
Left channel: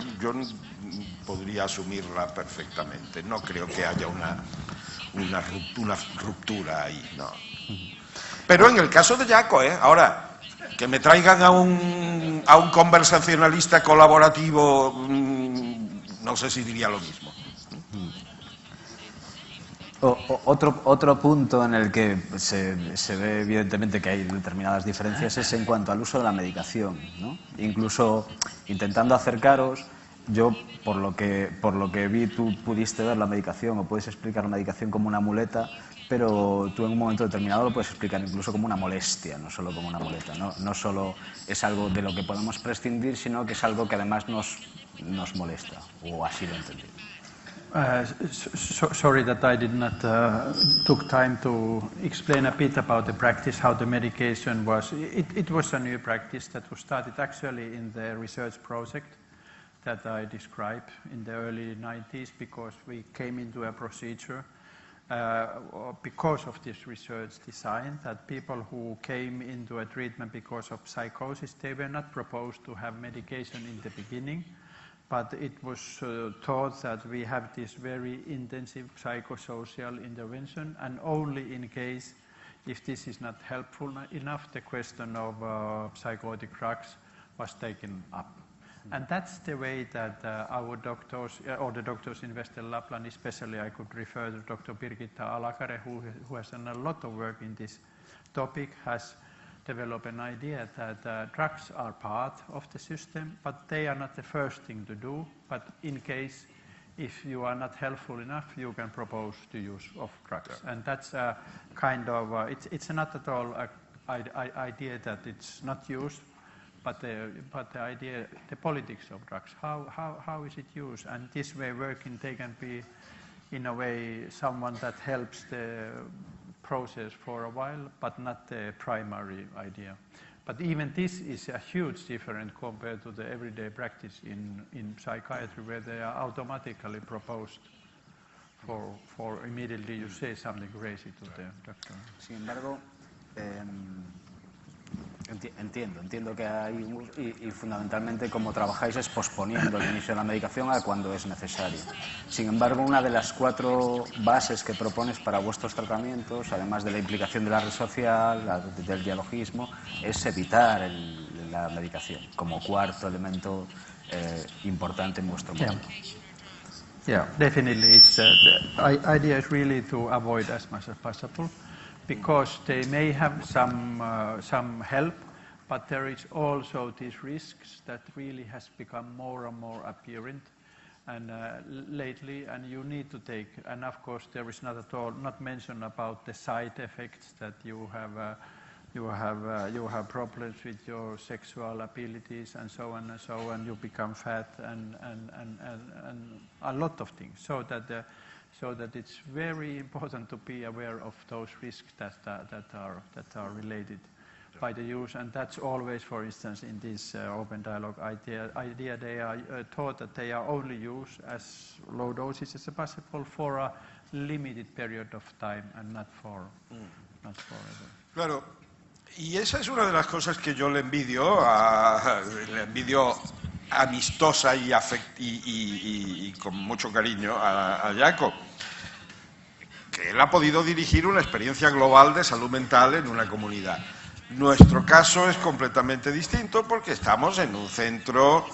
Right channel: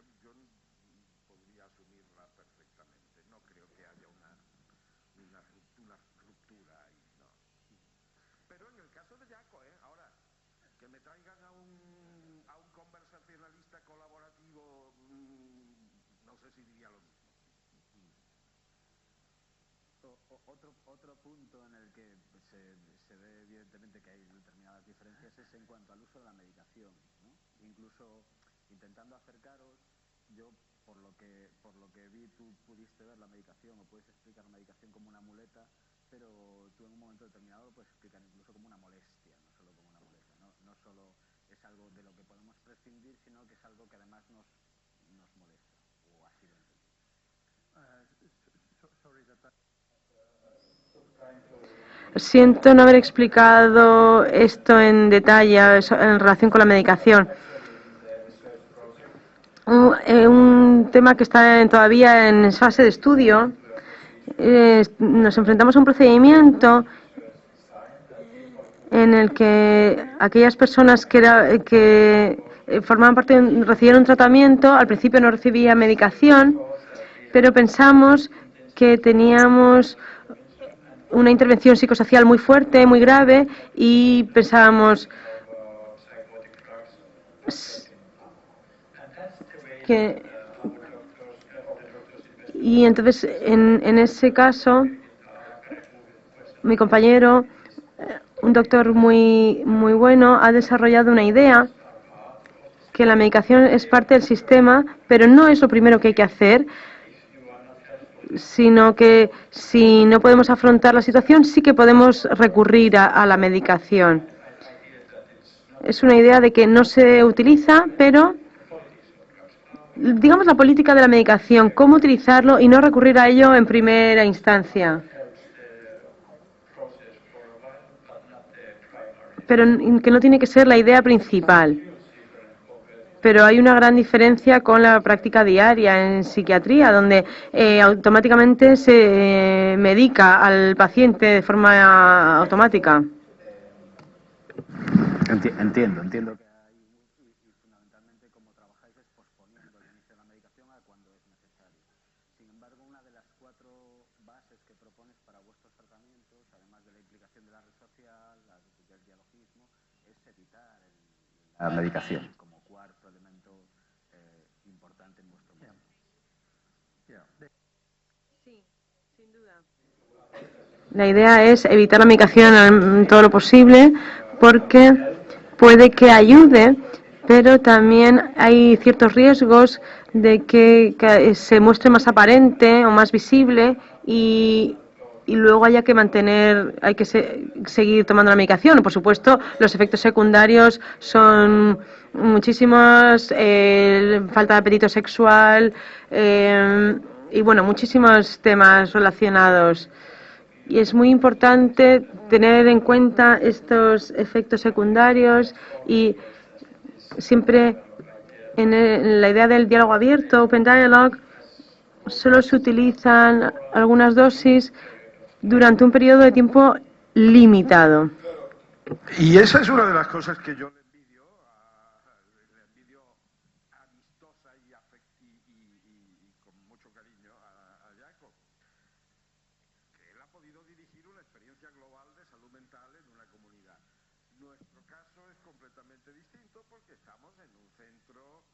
podría asumirla perfectamente. No creo que haya una ruptura ahí, no. Pero en el caso de Jaco, ahora, que me traigan a un conversacionalista colaborativo, no sé si diría lo mismo. Otro punto en el que se ve evidentemente que hay determinadas diferencias es en cuanto al uso de la medicación, ¿no? Incluso intentando acercaros, yo por lo que vi, tú pudiste ver la medicación o puedes explicar la medicación como una muleta, pero tú en un momento determinado lo puedes explicar incluso como una molestia, no solo como una muleta, no solo es algo de lo que podemos prescindir, sino que es algo que además nos molesta, o así lo entendí. Siento no haber explicado esto en detalle en relación con la medicación. Un tema que está todavía en fase de estudio. Nos enfrentamos a un procedimiento en el que aquellas personas que formaban parte, recibieron un tratamiento, al principio no recibían medicación, pero pensamos que teníamos una intervención psicosocial muy fuerte, muy grave, y pensábamos y entonces en ese caso mi compañero, un doctor muy bueno, ha desarrollado una idea que la medicación es parte del sistema, pero no es lo primero que hay que hacer, sino que si no podemos afrontar la situación, sí que podemos recurrir a la medicación. Es una idea de que no se utiliza, pero digamos la política de la medicación, cómo utilizarlo y no recurrir a ello en primera instancia. Pero que no tiene que ser la idea principal. Pero hay una gran diferencia con la práctica diaria en psiquiatría, donde automáticamente se medica al paciente de forma automática. Entiendo que hay, y fundamentalmente como trabajáis es posponiendo el inicio de la medicación a cuando es necesario. Sin embargo, una de las 4 bases que propones para vuestros tratamientos, además de la implicación de la red social, del dialogismo, es evitar la medicación como cuarto elemento importante en vuestro modelo. La idea es evitar la medicación en todo lo posible, porque puede que ayude, pero también hay ciertos riesgos de que se muestre más aparente o más visible y luego hay que seguir tomando la medicación. Por supuesto, los efectos secundarios son muchísimos, falta de apetito sexual y bueno, muchísimos temas relacionados. Y es muy importante tener en cuenta estos efectos secundarios y siempre en la idea del diálogo abierto, Open Dialogue, solo se utilizan algunas dosis durante un periodo de tiempo limitado. Claro, Y esa es una de las cosas que yo le envidio amistosa y con mucho cariño a Jaco, que él ha podido dirigir una experiencia global de salud mental en una comunidad. Nuestro caso es completamente distinto porque estamos en un centro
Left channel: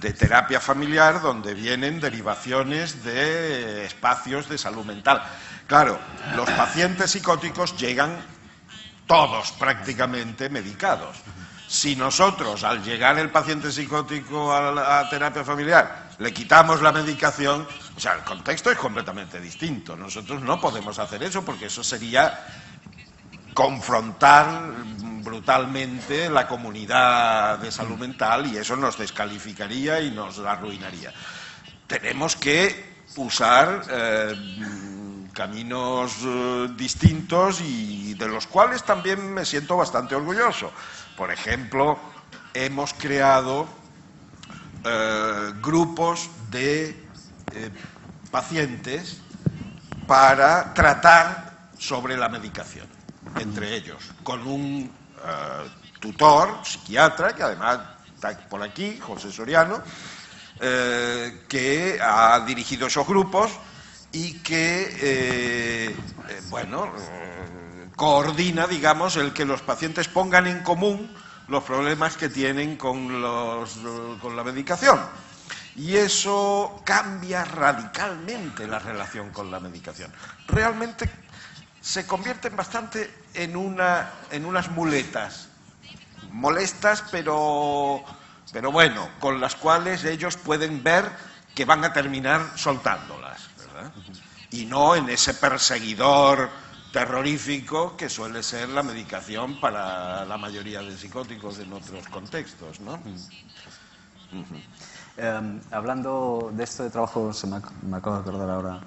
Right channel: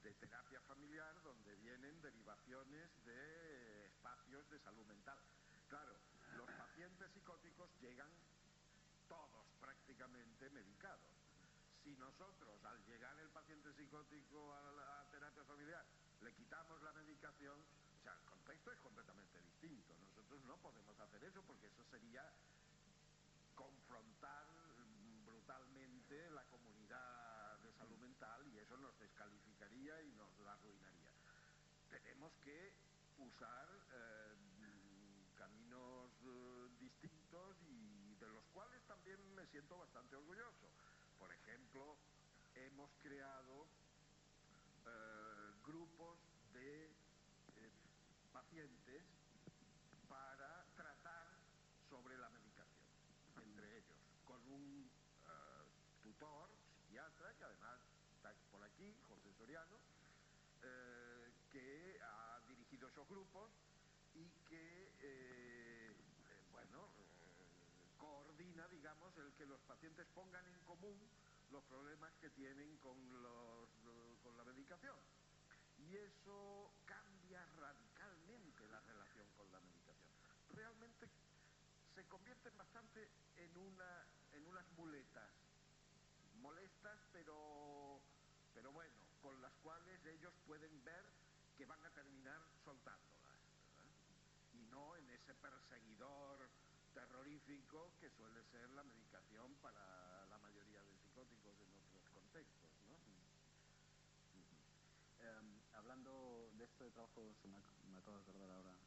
de terapia familiar donde vienen derivaciones de espacios de salud mental. Claro, los pacientes psicóticos llegan todos prácticamente medicados. Si nosotros, al llegar el paciente psicótico a la terapia familiar, le quitamos la medicación, o sea, el contexto es completamente distinto. Nosotros no podemos hacer eso porque eso sería confrontar brutalmente la comunidad de salud mental y eso nos descalificaría y nos arruinaría. Tenemos que usar caminos distintos y de los cuales también me siento bastante orgulloso. Por ejemplo, hemos creado grupos de pacientes para tratar sobre la medicación, entre ellos, con un tutor, psiquiatra, que además está por aquí, José Soriano, que ha dirigido esos grupos y que, coordina, digamos, el que los pacientes pongan en común los problemas que tienen con la medicación. Y eso cambia radicalmente la relación con la medicación. Realmente se convierten bastante en unas muletas, molestas, pero bueno, con las cuales ellos pueden ver que van a terminar soltándolas, ¿verdad? Y no en ese perseguidor terrorífico que suele ser la medicación para la mayoría de psicóticos en otros contextos, ¿no? Hablando de esto de trabajo, me acabo de acordar ahora,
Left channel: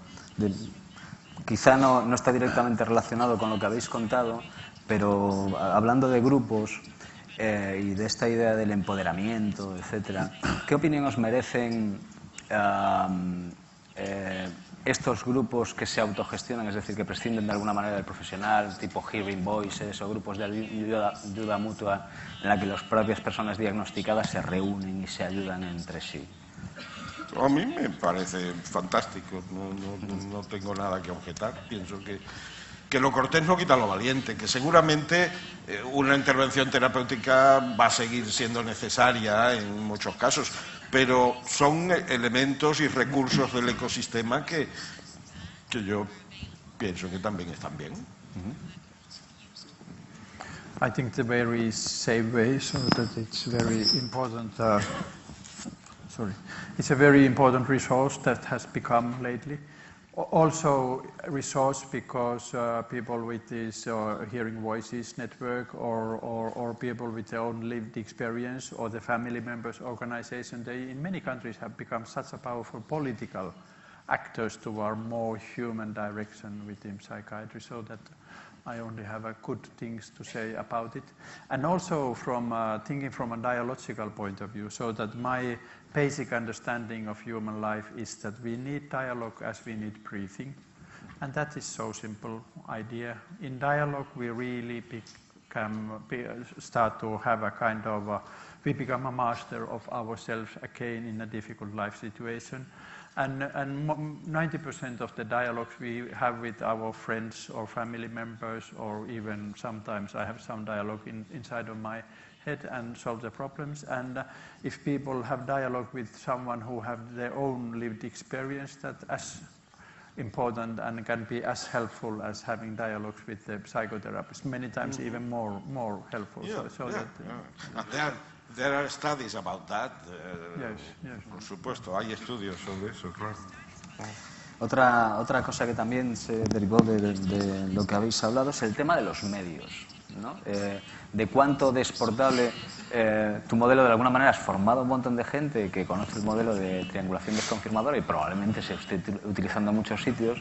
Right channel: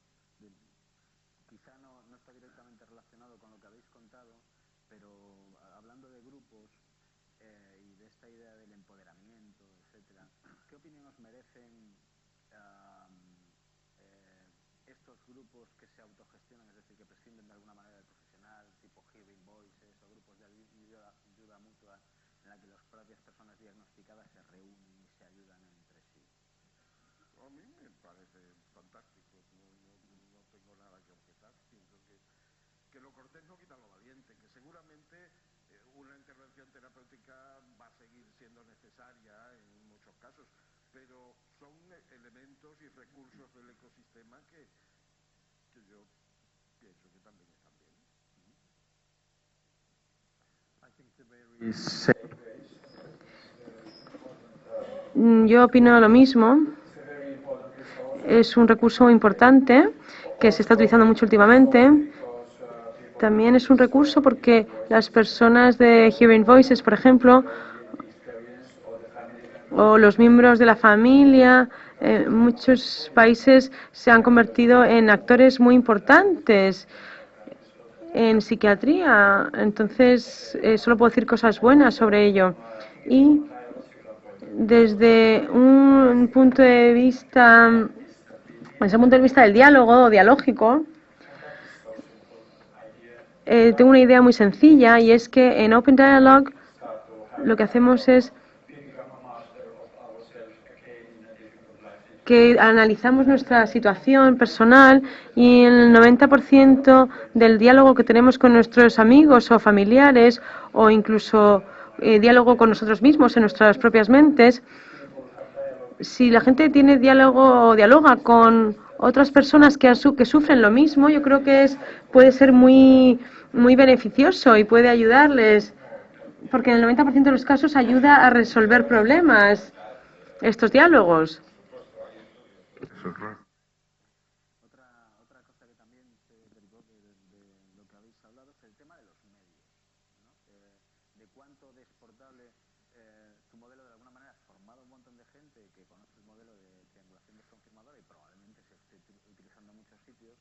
quizá no está directamente relacionado con lo que habéis contado, pero hablando de grupos y de esta idea del empoderamiento, etcétera, ¿qué opinión os merecen estos grupos que se autogestionan, es decir, que prescinden de alguna manera del profesional, tipo Hearing Voices o grupos de ayuda mutua en la que las propias personas diagnosticadas se reúnen y se ayudan entre sí? A mí me parece fantástico, no tengo nada que objetar. Pienso que lo cortés no quita lo valiente, que seguramente una intervención terapéutica va a seguir siendo necesaria en muchos casos, pero son elementos y recursos del ecosistema que yo pienso que también están bien. Yo opino lo mismo. Es un recurso importante que se está utilizando mucho últimamente. También es un recurso porque las personas de Hearing Voices, por ejemplo, o los miembros de la familia, en muchos países se han convertido en actores muy importantes en psiquiatría. Entonces, solo puedo decir cosas buenas sobre ello. Y desde un punto de vista, del diálogo dialógico, tengo una idea muy sencilla y es que en Open Dialogue lo que hacemos es que analizamos nuestra situación personal y el 90% del diálogo que tenemos con nuestros amigos o familiares o incluso diálogo con nosotros mismos en nuestras propias mentes, si la gente tiene diálogo o dialoga con otras personas que sufren lo mismo, yo creo que puede ser muy beneficioso y puede ayudarles, porque en el 90% de los casos ayuda a resolver problemas, estos diálogos. Por supuesto, hay estudios sobre eso, claro. Otra cosa que también se derivó de lo que habéis hablado es el tema de los medios, ¿no? De cuánto de exportable tu modelo, de alguna manera has formado a un montón de gente que conoce el modelo de triangulación desconfirmadora y probablemente se esté utilizando en muchos sitios,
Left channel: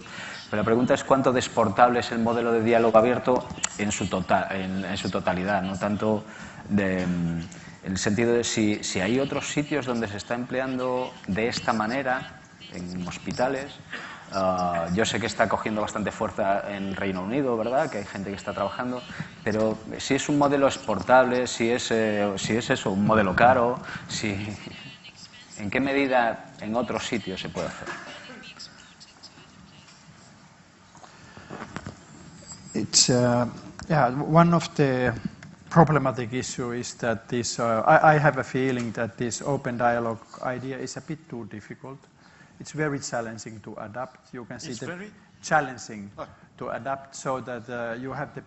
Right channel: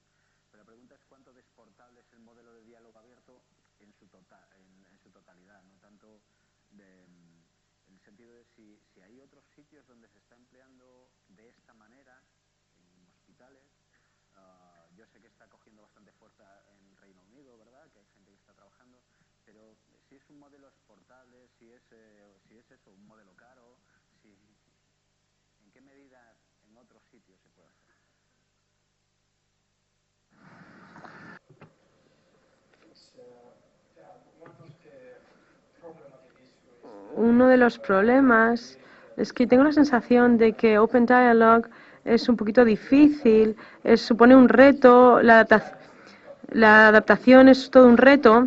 pero la pregunta es cuánto de exportable es el modelo de diálogo abierto en su totalidad, no tanto en el sentido de si hay otros sitios donde se está empleando de esta manera, en hospitales, Yo sé que está cogiendo bastante fuerza en Reino Unido, ¿verdad? Que hay gente que está trabajando, pero si es un modelo exportable, si es eso, un modelo caro, ¿en qué medida en otros sitios se puede hacer? One of the problematic issue is that Uno de los problemas es que tengo la sensación de que Open Dialogue es un poquito difícil, supone un reto, la adaptación es todo un reto.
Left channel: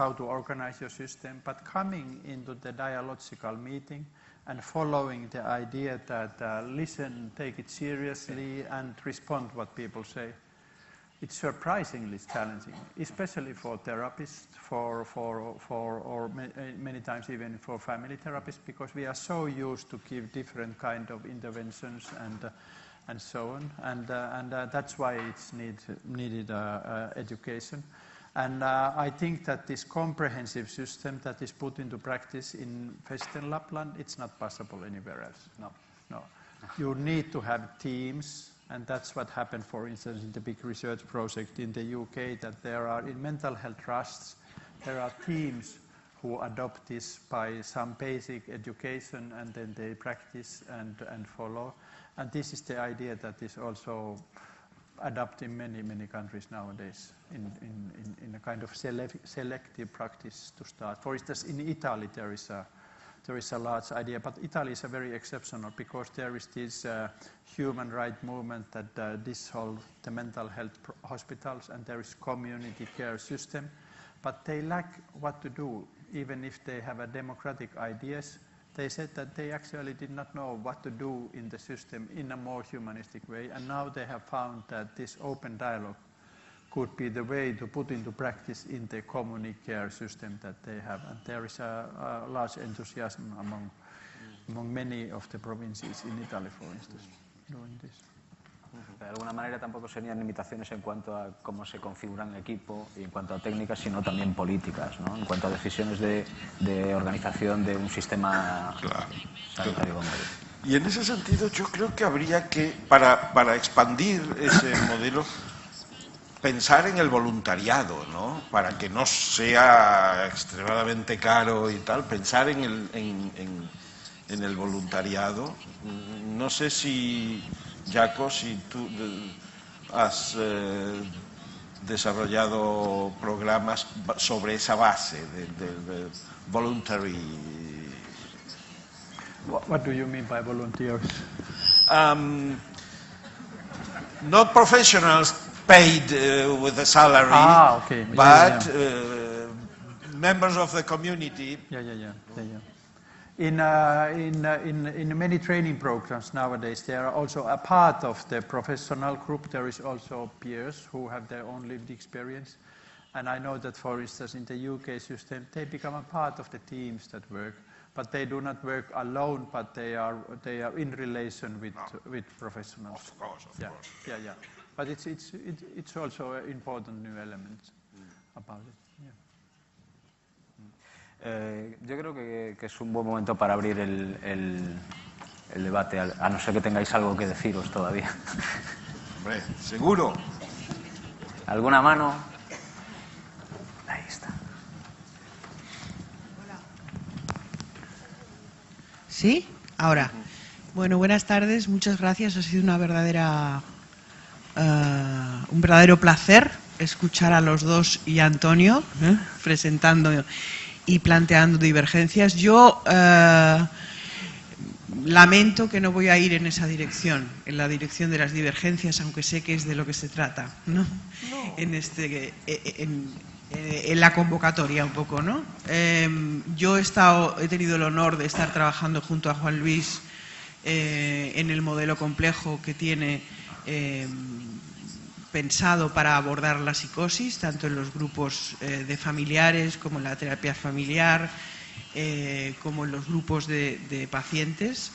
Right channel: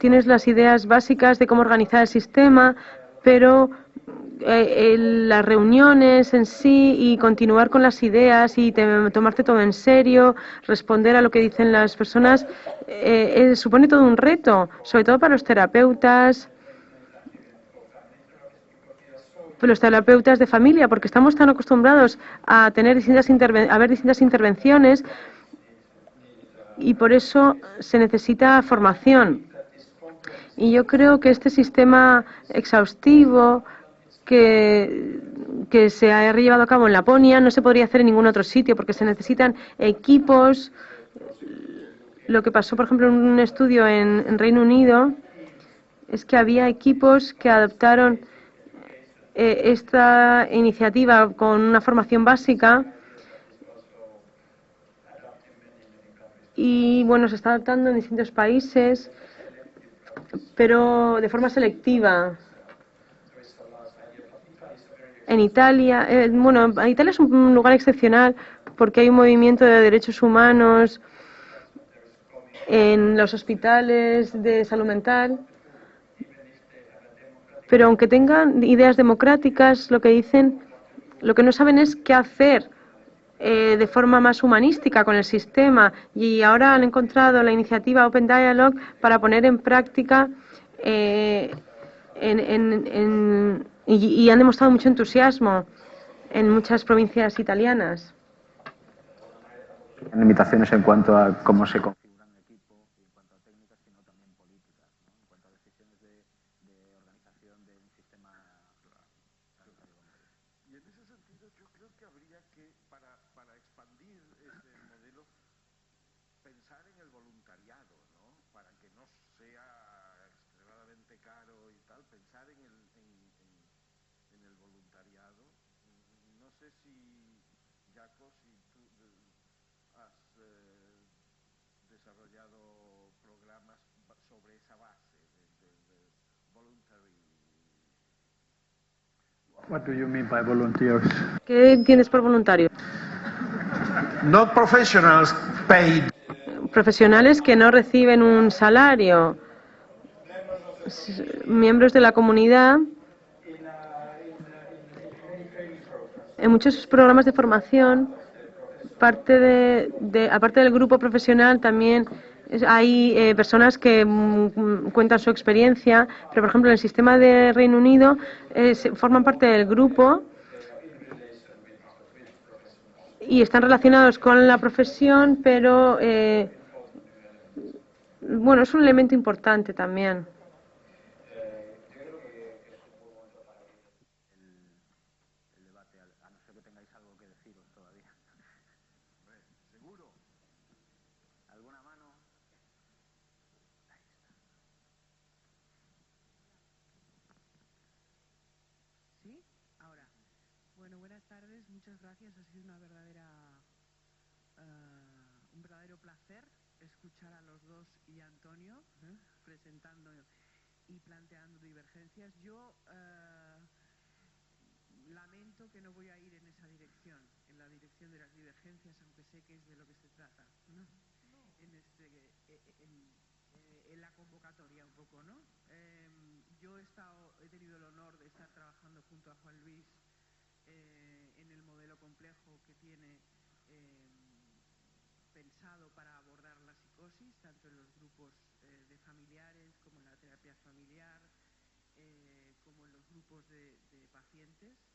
Tienes las ideas básicas de cómo organizar el sistema, pero las reuniones en sí y continuar con las ideas y tomarte todo en serio, responder a lo que dicen las personas, supone todo un reto, sobre todo para los terapeutas de familia, porque estamos tan acostumbrados a tener a ver distintas intervenciones y por eso se necesita formación. Y yo creo que este sistema exhaustivo que se ha llevado a cabo en Laponia no se podría hacer en ningún otro sitio porque se necesitan equipos. Lo que pasó, por ejemplo, en un estudio en Reino Unido es que había equipos que adoptaron esta iniciativa con una formación básica y, bueno, se está adaptando en distintos países, pero de forma selectiva. En Italia, Italia es un lugar excepcional porque hay un movimiento de derechos humanos en los hospitales de salud mental. Pero aunque tengan ideas democráticas, lo que no saben es qué hacer de forma más humanística con el sistema. Y ahora han encontrado la iniciativa Open Dialogue para poner en práctica y han demostrado mucho entusiasmo en muchas provincias italianas. De alguna manera tampoco serían limitaciones en cuanto a cómo se configura el equipo y en cuanto a técnicas, sino también políticas, ¿no? En cuanto a decisiones de organización de un sistema sanitario. Y en ese sentido yo creo que habría que, para expandir ese modelo, pensar en el voluntariado, ¿no? Para que no sea extremadamente caro y tal, pensar en el voluntariado. No sé si, Jaco, si tú has desarrollado programas sobre esa base de voluntary. What do you mean by volunteers? ¿Qué entiendes por voluntarios? Not professionals paid with a salary. Profesionales que no reciben un salario. Members of the community. Miembros de la comunidad. En muchos programas de formación, aparte del grupo profesional, también hay personas que cuentan su experiencia, pero por ejemplo en el sistema de Reino Unido forman parte del grupo y están relacionados con la profesión, pero bueno, es un elemento importante también. Yo creo que es un buen momento para abrir el debate, a no ser que tengáis algo que deciros todavía. Hombre, seguro. ¿Alguna mano? Ahí está. Hola. ¿Sí? Ahora. Bueno, buenas tardes, muchas gracias. Ha sido un verdadero placer escuchar a los dos y a Antonio presentando y planteando divergencias. Yo lamento que no voy a ir en esa dirección, en la dirección de las divergencias, aunque sé que es de lo que se trata, ¿no? En la convocatoria un poco, ¿no? Yo he tenido el honor de estar trabajando junto a Juan Luis en el modelo complejo que tiene pensado para abordar la psicosis, tanto en los grupos de familiares como en la terapia familiar, como en los grupos de pacientes.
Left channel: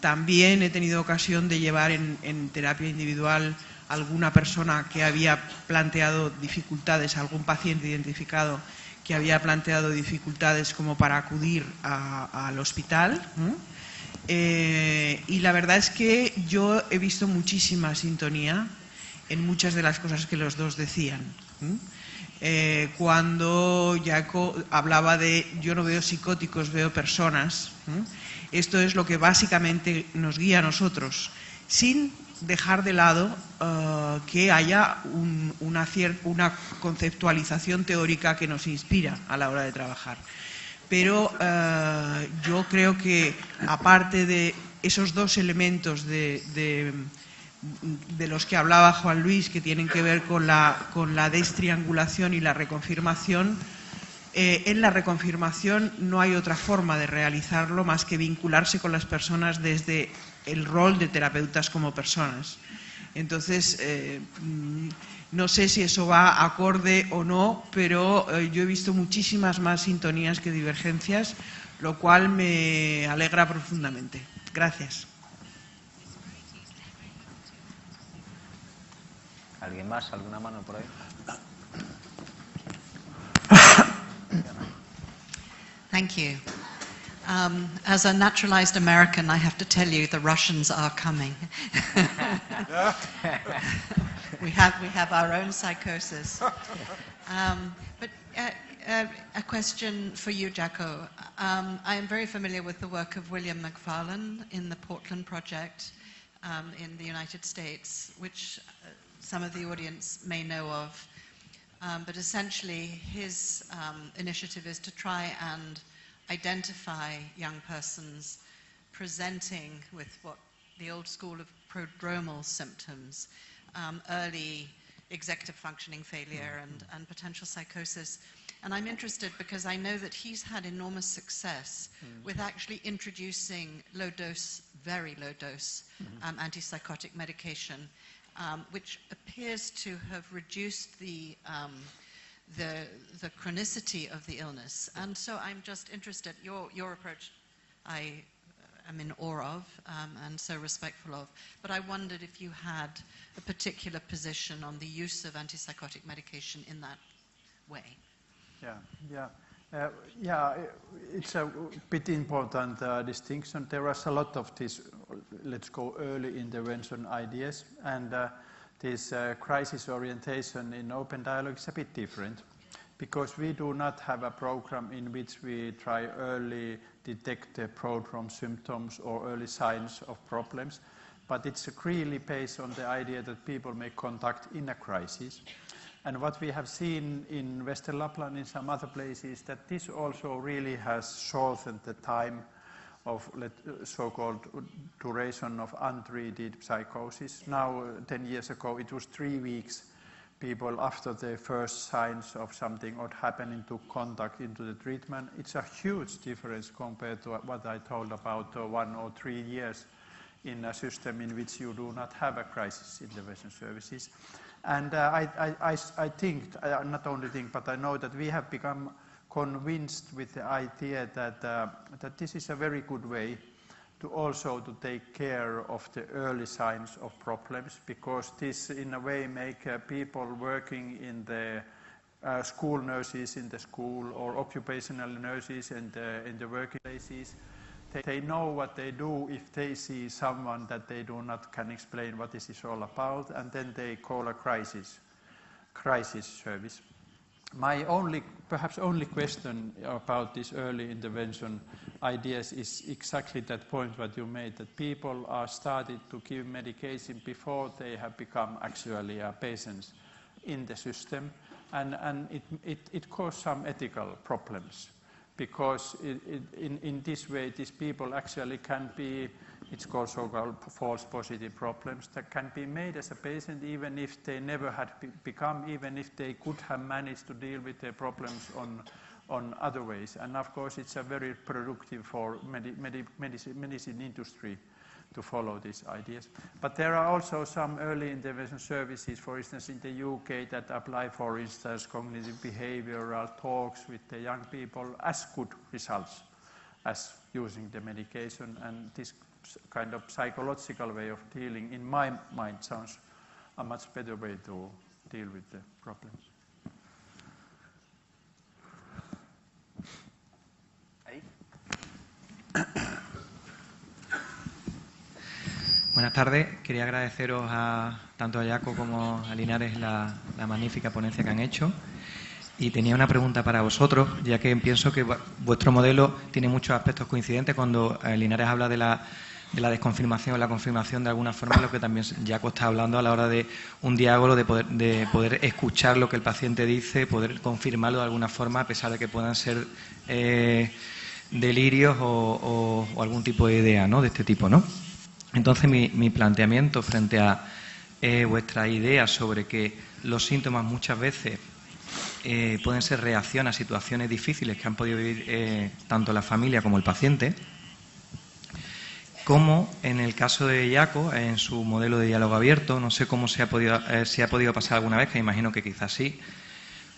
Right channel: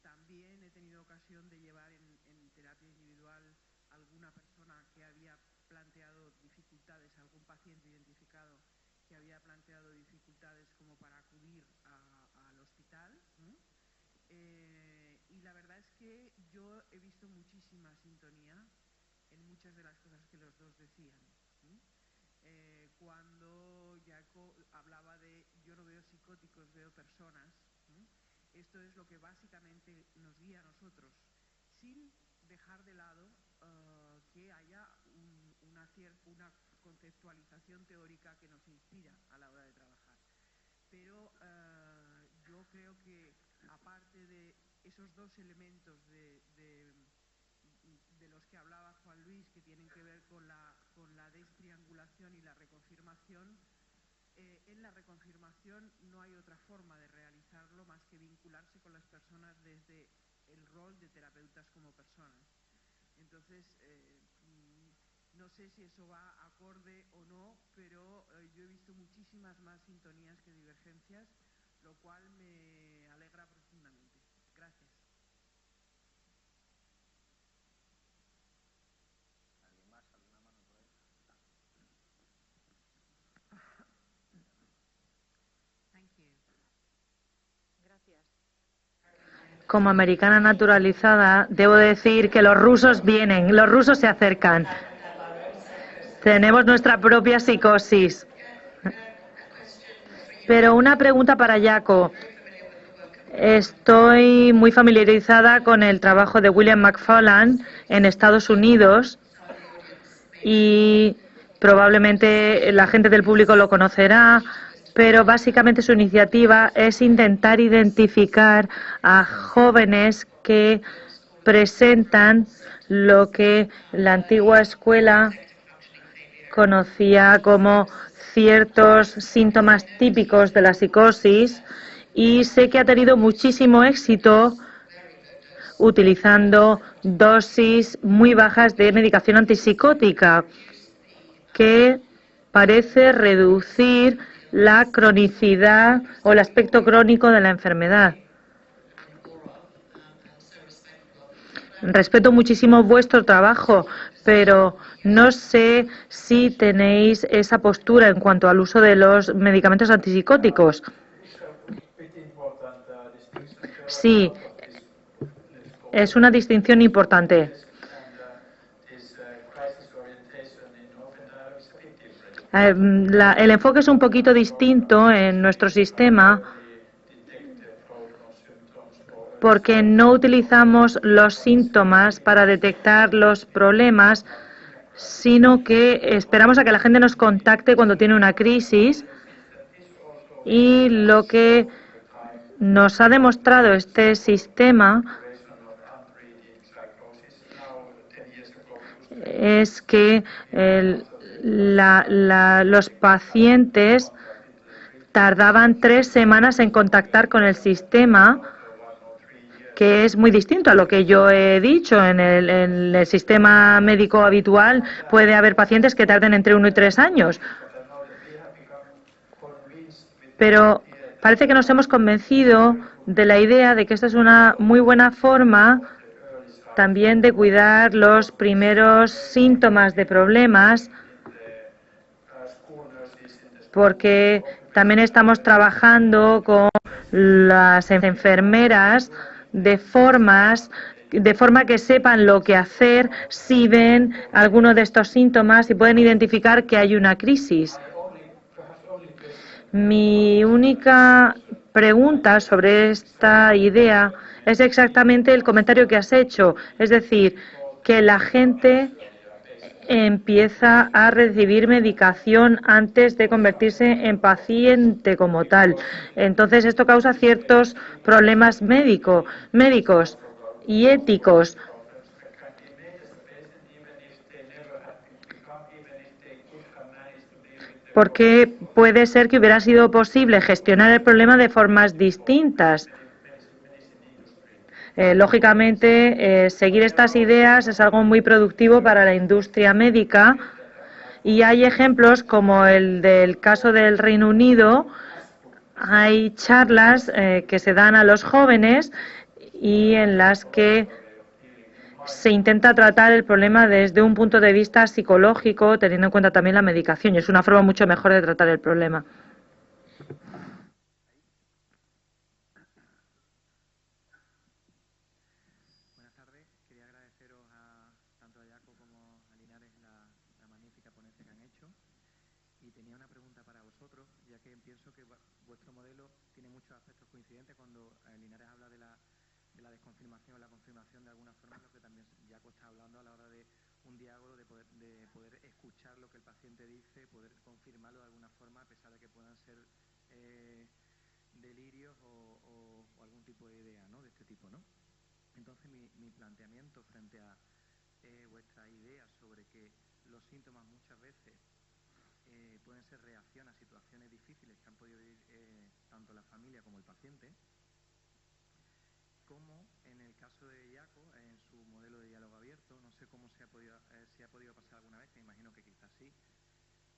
También he tenido ocasión de llevar en terapia individual a alguna persona que había planteado dificultades, algún paciente identificado que había planteado dificultades como para acudir al hospital, Y la verdad es que yo he visto muchísima sintonía en muchas de las cosas que los dos decían. Cuando Jaco hablaba de yo no veo psicóticos, veo personas, esto es lo que básicamente nos guía a nosotros, sin dejar de lado que haya una conceptualización teórica que nos inspira a la hora de trabajar. Pero yo creo que, aparte de esos dos elementos de los que hablaba Juan Luis, que tienen que ver con la destriangulación y la reconfirmación, en la reconfirmación no hay otra forma de realizarlo más que vincularse con las personas desde el rol de terapeutas como personas. Entonces, no sé si eso va acorde o no, pero yo he visto muchísimas más sintonías que divergencias, lo cual me alegra profundamente. Gracias. ¿Alguien más? ¿Alguna mano por ahí? Thank you. As a naturalized American, I have to tell Como you the americana Russians naturalizada, are coming. debo decir que los rusos vienen, los rusos se acercan. We have our own psychosis. Tenemos nuestra propia psicosis. A question for you, Pero Jaco. una pregunta para Jaco. I'm very familiar with the work of William Estoy muy familiarizada con el trabajo de William McFarland en Estados Unidos Some of the audience may know y probablemente la gente del público lo conocerá, pero básicamente su iniciativa es intentar identificar a jóvenes que presentan lo que la antigua escuela conocía como ciertos síntomas típicos de la psicosis, y sé que ha tenido muchísimo éxito utilizando dosis muy bajas de medicación antipsicótica que parece reducir la cronicidad o el aspecto crónico de la enfermedad. Respeto muchísimo vuestro trabajo, pero no sé si tenéis esa postura en cuanto al uso de los medicamentos antipsicóticos. Sí, es una distinción importante. El enfoque es un poquito distinto en nuestro sistema porque no utilizamos los síntomas para detectar los problemas, sino que esperamos a que la gente nos contacte cuando tiene una crisis, y lo que nos ha demostrado este sistema es que los pacientes tardaban 3 semanas en contactar con el sistema, que es muy distinto a lo que yo he dicho. En el sistema médico habitual puede haber pacientes que tarden entre 1 y 3 años. Pero parece que nos hemos convencido de la idea de que esta es una muy buena forma también de cuidar los primeros síntomas de problemas, porque también estamos trabajando con las enfermeras de forma que sepan lo que hacer si ven alguno de estos síntomas y pueden identificar que hay una crisis. Mi única pregunta sobre esta idea es exactamente el comentario que has hecho, es decir, que la gente empieza a recibir medicación antes de convertirse en paciente como tal. Entonces, esto causa ciertos problemas médicos y éticos. Porque puede ser que hubiera sido posible gestionar el problema de formas distintas. Lógicamente, seguir estas ideas es algo muy productivo para la industria médica, y hay ejemplos como el del caso del Reino Unido. Hay charlas que se dan a los jóvenes y en las que se intenta tratar el problema desde un punto de vista psicológico, teniendo en cuenta también la medicación, y es una forma mucho mejor de tratar el problema. Buenas tardes. Quería agradeceros tanto a Jaco como a Linares la magnífica ponencia que han hecho. Y tenía una pregunta para vosotros, ya que pienso que vuestro modelo tiene muchos aspectos coincidentes. Cuando Linares habla de la desconfirmación o la confirmación, de alguna forma, lo que también Jaco está hablando a la hora de un diálogo, de poder escuchar lo que el paciente dice, poder confirmarlo de alguna forma, a pesar de que puedan ser delirios o algún tipo de idea, ¿no?, de este tipo, ¿no? Entonces, mi planteamiento frente a vuestra idea sobre que los síntomas muchas veces pueden ser reacción a situaciones difíciles que han podido vivir tanto la familia como el paciente, como en el caso de Jaco, en su modelo de diálogo abierto, no sé cómo si ha podido pasar alguna vez, que imagino que quizás sí,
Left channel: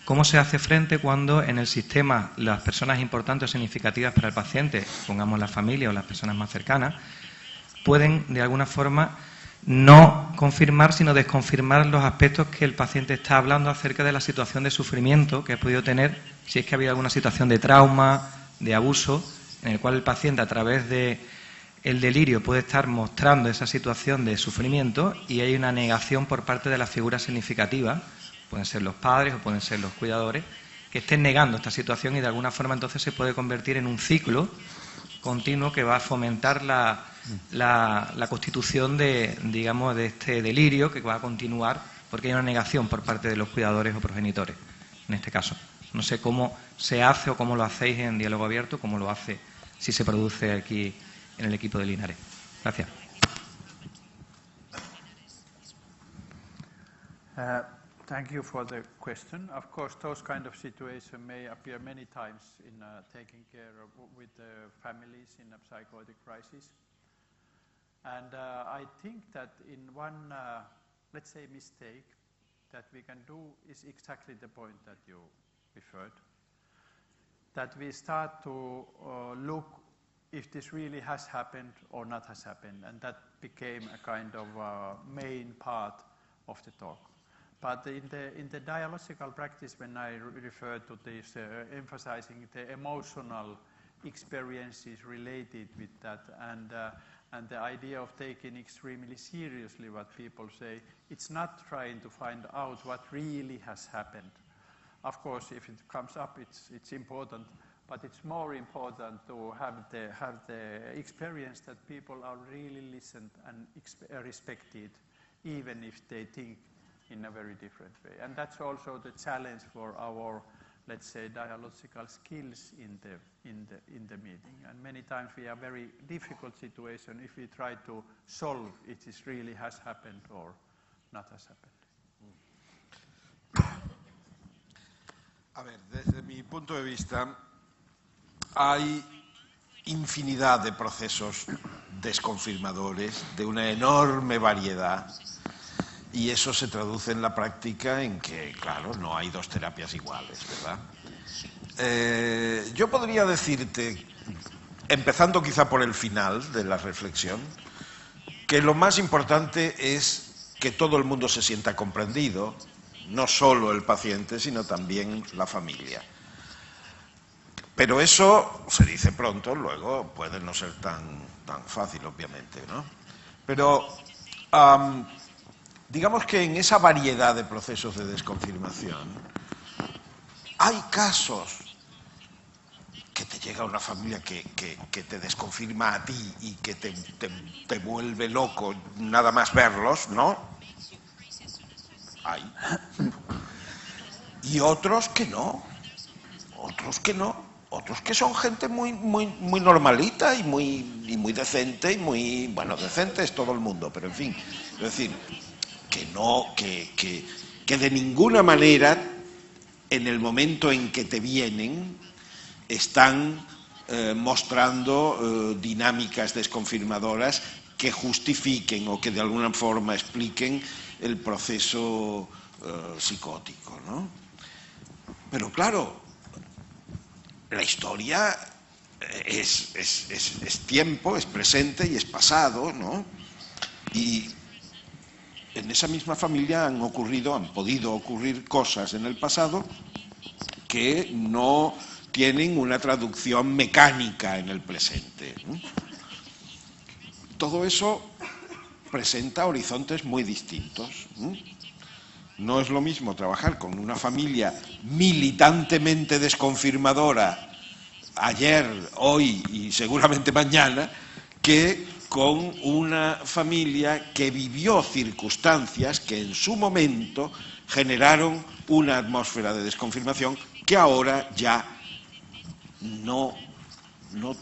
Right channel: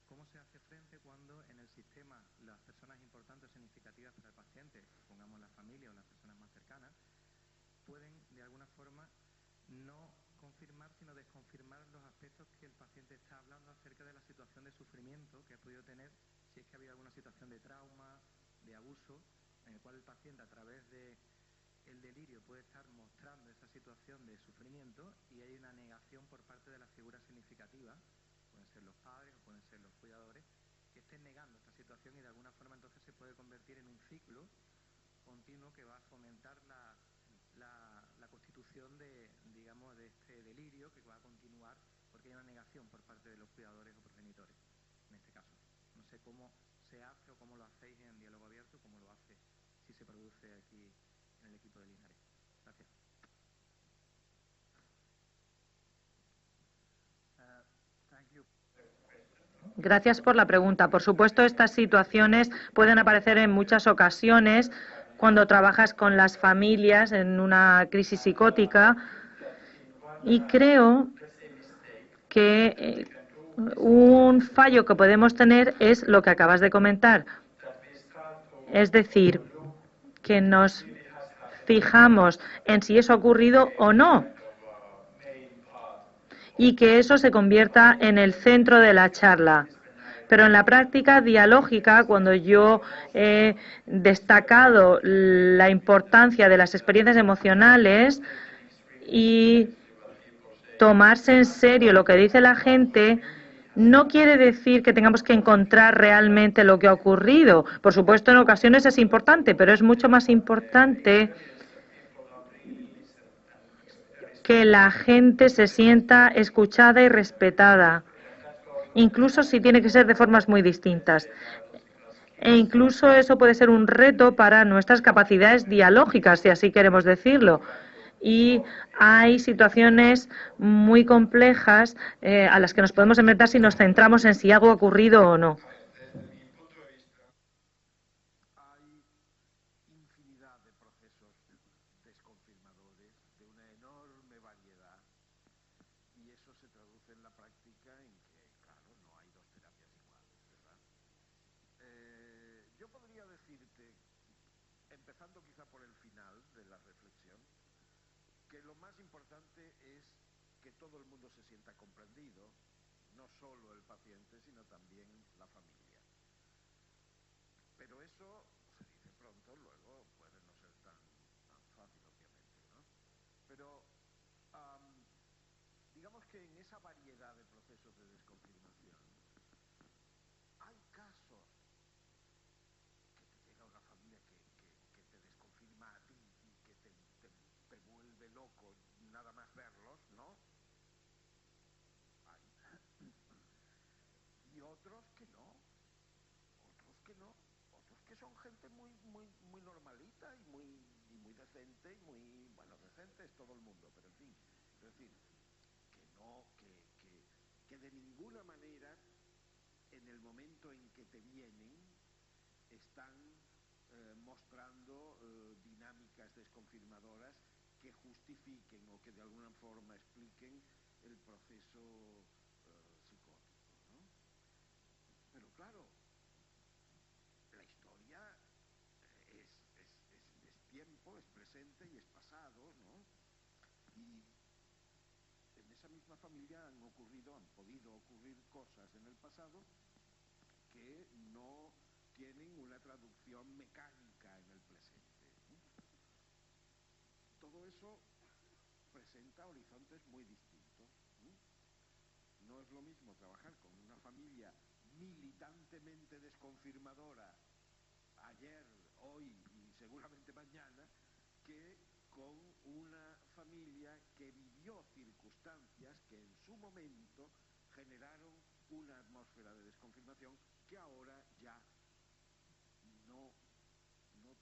cómo se hace frente cuando en el sistema las personas importantes o significativas para el paciente, pongamos la familia o las personas más cercanas, pueden de alguna forma no confirmar, sino desconfirmar los aspectos que el paciente está hablando acerca de la situación de sufrimiento que ha podido tener, si es que ha habido alguna situación de trauma, de abuso, en el cual el paciente, a través de el delirio, puede estar mostrando esa situación de sufrimiento y hay una negación por parte de la figura significativa, pueden ser los padres o pueden ser los cuidadores, que estén negando esta situación, y de alguna forma entonces se puede convertir en un ciclo continuo que va a fomentar la constitución de, digamos, de este delirio, que va a continuar porque hay una negación por parte de los cuidadores o progenitores, en este caso. No sé cómo se hace o cómo lo hacéis en diálogo abierto, cómo lo hace, si se produce aquí en el equipo de Linares. Gracias. Gracias por la pregunta. Por supuesto, estas situaciones pueden aparecer en muchas ocasiones cuando trabajas con las familias en una crisis psicótica, y creo que un fallo que podemos tener es lo que acabas de comentar. Es decir, que nos fijamos en si eso ha ocurrido o no, y que eso se convierta en el centro de la charla. Pero en la práctica dialógica, cuando yo he destacado la importancia de las experiencias emocionales y tomarse en serio lo que dice la gente, no quiere decir que tengamos que encontrar realmente lo que ha ocurrido. Por supuesto, en ocasiones es importante, pero es mucho más importante que la gente se sienta escuchada y respetada, incluso si tiene que ser de formas muy distintas. E incluso eso puede ser un reto para nuestras capacidades dialógicas, si así queremos decirlo. Y hay situaciones muy complejas a las que nos podemos enfrentar si nos centramos en si algo ha ocurrido o no. A ver, desde mi punto de vista, hay infinidad de procesos desconfirmadores de una enorme variedad, y eso se traduce en la práctica en que, claro, no hay dos terapias iguales, ¿verdad? Yo podría decirte, empezando quizá por el final de la reflexión, que lo más importante es que todo el mundo se sienta comprendido, no solo el paciente, sino también la familia. Pero eso se dice pronto, luego puede no ser tan fácil, obviamente, ¿no? Pero digamos que en esa variedad de procesos de desconfirmación hay casos que te llega una familia que te desconfirma a ti y que te vuelve loco nada más verlos, ¿no? Hay. Y otros que no, otros que son gente muy normalita y muy decente y muy, bueno, decente es todo el mundo, pero en fin, es decir, que de ninguna manera en el momento en que te vienen están mostrando dinámicas desconfirmadoras que justifiquen o que de alguna forma expliquen el proceso psicótico, ¿no? Pero claro, la historia es tiempo, es presente y es pasado, ¿no? Y en esa misma familia han podido ocurrir cosas en el pasado que no tienen una traducción mecánica en el presente, ¿no? Todo eso presenta horizontes muy distintos. No es lo mismo trabajar con una familia militantemente desconfirmadora ayer, hoy y seguramente mañana, que con una familia que vivió circunstancias que en su momento generaron una atmósfera de desconfirmación que ahora ya no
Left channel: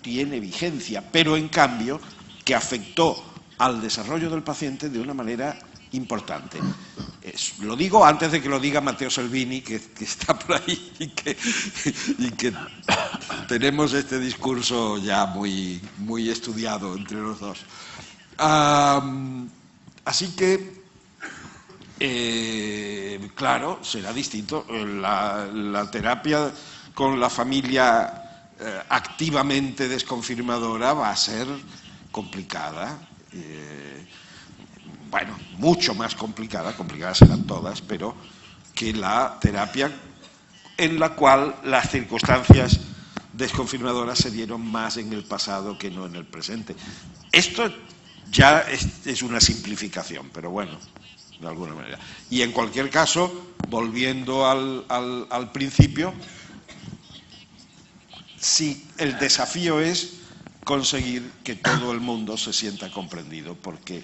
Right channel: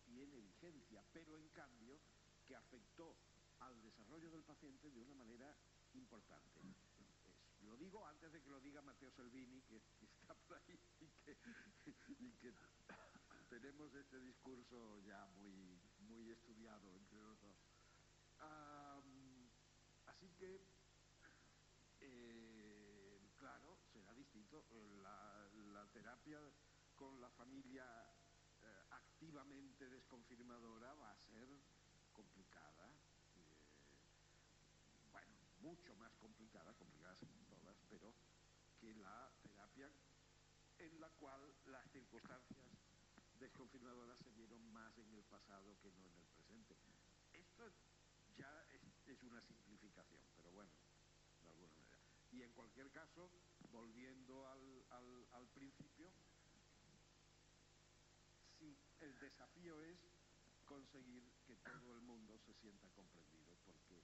tiene vigencia, pero en cambio que afectó al desarrollo del paciente de una manera importante. Lo digo antes de que lo diga Matteo Salvini, que está por ahí y que tenemos este discurso ya muy estudiado entre los dos. Así que, claro, será distinto. La terapia con la familia activamente desconfirmadora va a ser complicada. Bueno, mucho más complicada, complicadas serán todas, pero que la terapia en la cual las circunstancias desconfirmadoras se dieron más en el pasado que no en el presente. Esto ya es una simplificación, pero bueno, de alguna manera. Y en cualquier caso, volviendo al principio, sí, el desafío es conseguir que todo el mundo se sienta comprendido, porque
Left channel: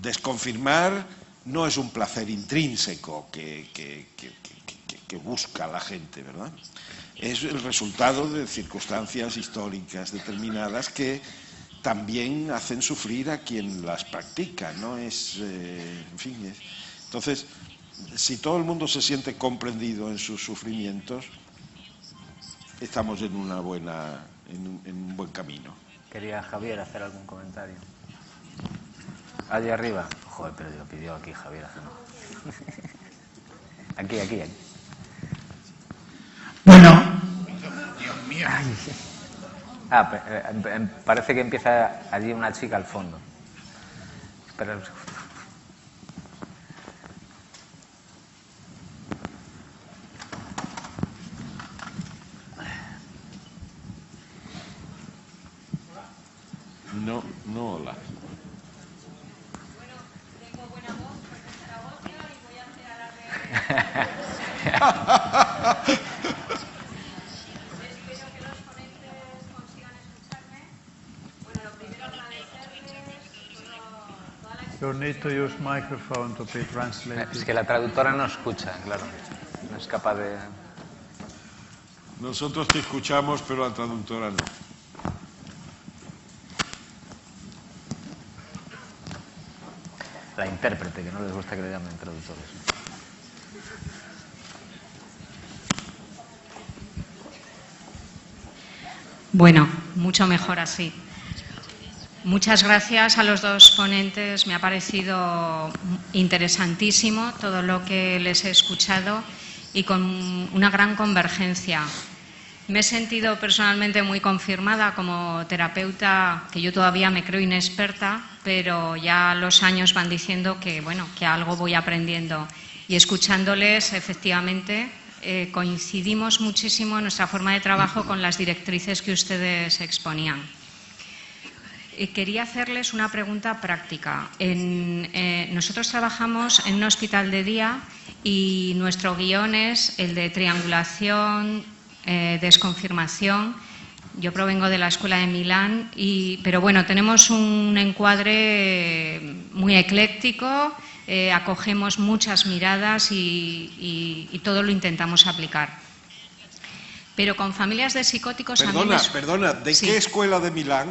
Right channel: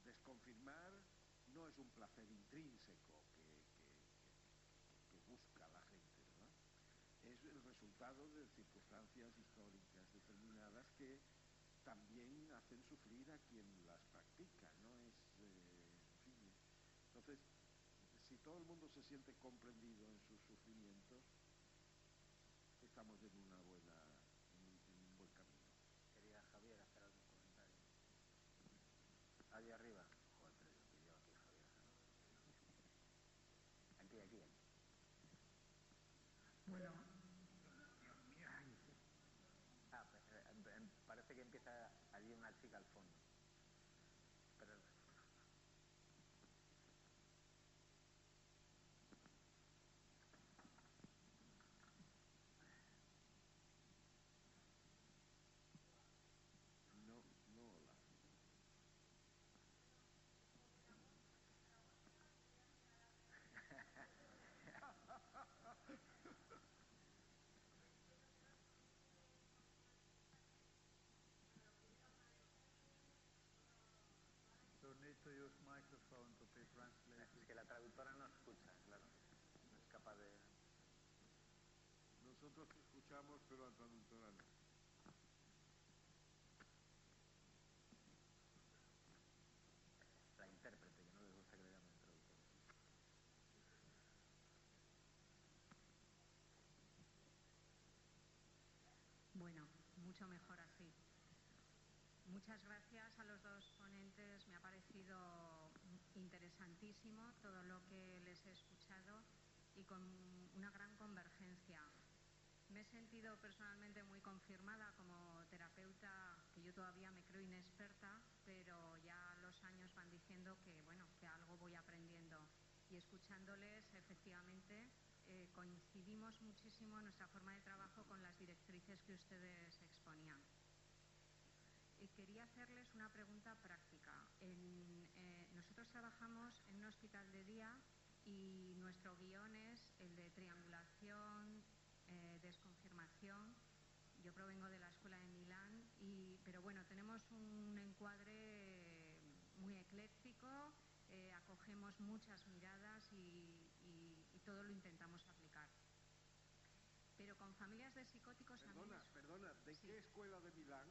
desconfirmar no es un placer intrínseco que busca la gente, ¿verdad? Es el resultado de circunstancias históricas determinadas que también hacen sufrir a quien las practica, ¿no? En fin, entonces, si todo el mundo se siente comprendido en sus sufrimientos, estamos en un buen camino. Quería Javier hacer algún comentario. Allí arriba. Joder, pero lo pidió aquí Javier hace no. Aquí. Bueno. Dios mío. Parece que empieza allí una chica al fondo. Espera un segundo. No, hola. Bueno, tengo buena voz porque es Zaragoza y voy a hacer alarde. Espero que los ponentes consigan escucharme. Bueno, lo primero agradecerles toda la experiencia. You need to use microphone to be translated. Es que la traductora no escucha, claro. No es capaz de... Nosotros te escuchamos, pero la traductora no. La intérprete, que no les gusta que le llamen traductores. Bueno, mucho mejor así. Muchas gracias a los dos ponentes. Me ha parecido interesantísimo todo lo que les he escuchado y con una gran convergencia. Me he sentido personalmente muy confirmada como terapeuta, que yo todavía me creo inexperta, pero ya los años van diciendo que, bueno, que algo voy aprendiendo. Y escuchándoles, efectivamente, coincidimos muchísimo en nuestra forma de trabajo con las directrices que ustedes exponían. Quería hacerles una pregunta práctica. Nosotros trabajamos en un hospital de día y nuestro guión es el de triangulación, desconfirmación. Yo provengo de la Escuela de Milán, pero bueno, tenemos un encuadre muy ecléctico, acogemos muchas miradas y todo lo intentamos aplicar. Pero con familias de psicóticos... Perdona, ¿de qué escuela de Milán?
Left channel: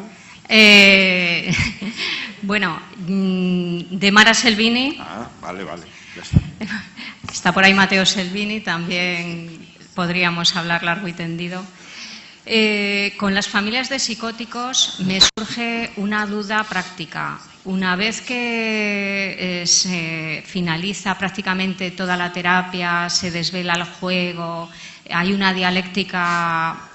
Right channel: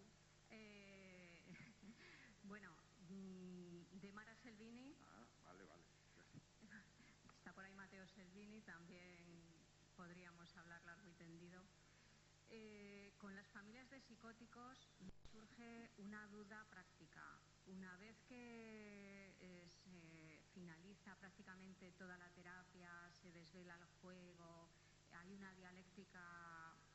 Bueno, de Mara Selvini. Ah, vale, ya está. Está por ahí Matteo Salvini, también podríamos hablar largo y tendido. Con las familias de psicóticos me surge una duda práctica. Una vez que se finaliza prácticamente toda la terapia, se desvela el juego, hay una dialéctica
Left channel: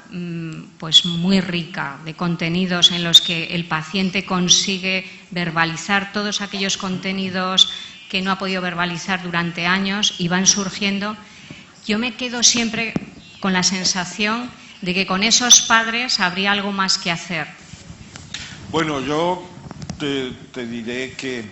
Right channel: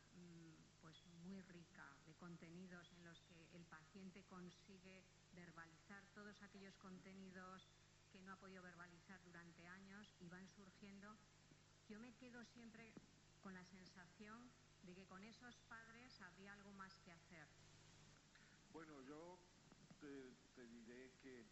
pues muy rica de contenidos en los que el paciente consigue verbalizar todos aquellos contenidos que no ha podido verbalizar durante años y van surgiendo. Yo me quedo siempre con la sensación de que con esos padres habría algo más que hacer. Bueno, yo te diré que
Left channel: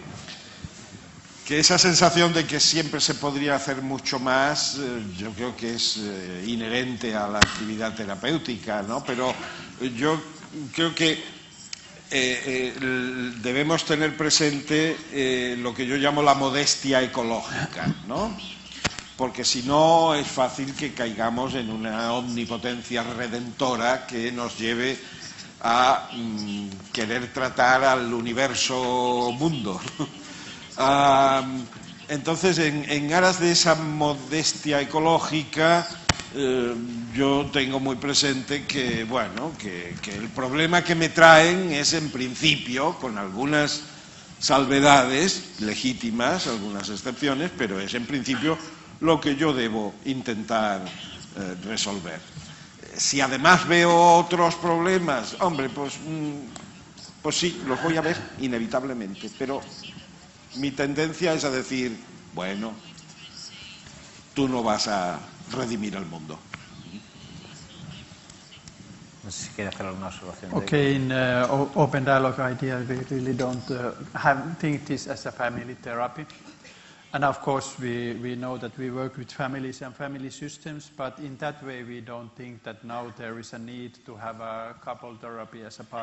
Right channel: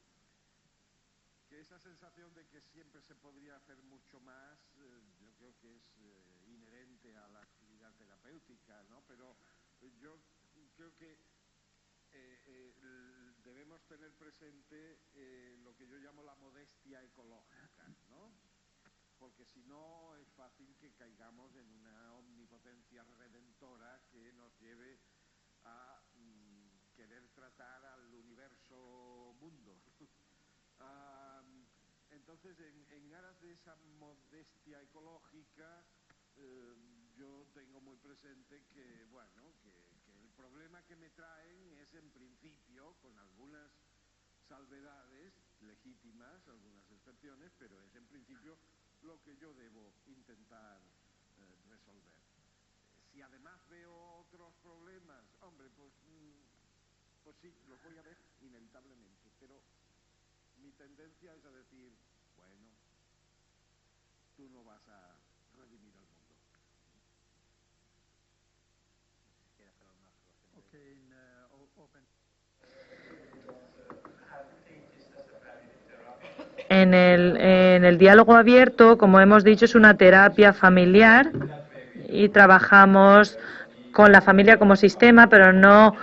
esa sensación de que siempre se podría hacer mucho más, yo creo que es inherente a la actividad terapéutica, ¿no? Pero yo creo que debemos tener presente lo que yo llamo la modestia ecológica, ¿no? Porque si no es fácil que caigamos en una omnipotencia redentora que nos lleve a querer tratar al universo mundo. Entonces, en aras de esa modestia ecológica, yo tengo muy presente que, bueno, que el problema que me traen es, en principio, con algunas salvedades legítimas, algunas excepciones, pero es, en principio, lo que yo debo intentar resolver. Si además veo otros problemas, hombre, pues sí, los voy a ver inevitablemente, pero mi tendencia es a decir, bueno, tú no vas a redimir al mundo. No sé si quiere hacer alguna observación. Okay, in open dialogue idea, we really don't think this as a family therapy. En el diálogo abierto, como hemos dicho, es una terapia familiar y trabajamos con la familia como sistema, pero no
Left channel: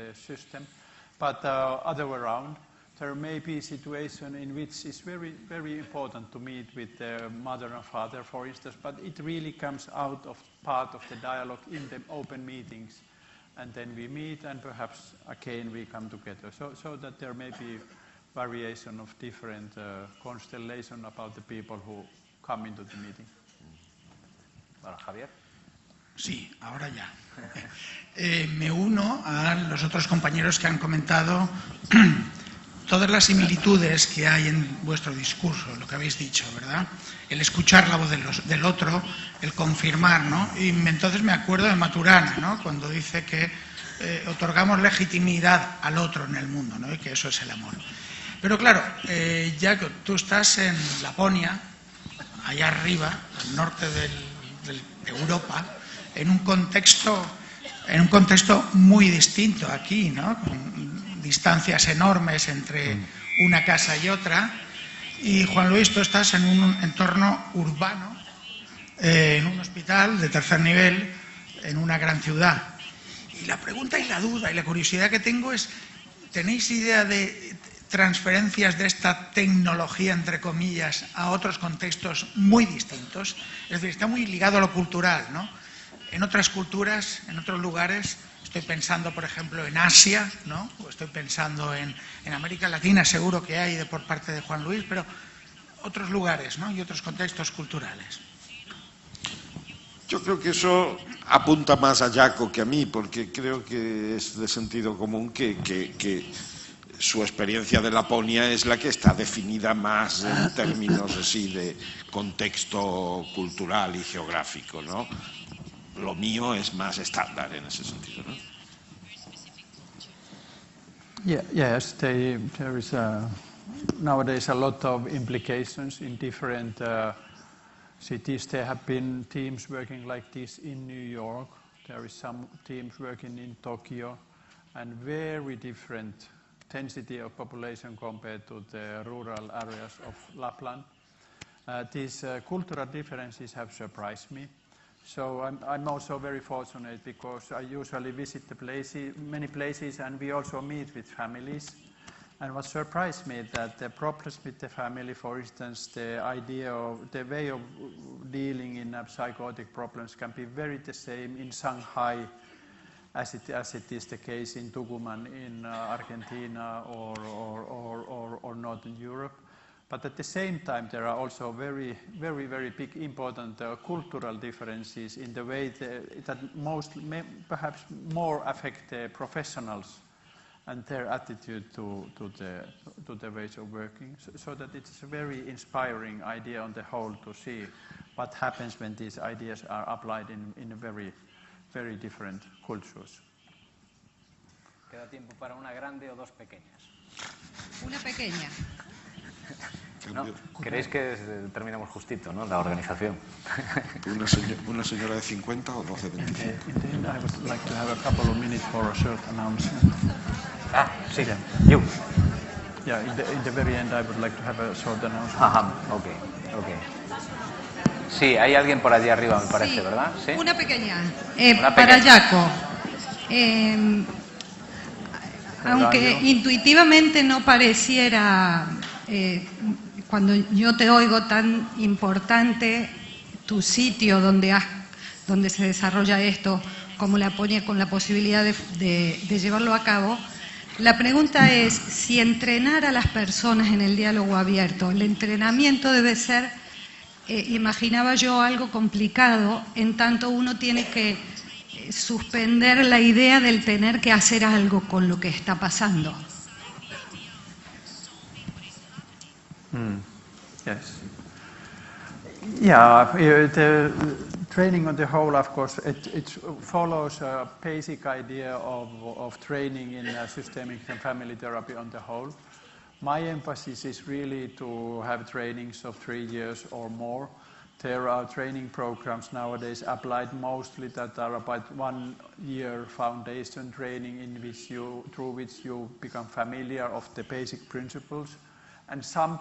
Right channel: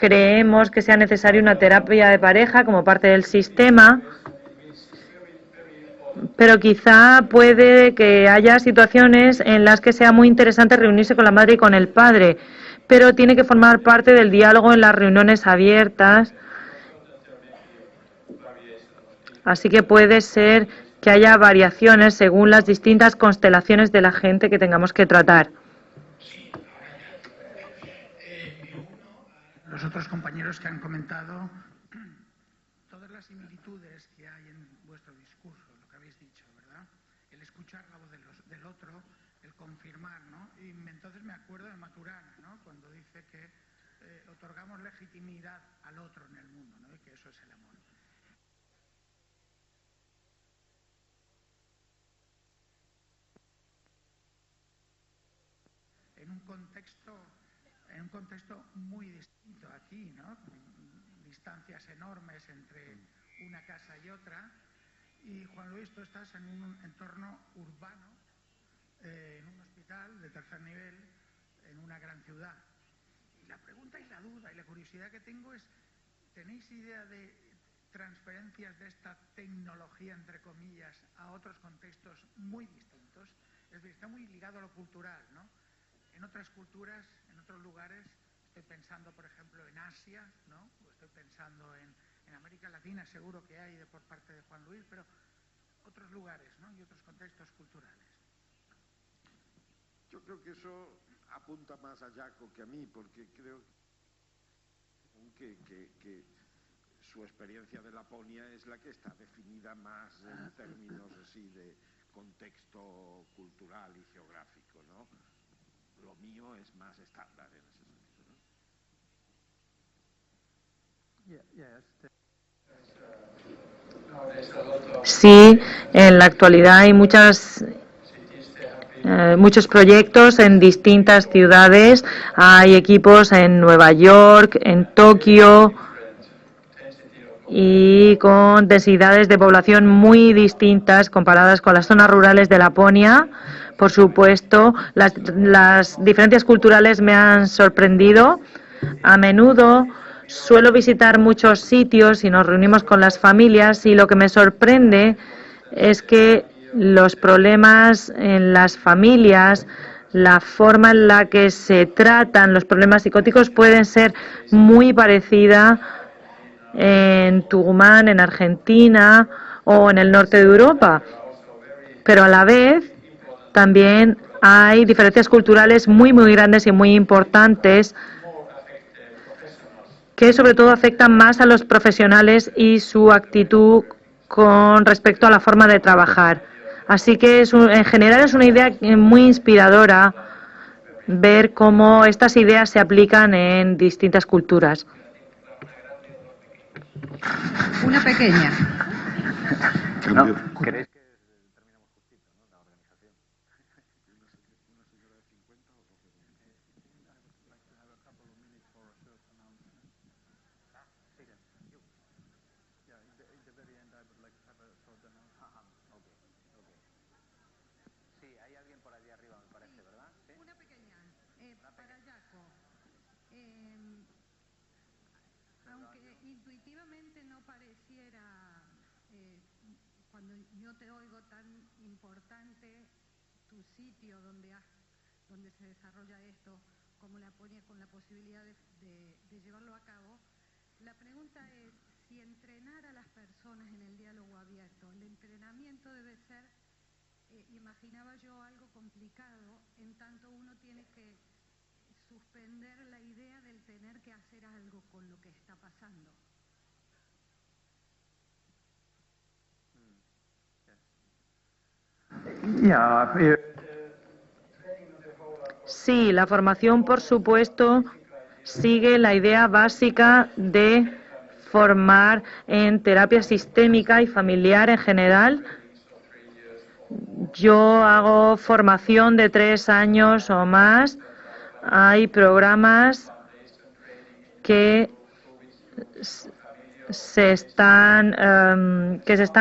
creemos que sea necesaria una terapia de pareja como parte del sistema. Pero quizá puede que haya situaciones en las que sea muy interesante reunirse con la madre y con el padre, pero tiene que formar parte del diálogo en las reuniones abiertas. Así que puede ser que haya variaciones según las distintas constelaciones de la gente que tengamos que tratar. Sí, ahora ya. Me uno a los otros compañeros que han comentado todas las similitudes que hay en vuestro discurso, lo que habéis dicho, ¿verdad? El escuchar la voz del otro, el confirmar, ¿no? Y entonces me acuerdo de Maturana, ¿no? Cuando dice que otorgamos legitimidad al otro en el mundo, ¿no? Y que eso es el amor. Pero claro, ya que tú estás en Laponia, allá arriba, al norte de Europa, en un contexto muy distinto aquí, ¿no? Con distancias enormes entre una casa y otra. Y Juan Luis, tú estás en un entorno urbano, en un hospital de tercer nivel, en una gran ciudad. Y la pregunta y la duda y la curiosidad que tengo es, ¿tenéis idea de transferencias de esta tecnología, entre comillas, a otros contextos muy distintos? Es decir, está muy ligado a lo cultural, ¿no? En otras culturas, en otros lugares, estoy pensando, por ejemplo, en Asia, ¿no? O estoy pensando en América Latina, seguro que hay por parte de Juan Luis, pero otros lugares, ¿no? Y otros contextos culturales. Yo creo que eso apunta más a Jaco que a mí, porque creo que es de sentido común que su experiencia de Laponia es la que está definida más en términos así de contexto cultural y geográfico, ¿no? Lo mío es más estándar en ese sentido, ¿no? Sí, en la actualidad hay muchos proyectos en distintas ciudades. Hay equipos en Nueva York, en Tokio, y con densidades de población muy distintas comparadas con las zonas rurales de Laponia. Por supuesto, las diferencias culturales me han sorprendido. A menudo suelo visitar muchos sitios y nos reunimos con las familias, y lo que me sorprende es que los problemas en las familias, la forma en la que se tratan los problemas psicóticos pueden ser muy parecida en Tucumán, en Argentina o en el norte de Europa. Pero a la vez también hay diferencias culturales muy grandes y muy importantes que sobre todo afectan más a los profesionales y su actitud con respecto a la forma de trabajar. Así que en general es una idea muy inspiradora ver cómo estas ideas se aplican en distintas culturas. Una pequeña. No, ¿queréis que terminemos justito, ¿no? La organización. ¿Una señora de 50 o 12 de 25? Ah, sí. You. Yeah, in the very end, I would like to have a short announcement. Okay. Sí, hay alguien por allí arriba, me parece, ¿verdad? Sí. Una pequeña. Una para pequeña. Jaco. Aunque intuitivamente no pareciera, cuando yo te oigo, tan importante tu sitio donde se desarrolla esto, como la pone con la posibilidad de llevarlo a cabo, la pregunta es si entrenar a las personas en el diálogo abierto, el entrenamiento debe ser, imaginaba yo, algo complicado, en tanto uno tiene que suspender la idea del tener que hacer algo con lo que está pasando. Yes. Yeah, the training on the whole, of course. Sí, la formación, por supuesto, sigue la idea básica de formar en terapia sistémica y familiar en general. Yo hago formación de 3 años o más. Hay programas que se están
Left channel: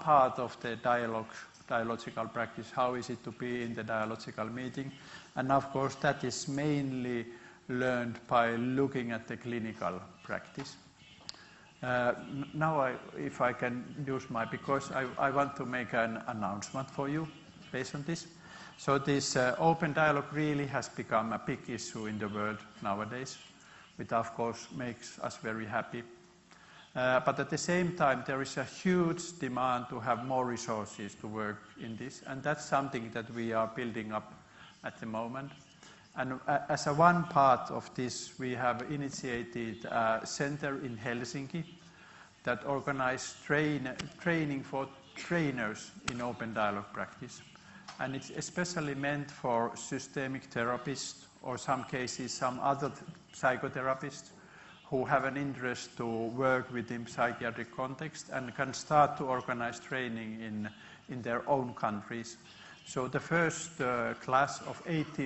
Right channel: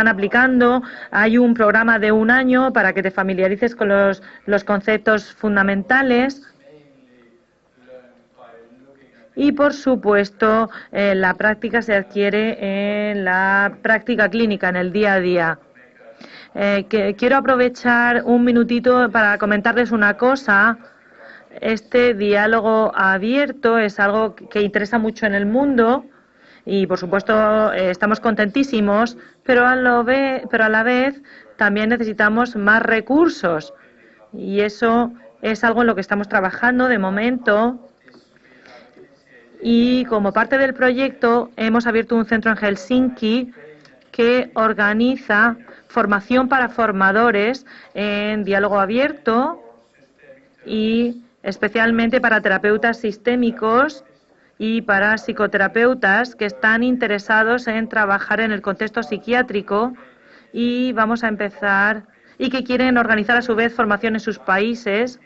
aplicando. Hay un programa de 1 año para que te familiarices con los conceptos fundamentales. Y, por supuesto, la práctica se adquiere en la práctica clínica, en el día a día. Quiero aprovechar un minutito para comentarles una cosa. Este diálogo abierto es algo que interesa mucho en el mundo. Y, por supuesto, estamos contentísimos, pero a la vez también necesitamos más recursos. Y eso es algo en lo que estamos trabajando de momento. Y como parte del proyecto hemos abierto un centro en Helsinki que organiza formación para formadores en diálogo abierto y especialmente para terapeutas sistémicos y para psicoterapeutas que están interesados en trabajar en el contexto psiquiátrico, y vamos a empezar, y que quieren organizar a su vez formación en sus países.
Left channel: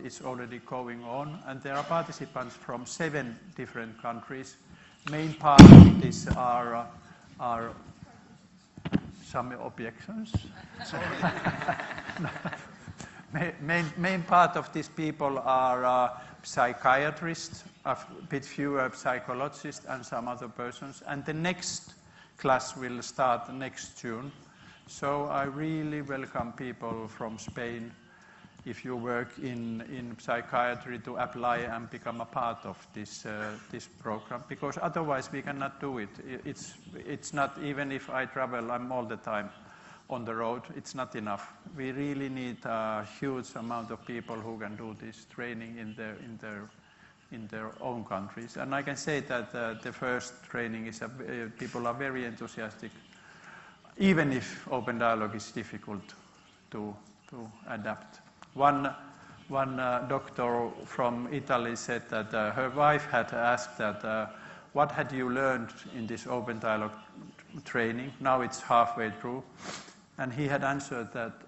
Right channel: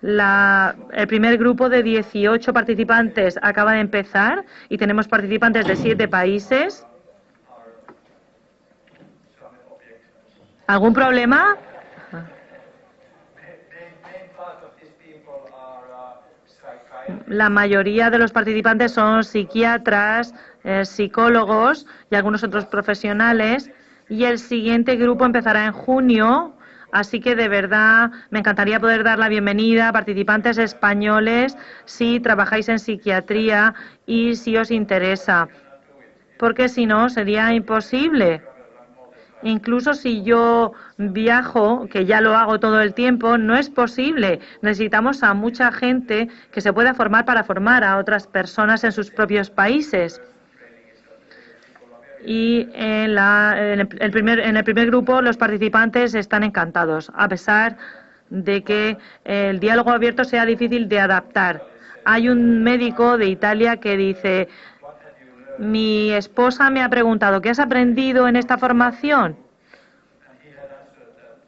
El primer grupo de 18 participantes acaba de empezar y tenemos participantes de 7 países. ¿Algún problema? La mayoría de los participantes son psiquiatras, psicólogos y algunos otros profesionales, y el siguiente grupo empezará en junio, así que de verdad me encantaría poder dar la bienvenida a participantes españoles si trabajáis en psiquiatría y si os interesa, porque si no sería imposible. Incluso si yo viajo, que ya lo hago todo el tiempo, no es posible. Necesitamos a mucha gente que se pueda formar para formar a otras personas en sus propios países. Y en el primer grupo los participantes están encantados, a pesar de que el diálogo abierto sea difícil de adaptar. Hay un médico de Italia que dice: mi esposa me ha preguntado, ¿qué has aprendido en esta formación?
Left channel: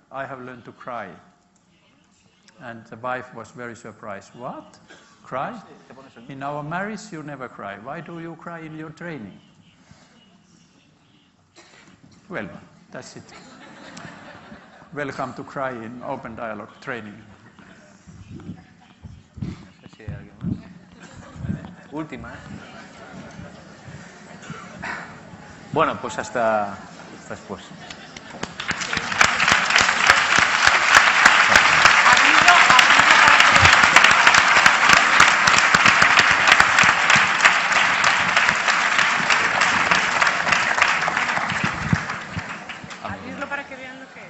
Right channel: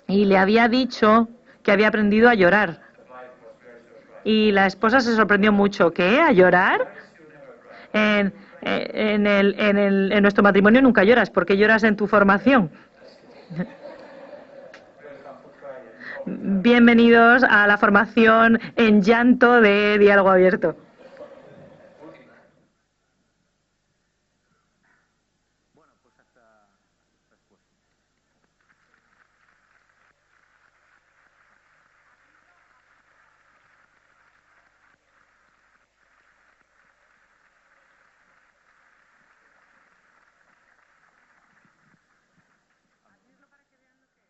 Y le había dicho que había aprendido a llorar. Y la esposa se sorprendió mucho. ¿Qué? ¿A llorar? En nuestro matrimonio nunca lloras. ¿Por qué lloras en tu formación? Bienvenidos a la formación en llanto de diálogo abierto. Última. Bueno, pues hasta después. Abrirlo para que vean lo que es.